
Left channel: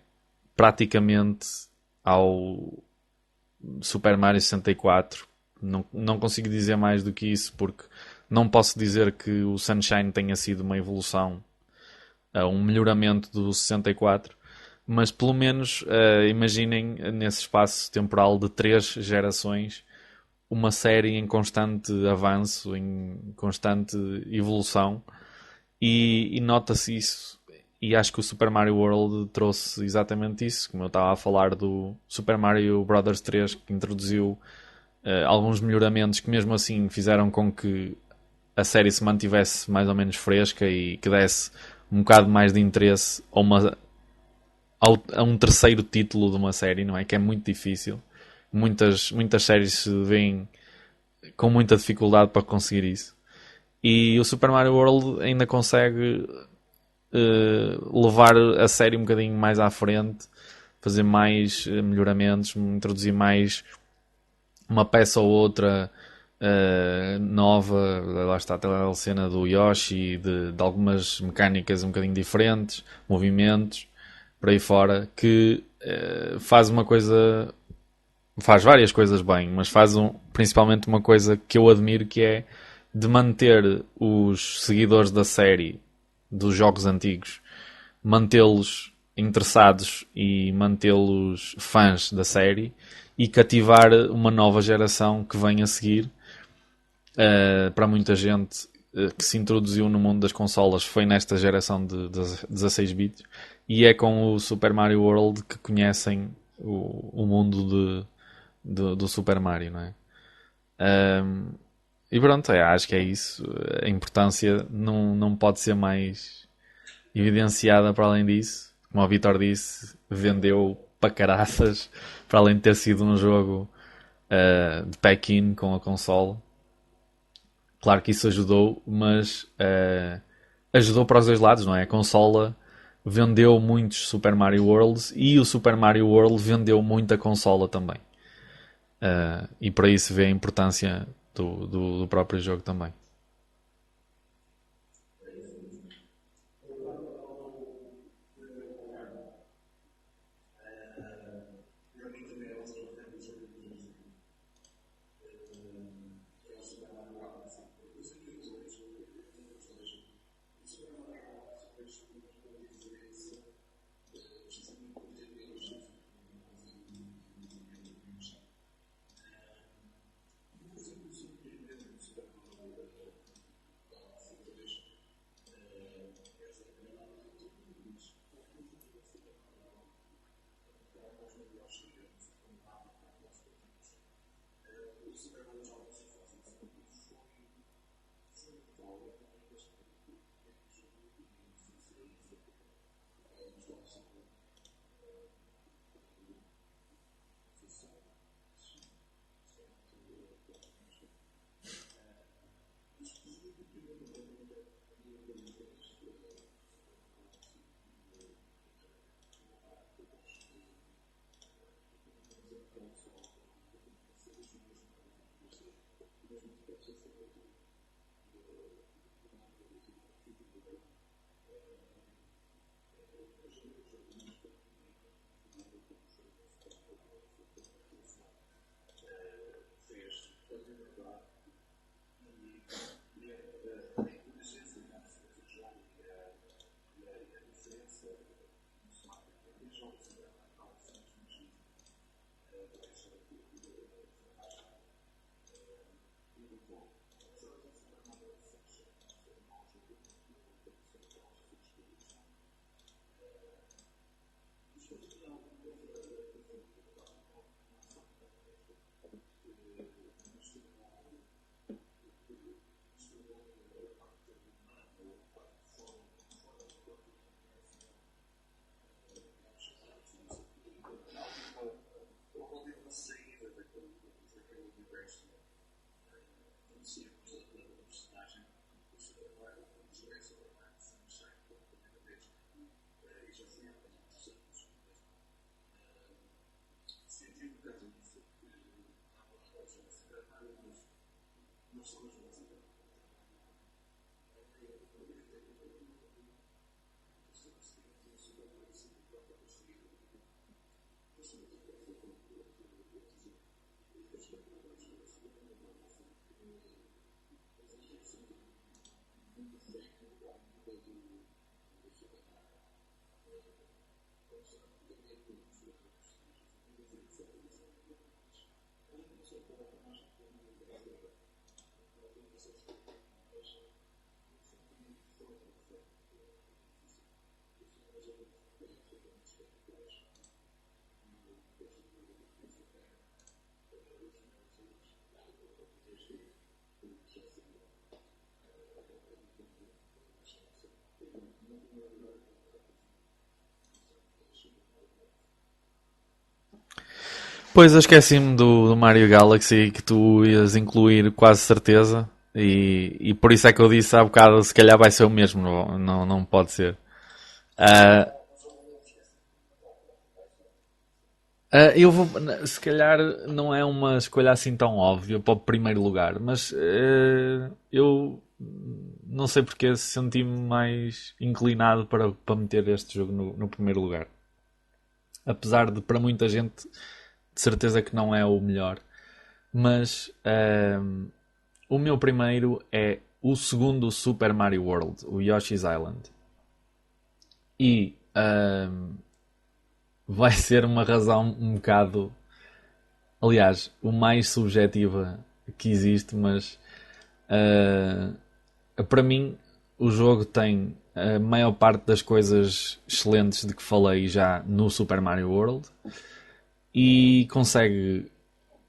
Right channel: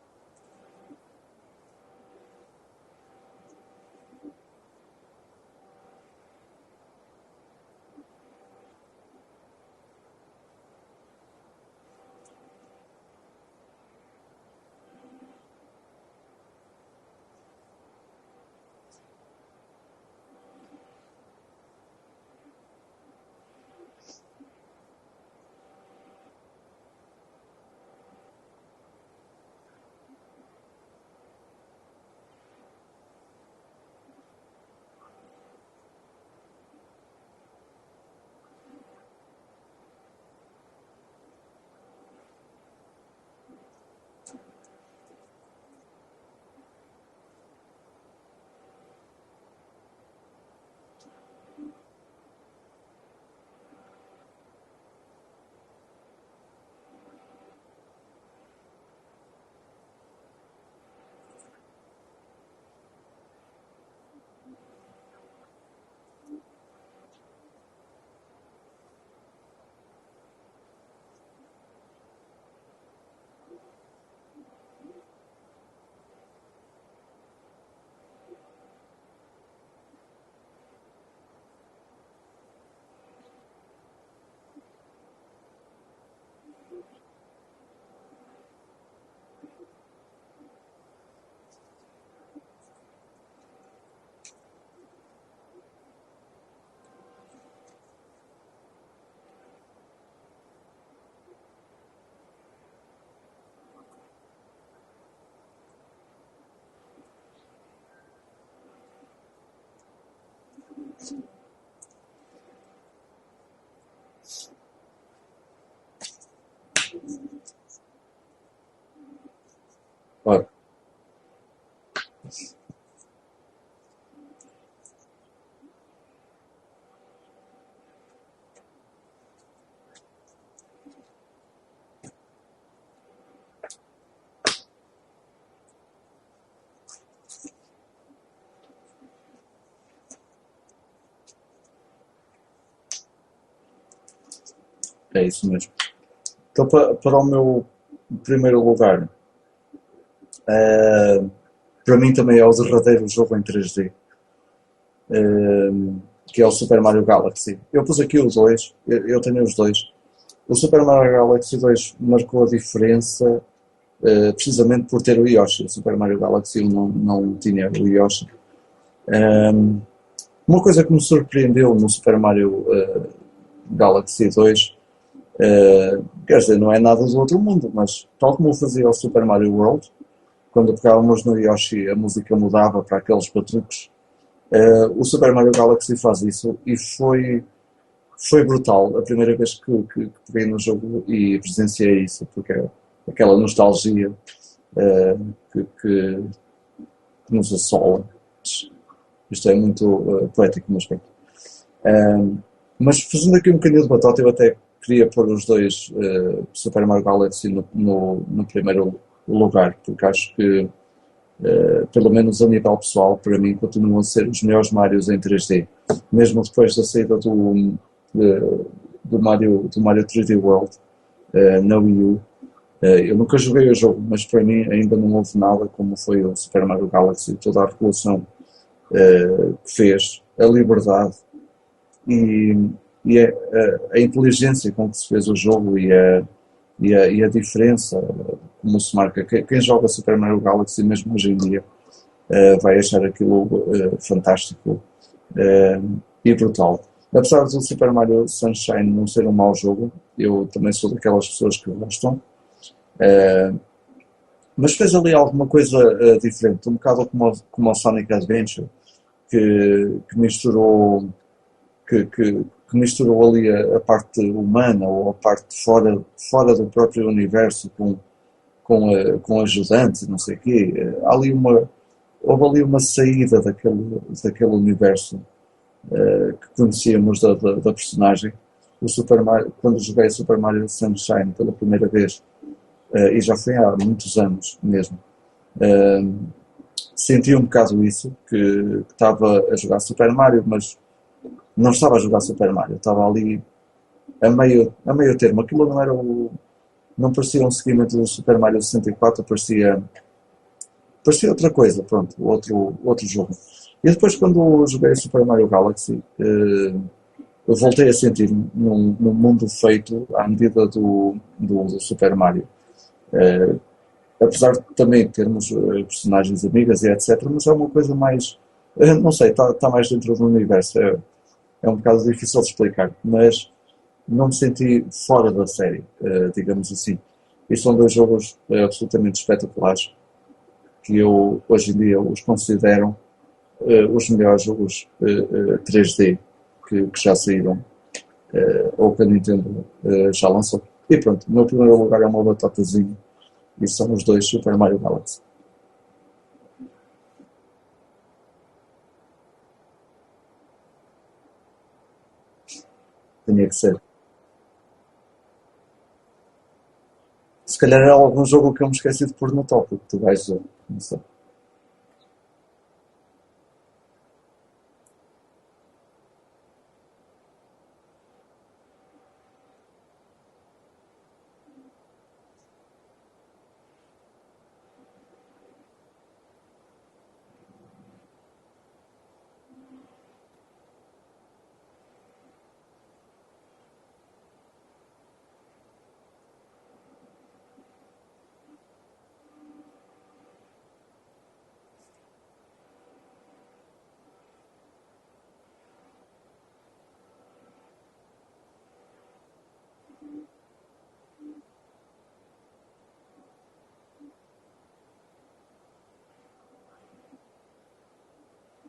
praticamente ao Super Mario 64. Não consigo dizer mais do que isso, porque não posso dizer que o Sunshine tenha sido uma evolução, um melhoramento do 64, mas pelo menos imaginem nesse espaço temporal de 3 gerações uma série em constante avanço, em constante evolução, e nota-se isso. E acho que o Super Mario World trouxe exatamente isso, como eu estava a falar do Super Mario Bros. 3, que introduziu alguns melhoramentos que mesmo assim fizeram com que a série se mantivesse mais ou menos fresca e que desse um bocado mais de interesse a um terceiro título de uma série, não é? Que é muito difícil. Muitas séries se veem com muita dificuldade para conseguir isso. E o Super Mario World ainda consegue levar a série um bocadinho mais à frente, fazer mais melhoramentos, introduzir mais uma peça ou outra nova. Lá está a cena do Yoshi, de algumas mecânicas um bocadinho diferentes, movimentos, por aí fora, que faz várias coisas bem, mas principalmente uma coisa que eu admiro, que é de manter os seguidores da série, dos jogos antigos, mantê-los interessados e mantê-los fãs da série e cativar uma nova geração que vem a seguir. Para muita gente que se introduziu no mundo das consolas foi nesta geração de 16 bits, e é com o Super Mario World que conhecem o mundo do Super Mario, não é? E pronto, acho que é isso. A importância não pode ser mais evidenciada para além disso. Como o Vitor disse, Claro. vendeu para caraças, para além de ter sido um jogo de pack-in com a console. Claro que isso ajudou, mas ajudou para os dois lados, não é? A consola vendeu muitos Super Mario Worlds e o Super Mario World vendeu muita consola também. E por aí se vê a importância do próprio jogo também. É isso mesmo. Então, para o meu primeiro lugar, eh, para mim também é o derradeiro jogo em 3D, que é o Super Mario Galaxy. Eu pus aqui os dois, eu tenho os dois. O Super Mario Galaxy 2 marcou a diferença precisamente por ter o Yoshi. O Super Mario Galaxy 1 não tinha o Yoshi. Uma coisa que me surpreendeu no Super Mario Galaxy 2, quer dizer, não é nada do outro mundo, mas tal como eu fazia o Super Mario World, quando pegávamos no Yoshi a música mudava para aqueles batuques. O Super Mario Galaxy faz isso e foi brutal a primeira vez que peguei no jogo e presenciei isso, porque é aquela nostalgia que nos assola. Isto é muito poético, mas bem. Mas fazendo aqui um bocadinho de batota, eu até queria pôr os dois Super Mario Galaxy no primeiro lugar, porque acho que, pelo menos a nível pessoal, para mim continuam a ser os melhores Marios em 3D. Mesmo depois da saída do Mario 3D World na Wii U. Eu nunca joguei o jogo, mas para mim ainda não houve nada como foi o Super Mario Galaxy, toda a revolução que fez, a liberdade e, a inteligência com que se fez o jogo e a diferença como se marca. Quem joga Super Mario Galaxy mesmo hoje em dia vai achar aquilo fantástico e brutal. Apesar do Super Mario Sunshine não ser um mau jogo, eu também sou daquelas pessoas que gostam, mas fez ali alguma coisa diferente, um bocado como o Sonic Adventure, que misturou, que misturou ali a parte humana ou a parte fora do próprio universo com ajudantes, não sei o quê. Houve ali uma saída daquele universo que conhecíamos da personagem. O Super Mario, quando joguei Super Mario Sunshine pela primeira vez, e já foi há muitos anos mesmo, eh, senti um bocado isso, que estava a jogar Super Mario, mas não estava a jogar Super Mario, estava ali a meio termo. Aquilo não era não parecia um seguimento do Super Mario 64, parecia outra coisa, pronto, outro jogo. E depois, quando joguei Super Mario Galaxy, eu voltei a sentir num mundo feito à medida do Super Mario. Eh, Apesar de também termos personagens amigas e etc., mas é uma coisa mais, não sei, está mais dentro do universo. É um bocado difícil de explicar, mas não me senti fora da série, digamos assim. E são dois jogos absolutamente espetaculares que eu hoje em dia os considero os melhores jogos 3D que já saíram ou que a Nintendo já lançou. E pronto, o meu primeiro lugar é uma batatazinha e são os dois Super Mario Galaxy. Pois eu esqueci-me do Mario Galaxy que tu ias incluir quase certeza. E por isso Tinha é que que eu ser. disse há bocado, se calhar vai ser o mesmo, não pode ser. Se calhar é Ah, algum jogo que eu me esqueci de pôr no tópico, tu vais dizer. Não sei. eu vou, se calhar não é uma escolha assim tão óbvia para o primeiro lugar, mas eu não sei porque senti-me mais inclinado para meter este jogo no primeiro lugar. Apesar de para muita gente de certeza que não é o melhor. Mas o meu primeiro é o segundo Super Mario World, o Yoshi's Island. E vai ser uma razão um bocado, aliás, o mais subjetiva que existe, mas para mim o jogo tem a maior parte das coisas excelentes de que falei já no Super Mario World e consegue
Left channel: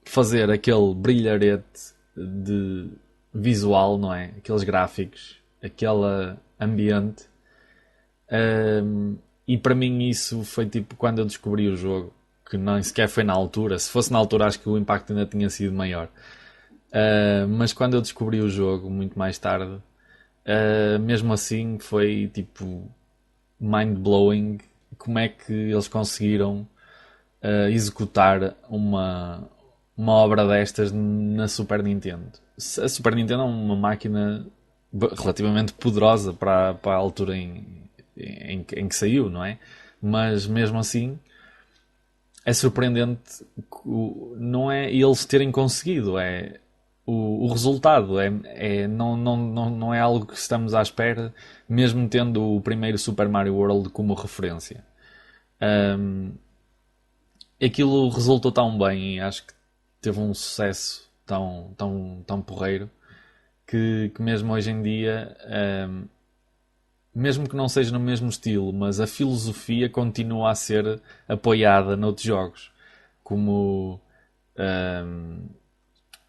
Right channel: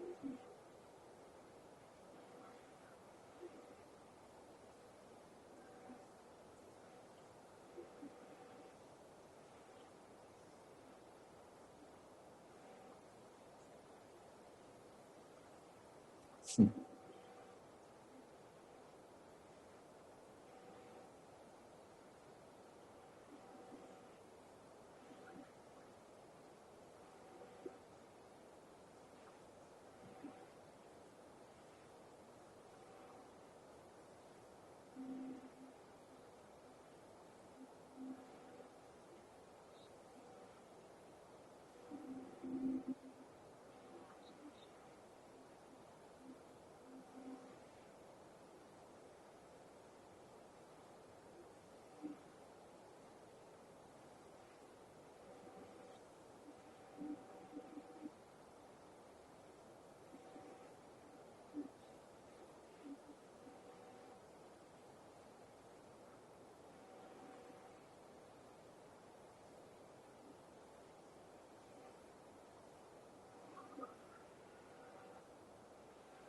fazer aquele brilharete de visual, não é? Aqueles gráficos, aquele ambiente. E para mim isso foi tipo quando eu descobri o jogo, que nem sequer foi na altura. Se fosse na altura, acho que o impacto ainda tinha sido maior. Mas quando eu descobri o jogo, muito mais tarde, mesmo assim foi tipo mind-blowing como é que eles conseguiram executar uma obra destas na Super Nintendo. A Super Nintendo é uma máquina relativamente poderosa para a altura em que saiu, não é? Mas mesmo assim é surpreendente, não é eles terem conseguido, é o resultado, não é algo que estamos à espera, mesmo tendo o primeiro Super Mario World como referência. Um, Aquilo resultou tão bem e acho que teve um sucesso tão porreiro que mesmo hoje em dia, mesmo que não seja no mesmo estilo, mas a filosofia continua a ser apoiada noutros jogos, como ahm,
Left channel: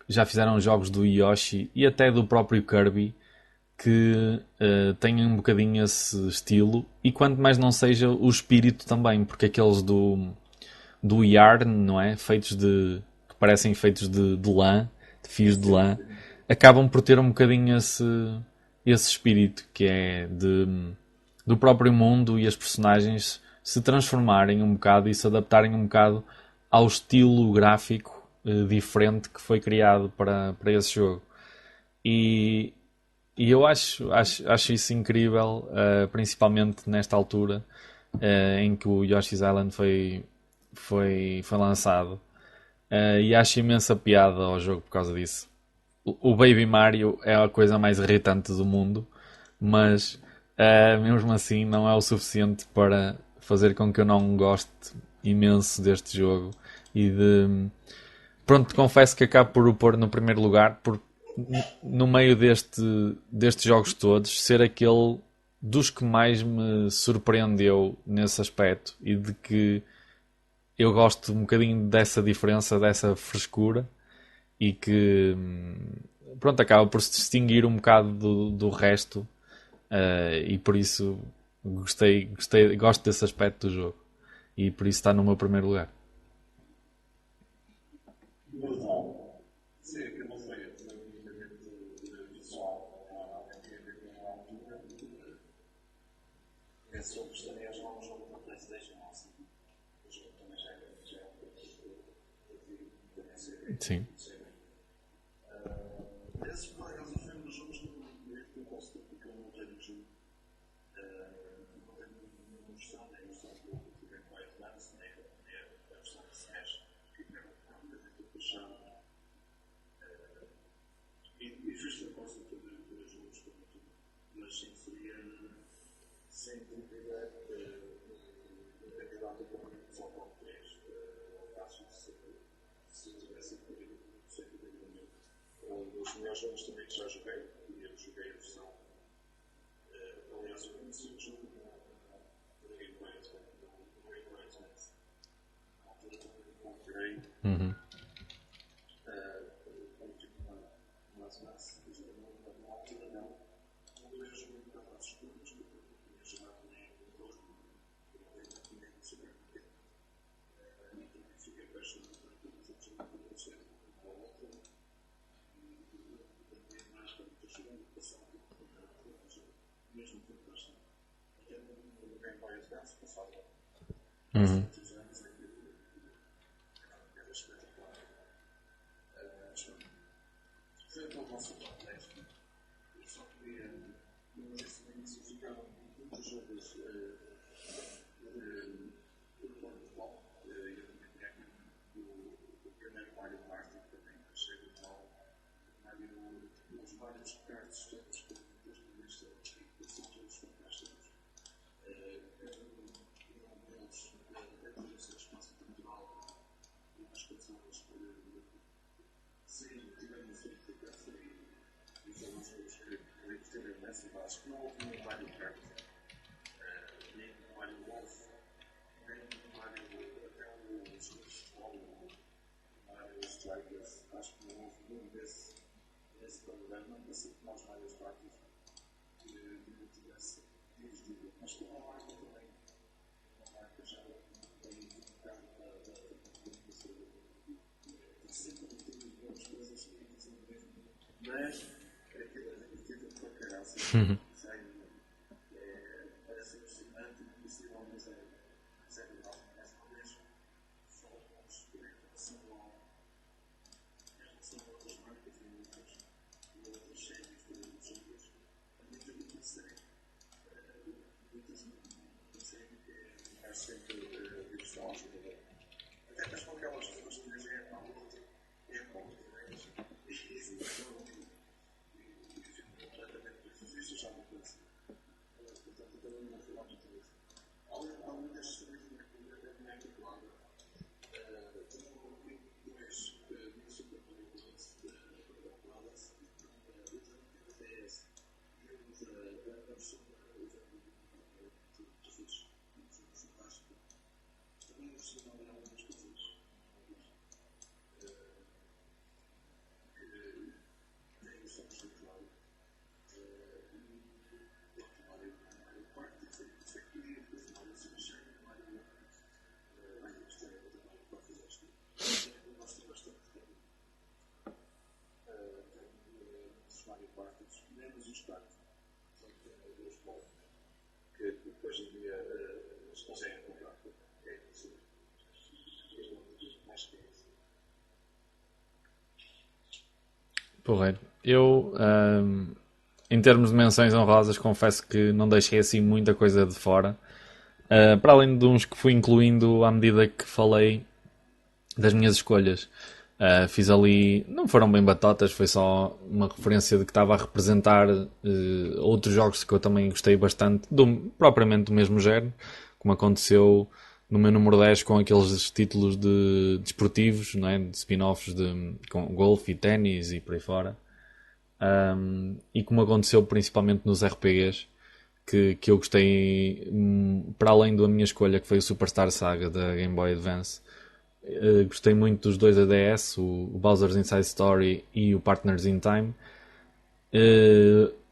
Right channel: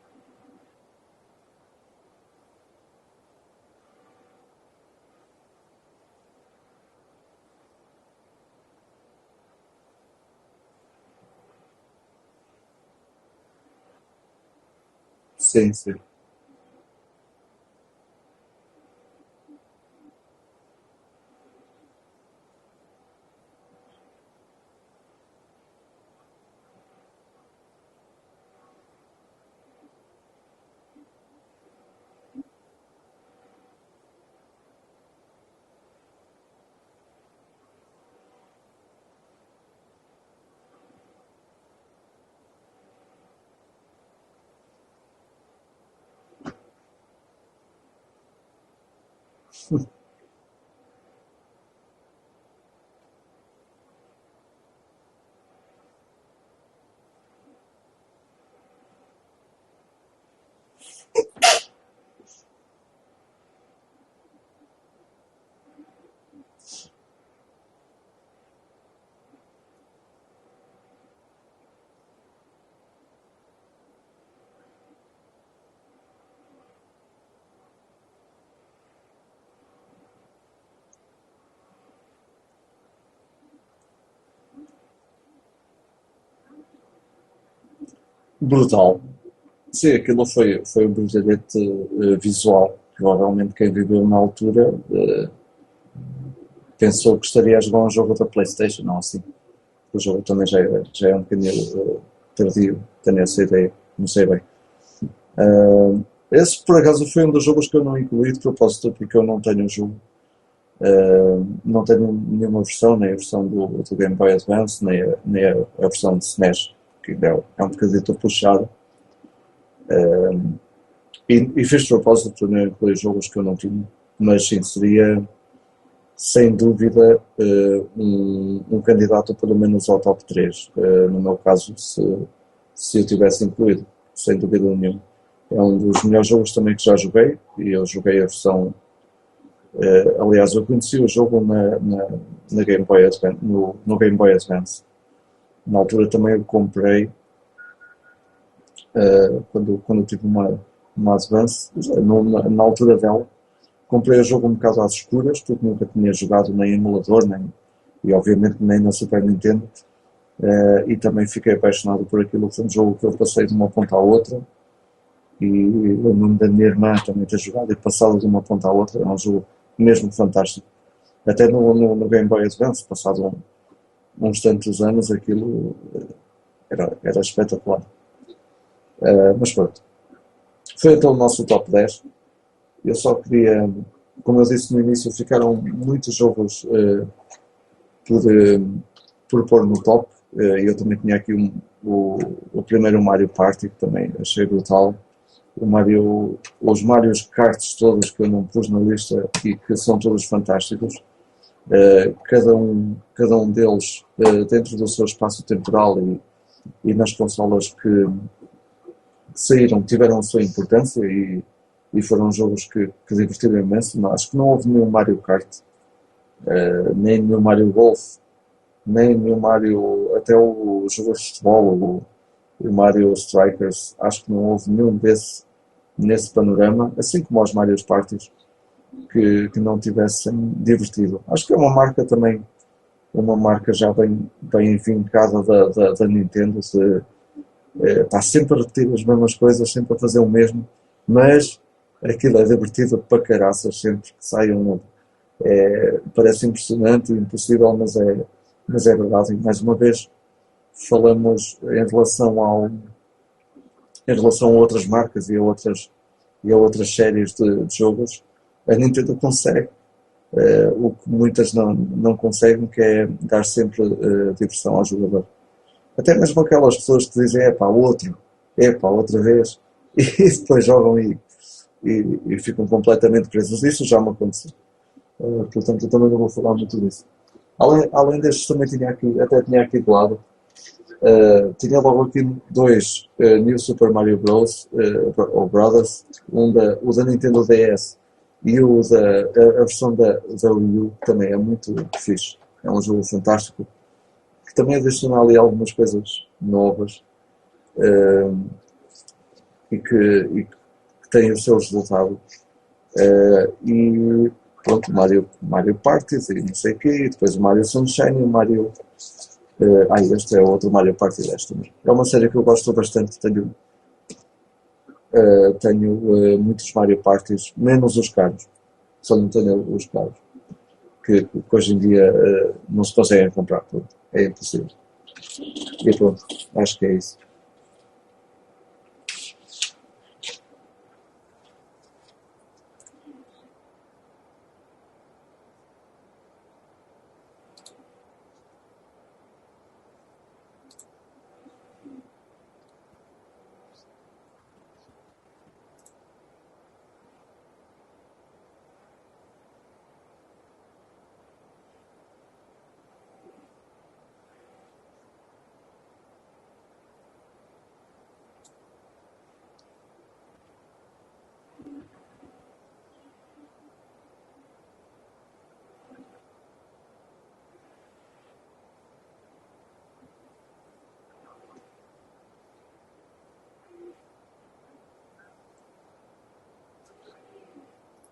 já fizeram jogos do Yoshi e até do próprio Kirby que têm um bocadinho esse estilo e quanto mais não seja o espírito também, porque aqueles do yarn, não é? Que parecem feitos de lã, de fios de Sim, lã, sim. acabam por ter um bocadinho esse espírito que é do próprio mundo e as personagens se transformarem um bocado e se adaptarem um bocado ao estilo gráfico diferente que foi criado para esse jogo. E, e eu acho isso incrível, principalmente nesta altura em que o Yoshi's Island foi lançado. E acho imensa piada ao jogo por causa disso. O Baby Mario é a coisa mais irritante do mundo, mas mesmo assim não é o suficiente para fazer com que eu não goste imenso deste jogo. E de. Pronto, confesso que acabo por o pôr no primeiro lugar, porque no meio destes jogos todos, ser aquele dos que mais me surpreendeu nesse aspecto e de que eu gosto um bocadinho dessa diferença, dessa frescura e que pronto, acaba por se distinguir um bocado do resto, e por isso gosto desse aspecto do jogo e por isso está no meu primeiro lugar. Brutal. Sim, aquilo foi um brilharete visual. Provavelmente quem viveu na altura pensou que estaria a jogar um jogo da PlayStation, não assim. O jogo também já é um bocadinho tardio, tenho essa ideia, Sim. não sei bem. Esse, por acaso, foi um dos jogos que eu não incluí de propósito, porque eu não tenho o jogo. Não tenho nenhuma versão, nem a versão do Game Boy Advance, nem a versão de SNES, que é um bocadinho puxado. E fiz de propósito para não incluir jogos que eu não tinha, mas sim, seria sem dúvida um candidato pelo menos ao top 3 no meu caso, se eu tivesse incluído, sem dúvida nenhuma. É um dos melhores jogos também que já joguei, e eu joguei a versão. Aliás, eu conheci o jogo na Game Boy Advance, no Game Boy Advance. Na altura também o comprei, Uhum. quando tive uma Advance, na altura dela. Comprei o jogo um bocado às escuras, porque nunca tinha jogado nem em emulador, e obviamente nem na Super Nintendo. E também fiquei apaixonado por aquilo. Foi um jogo que eu passei de uma ponta à outra, e o nome da minha irmã também ter jogado e passado de uma ponta à outra. É um jogo mesmo fantástico. Até no Game Boy Advance, passado uns Uhum. tantos anos, aquilo era espetacular. Mas pronto, foi então o nosso top 10. Eu só queria, como eu disse no início, ficaram muitos jogos por, por pôr no top. Eu também tinha aqui o primeiro Mario Party, que também achei brutal. Os Mario Karts todos que eu não pus na lista e que são todos fantásticos. Cada um deles dentro do seu espaço temporal e nas consolas que saíram tiveram a sua importância e foram jogos que divertiram imenso. Mas acho que não houve nenhum Mario Kart, nem nenhum Mario Golf, nem nenhum Mario, até o jogo de futebol, o Mario Strikers, acho que não houve nenhum nesse panorama, assim como os Mario Parties, que não tivessem divertido. Acho que é uma marca também, uma marca já bem vincada da Nintendo, está sempre a repetir as mesmas coisas, sempre a fazer o mesmo, mas aquilo é divertido para caraças sempre que sai um novo. Parece impressionante e impossível, mas é verdade. E mais uma vez, falamos em relação a outras marcas e a outras séries de jogos, a Nintendo consegue o que muitas não conseguem, que é dar sempre diversão ao jogador. Até mesmo aquelas pessoas que dizem, epá, outra vez, e depois jogam e ficam completamente presos. Isso já me aconteceu. Portanto, eu também não vou falar muito disso. Além destes, também até tinha aqui de lado. Tinha logo aqui dois New Super Mario Bros. Ou Brothers, o da Nintendo DS e a versão da Wii U, também é muito fixe. É um jogo fantástico que também adiciona ali algumas coisas novas eh, e que têm o seu resultado. E pronto, Mario Party e não sei o quê, e depois o Mario Sunshine e o Mario. Este é outro Mario Party 10 também. É uma série que eu gosto bastante. Tenho muitos Mario Parties, menos os carros. Só não tenho os carros, que hoje em dia não se conseguem comprar. Pronto, é impossível. E pronto, acho que é isso. Porreiro. Eu, em termos de menções honrosas, confesso que não deixei assim muita coisa de fora. Para além de uns que fui incluindo à medida que falei das minhas escolhas. Fiz ali, não foram bem batotas, foi só uma referência de que estava a representar outros jogos que eu também gostei bastante, propriamente do mesmo género, como aconteceu no meu número 10 com aqueles títulos de desportivos, não é? De spin-offs com golfe e ténis e por aí fora. E como aconteceu principalmente nos RPGs, que eu gostei, para além da minha escolha, que foi o Superstar Saga da Game Boy Advance. gostei muito dos dois ADS, o Bowser's Inside Story e o Partners in Time.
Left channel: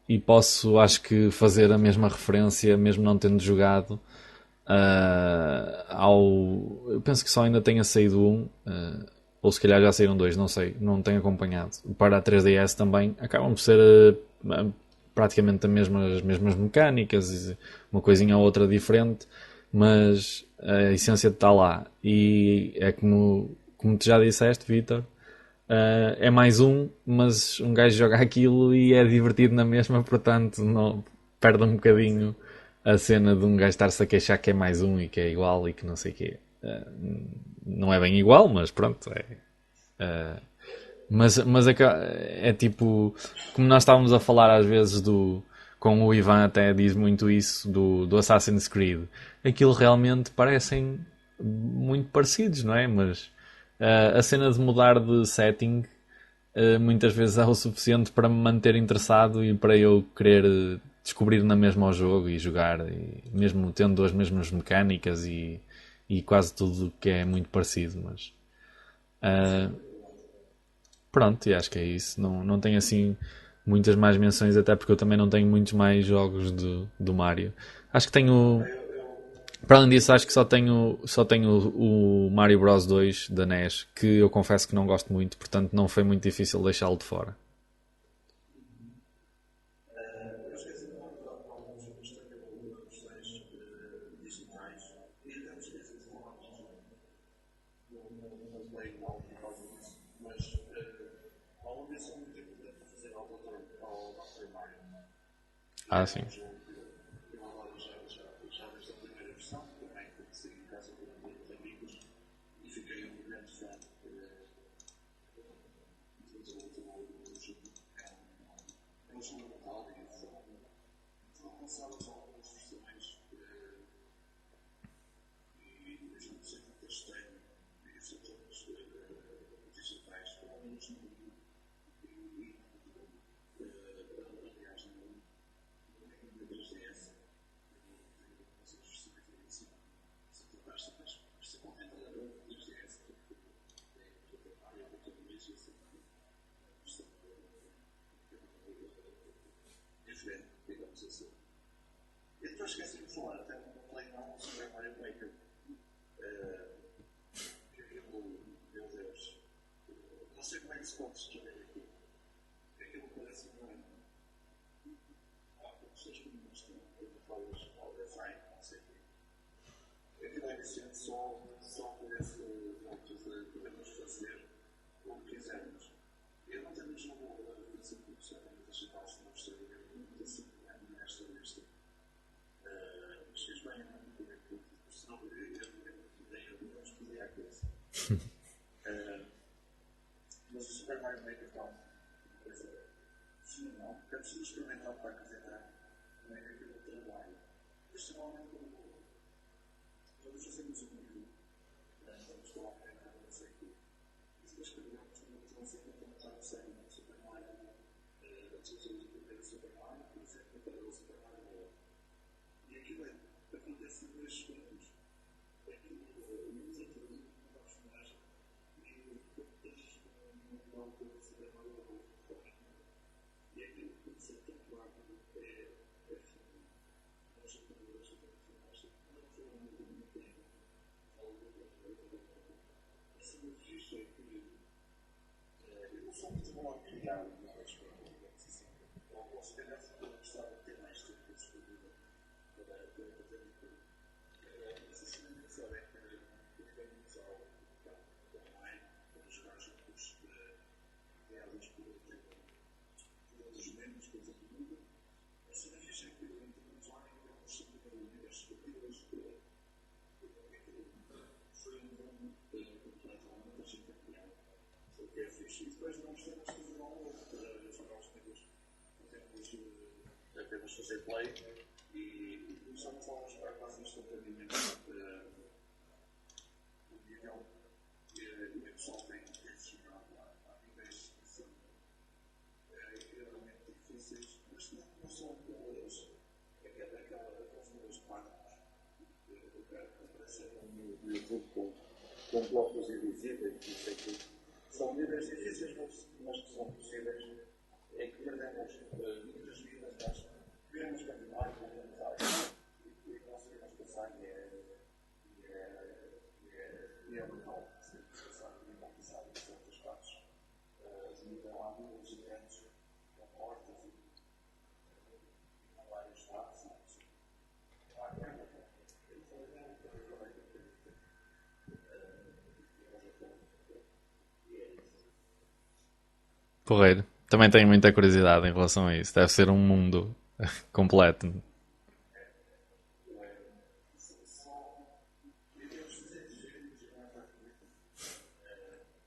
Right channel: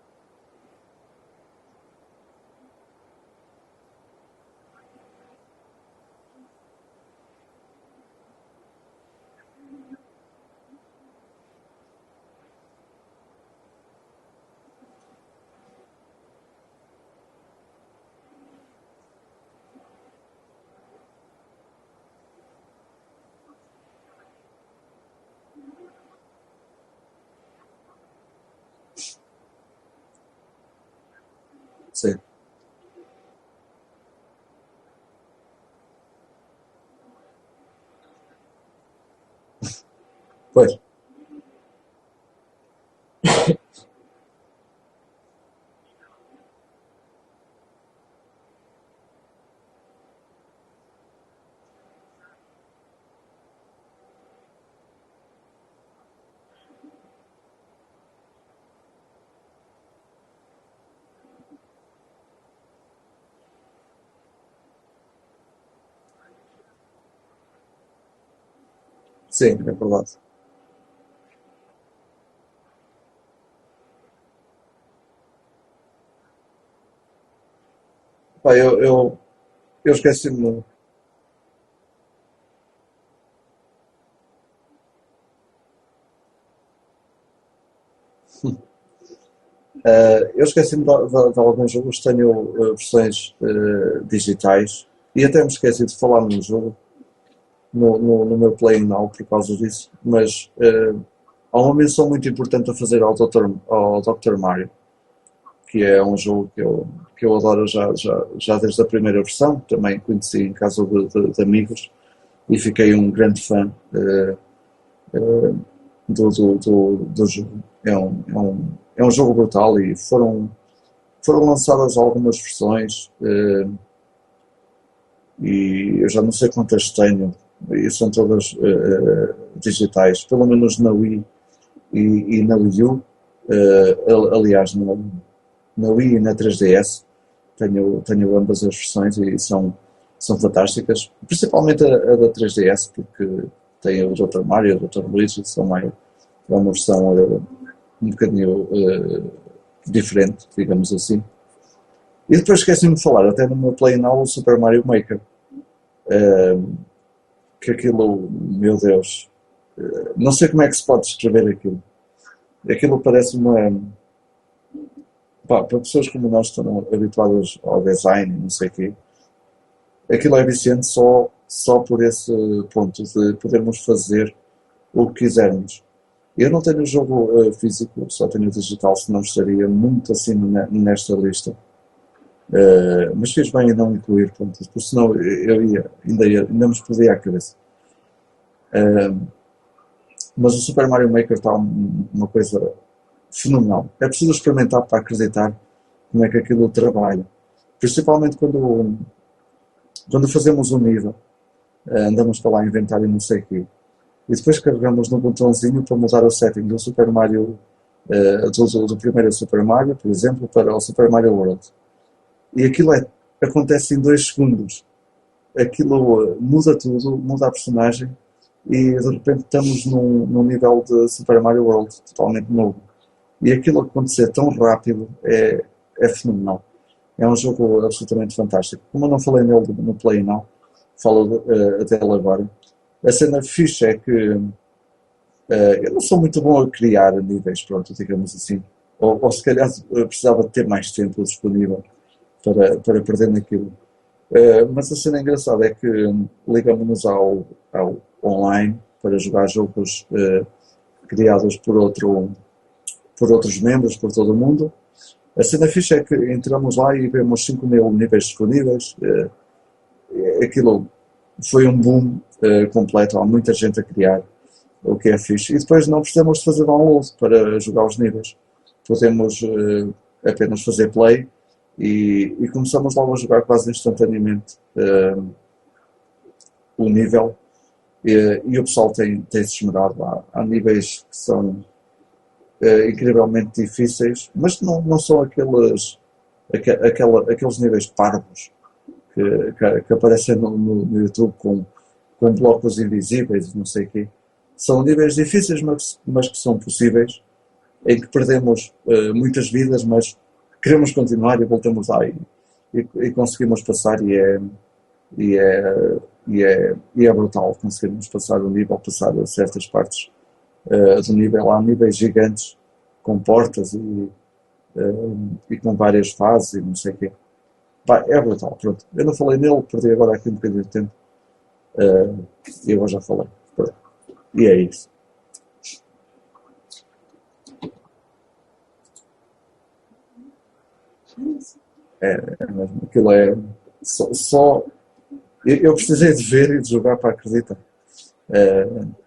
E posso, acho que, fazer a mesma referência, mesmo não tendo jogado, ao. Eu penso que só ainda tenha saído um, ou se calhar já saíram dois, não sei, não tenho acompanhado. Para a 3DS também acabam por ser praticamente as mesmas mecânicas, uma coisinha ou outra diferente, mas a essência está lá. E é como tu já disseste, Vitor. É mais um, mas um gajo joga aquilo e é divertido na mesma, portanto não perde um Sim, bocadinho a cena de um gajo estar-se a queixar que é mais um e que é igual e que não sei o quê. Não é bem igual, mas pronto. pois, Mas é tipo, como nós estávamos a falar às vezes com o Ivan até diz muito isso do Assassin's Creed. Aquilo realmente parecem muito parecidos, não é? Mas a cena de mudar de setting muitas vezes é o suficiente para me manter interessado e para eu querer descobrir na mesma o jogo e jogar, e mesmo tendo as mesmas mecânicas e quase tudo que é muito parecido, mas sim, ah, é verdade. pronto, e acho que é isso. Não tenho assim muitas mais menções, até porque eu também não tenho muitos mais jogos do Mario. Acho que Pá, tenho. Para além eu disso, acho que só esqueci-me. tenho, só tenho o Mario Bros 2 da NES, que eu confesso que não gosto muito, portanto não foi muito difícil deixá-lo de fora. Eu esqueci-me de alguns jogos, tenho versões digitais e até me esqueci de falar num jogo no meu Play Now por causa disso, mas há uma menção muito importante a fazer ao Dr. Mario, que é Ah, um sim. jogo que eu adoro já desde a primeira versão, também conheci em casa de amigos e fiquei um grande fã do jogo. É um jogo brutal e foram lançadas algumas versões e eu já não sei quantas tenho, e são todas digitais, pelo menos na Wii e na Wii U. Aliás, na Wii e na 3DS tenho ambas as versões e são fantásticas, principalmente a da 3DS, porque tem o Dr. Mario, o Dr. Luigi, é uma versão um bocadinho diferente, digamos assim. E depois esqueci-me de falar, até no meu Play Now, o Super Mario Maker, que aquilo, meu Deus, não sei como é que se pode descrever aquilo. Aquilo parece uma. Pá, para pessoas como nós que estão habituadas ao design, não sei o quê, aquilo é viciante só por esse ponto de podermos fazer o que quisermos. Eu não tenho o jogo físico, só tenho o digital, senão estaria muito acima nesta lista. Mas fiz bem em não incluir, pronto, porque senão ainda me explodia a cabeça. Mas o Super Mario Maker está uma coisa fenomenal. É preciso experimentar para acreditar como é que aquilo trabalha. Principalmente quando fazemos um nível, andamos para lá a inventar e não sei o quê. E depois carregamos no botãozinho para mudar o setting do Super Mario, do primeiro Super Mario, por exemplo, para o Super Mario World. E aquilo acontece em 2 segundos. Aquilo muda tudo, muda a personagem e de repente estamos num nível de Super Mario World totalmente novo. E aquilo acontecer tão rápido é fenomenal. É um jogo absolutamente fantástico. Como eu não falei nele no Play Now, falo dele agora. A cena fixe é que eu não sou muito bom a criar níveis, pronto, digamos assim. Ou se calhar precisava de ter mais tempo disponível para perder naquilo. Mas a cena engraçada é que ligamos-nos ao online para jogar jogos criados por outros membros, por todo o mundo. A cena fixe é que entramos lá e vemos 5.000 níveis disponíveis. Aquilo foi um boom completo, há muita gente a criar, o que é fixe. E depois não precisamos de fazer download para jogar os níveis. Podemos apenas fazer play e começamos logo a jogar quase instantaneamente o nível. E o pessoal tem se esmerado lá. Há níveis que são incrivelmente difíceis, mas não são aqueles níveis parvos que aparecem no YouTube com com blocos invisíveis e não sei o quê. São níveis difíceis, mas que são possíveis, em que perdemos muitas vidas, mas queremos continuar e voltamos lá e conseguimos passar e é, e é brutal conseguirmos passar o nível, passar a certas partes do nível. Há níveis gigantes com portas e com várias fases e não sei o quê. Pá, é brutal, pronto. Eu não falei nele, perdi agora aqui um bocadinho de tempo e agora já falei. Pronto. E é isso. Porreiro. Também tenho muita curiosidade em relação a isso. Deve ser um mundo completo. É mesmo. Aquilo é só eu precisei de ver e de jogar para acreditar.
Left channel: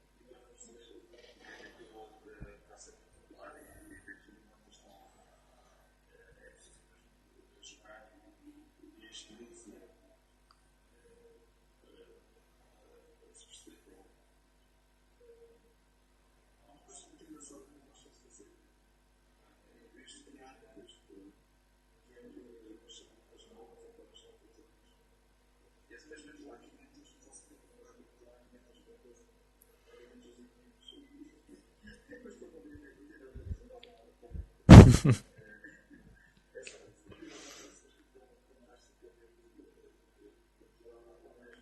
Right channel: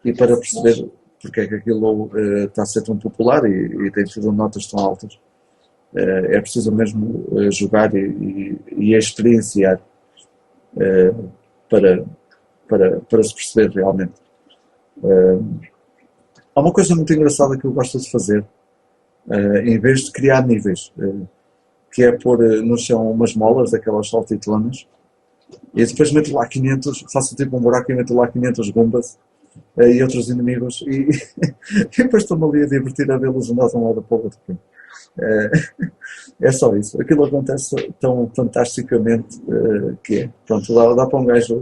E para perceber porque é que aquilo está a ser tão popular e tem tido notas tão altas. É preciso mesmo jogar e experienciar para, para se perceber realmente. Há uma coisa muito engraçada que eu gosto de fazer, em vez de criar níveis, que é pôr no chão umas molas, daquelas saltitonas, e depois meto lá 500, faço tipo um buraco e meto lá 500 gumbas e outros inimigos, e depois estou-me ali a divertir a vê-los andar de um lado para o outro. É só isso. Aquilo acontece tão fantasticamente que é. Pronto, dá para um gajo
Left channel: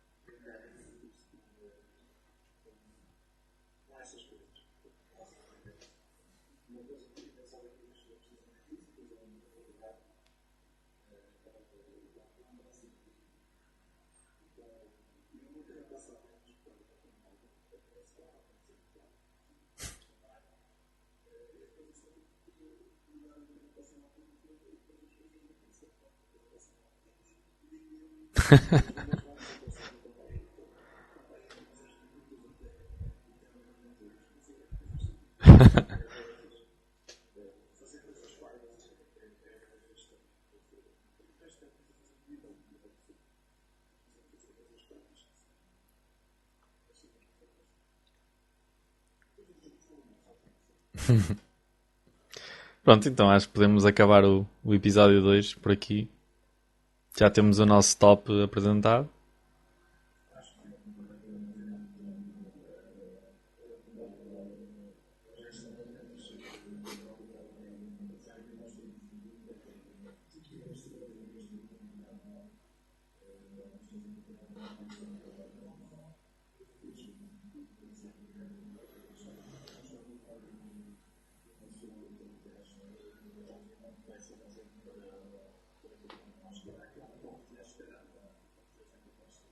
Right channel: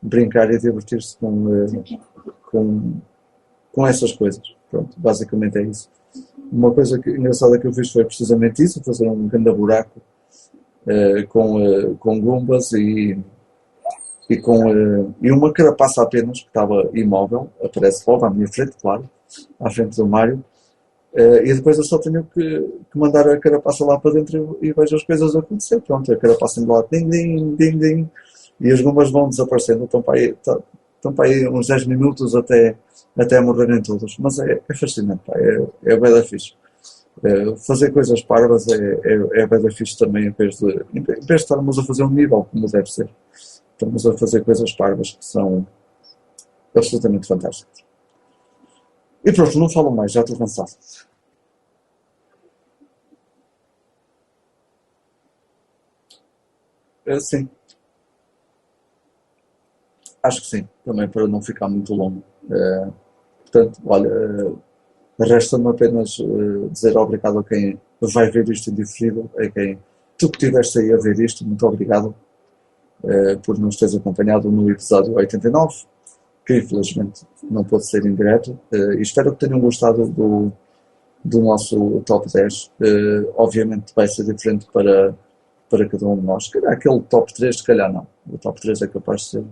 brincar e divertir-se com, com essas coisas. Pronto, basicamente é isso. Uma coisa engraçada que eu fiz foi precisamente isso, fazer um grande buraco com gumbas e uma carapaça apenas, que estava imóvel, aparece logo à minha frente, claro, à frente do Mário. E depois eu só tenho que mandar a carapaça lá para dentro e vejo as coisas acontecer. Pronto, a carapaça indo lá, ding, ding, ding, ding, e as gomas vão desaparecendo. Estão para aí uns 10 minutos até morrerem todos. Mas é fascinante, pá, é bem da fixe. Fazer coisas parvas é bem da fixe também, em vez de estarmos a fazer um nível como deve ser. Estamos a fazer coisas parvas que são absolutamente fantásticas. E pronto, não falo mais, já estou cansado. Pronto, então acho que podemos acabar o episódio 2 por aqui. Já Sim, temos o nosso top apresentado. acho que sim, também para não ficar muito longo. Portanto, olha, resta-me apenas dizer obrigado a quem vai ver isto em diferido, a quem tu que estiveste aí a ver isto, muito obrigado por nos teres acompanhado no episódio 89, que infelizmente não pôde ser em direto, e espero que tenham gostado do nosso top 10. Obviamente vai ser diferente para cada um de nós. Se calhar aquele top 3, se calhar não. O top 3 é capaz de ser,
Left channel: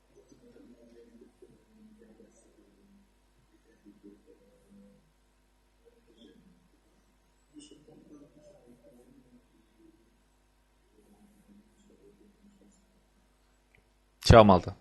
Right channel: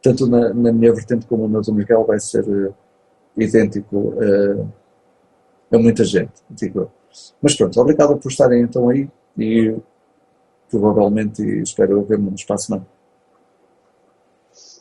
tanto na minha vertente como na do Miguel, vai ser idêntico a muita gente, digo eu. Mas pronto, obrigado por estarem então aí e provavelmente espero ver-me no espaço. Tchau, malta.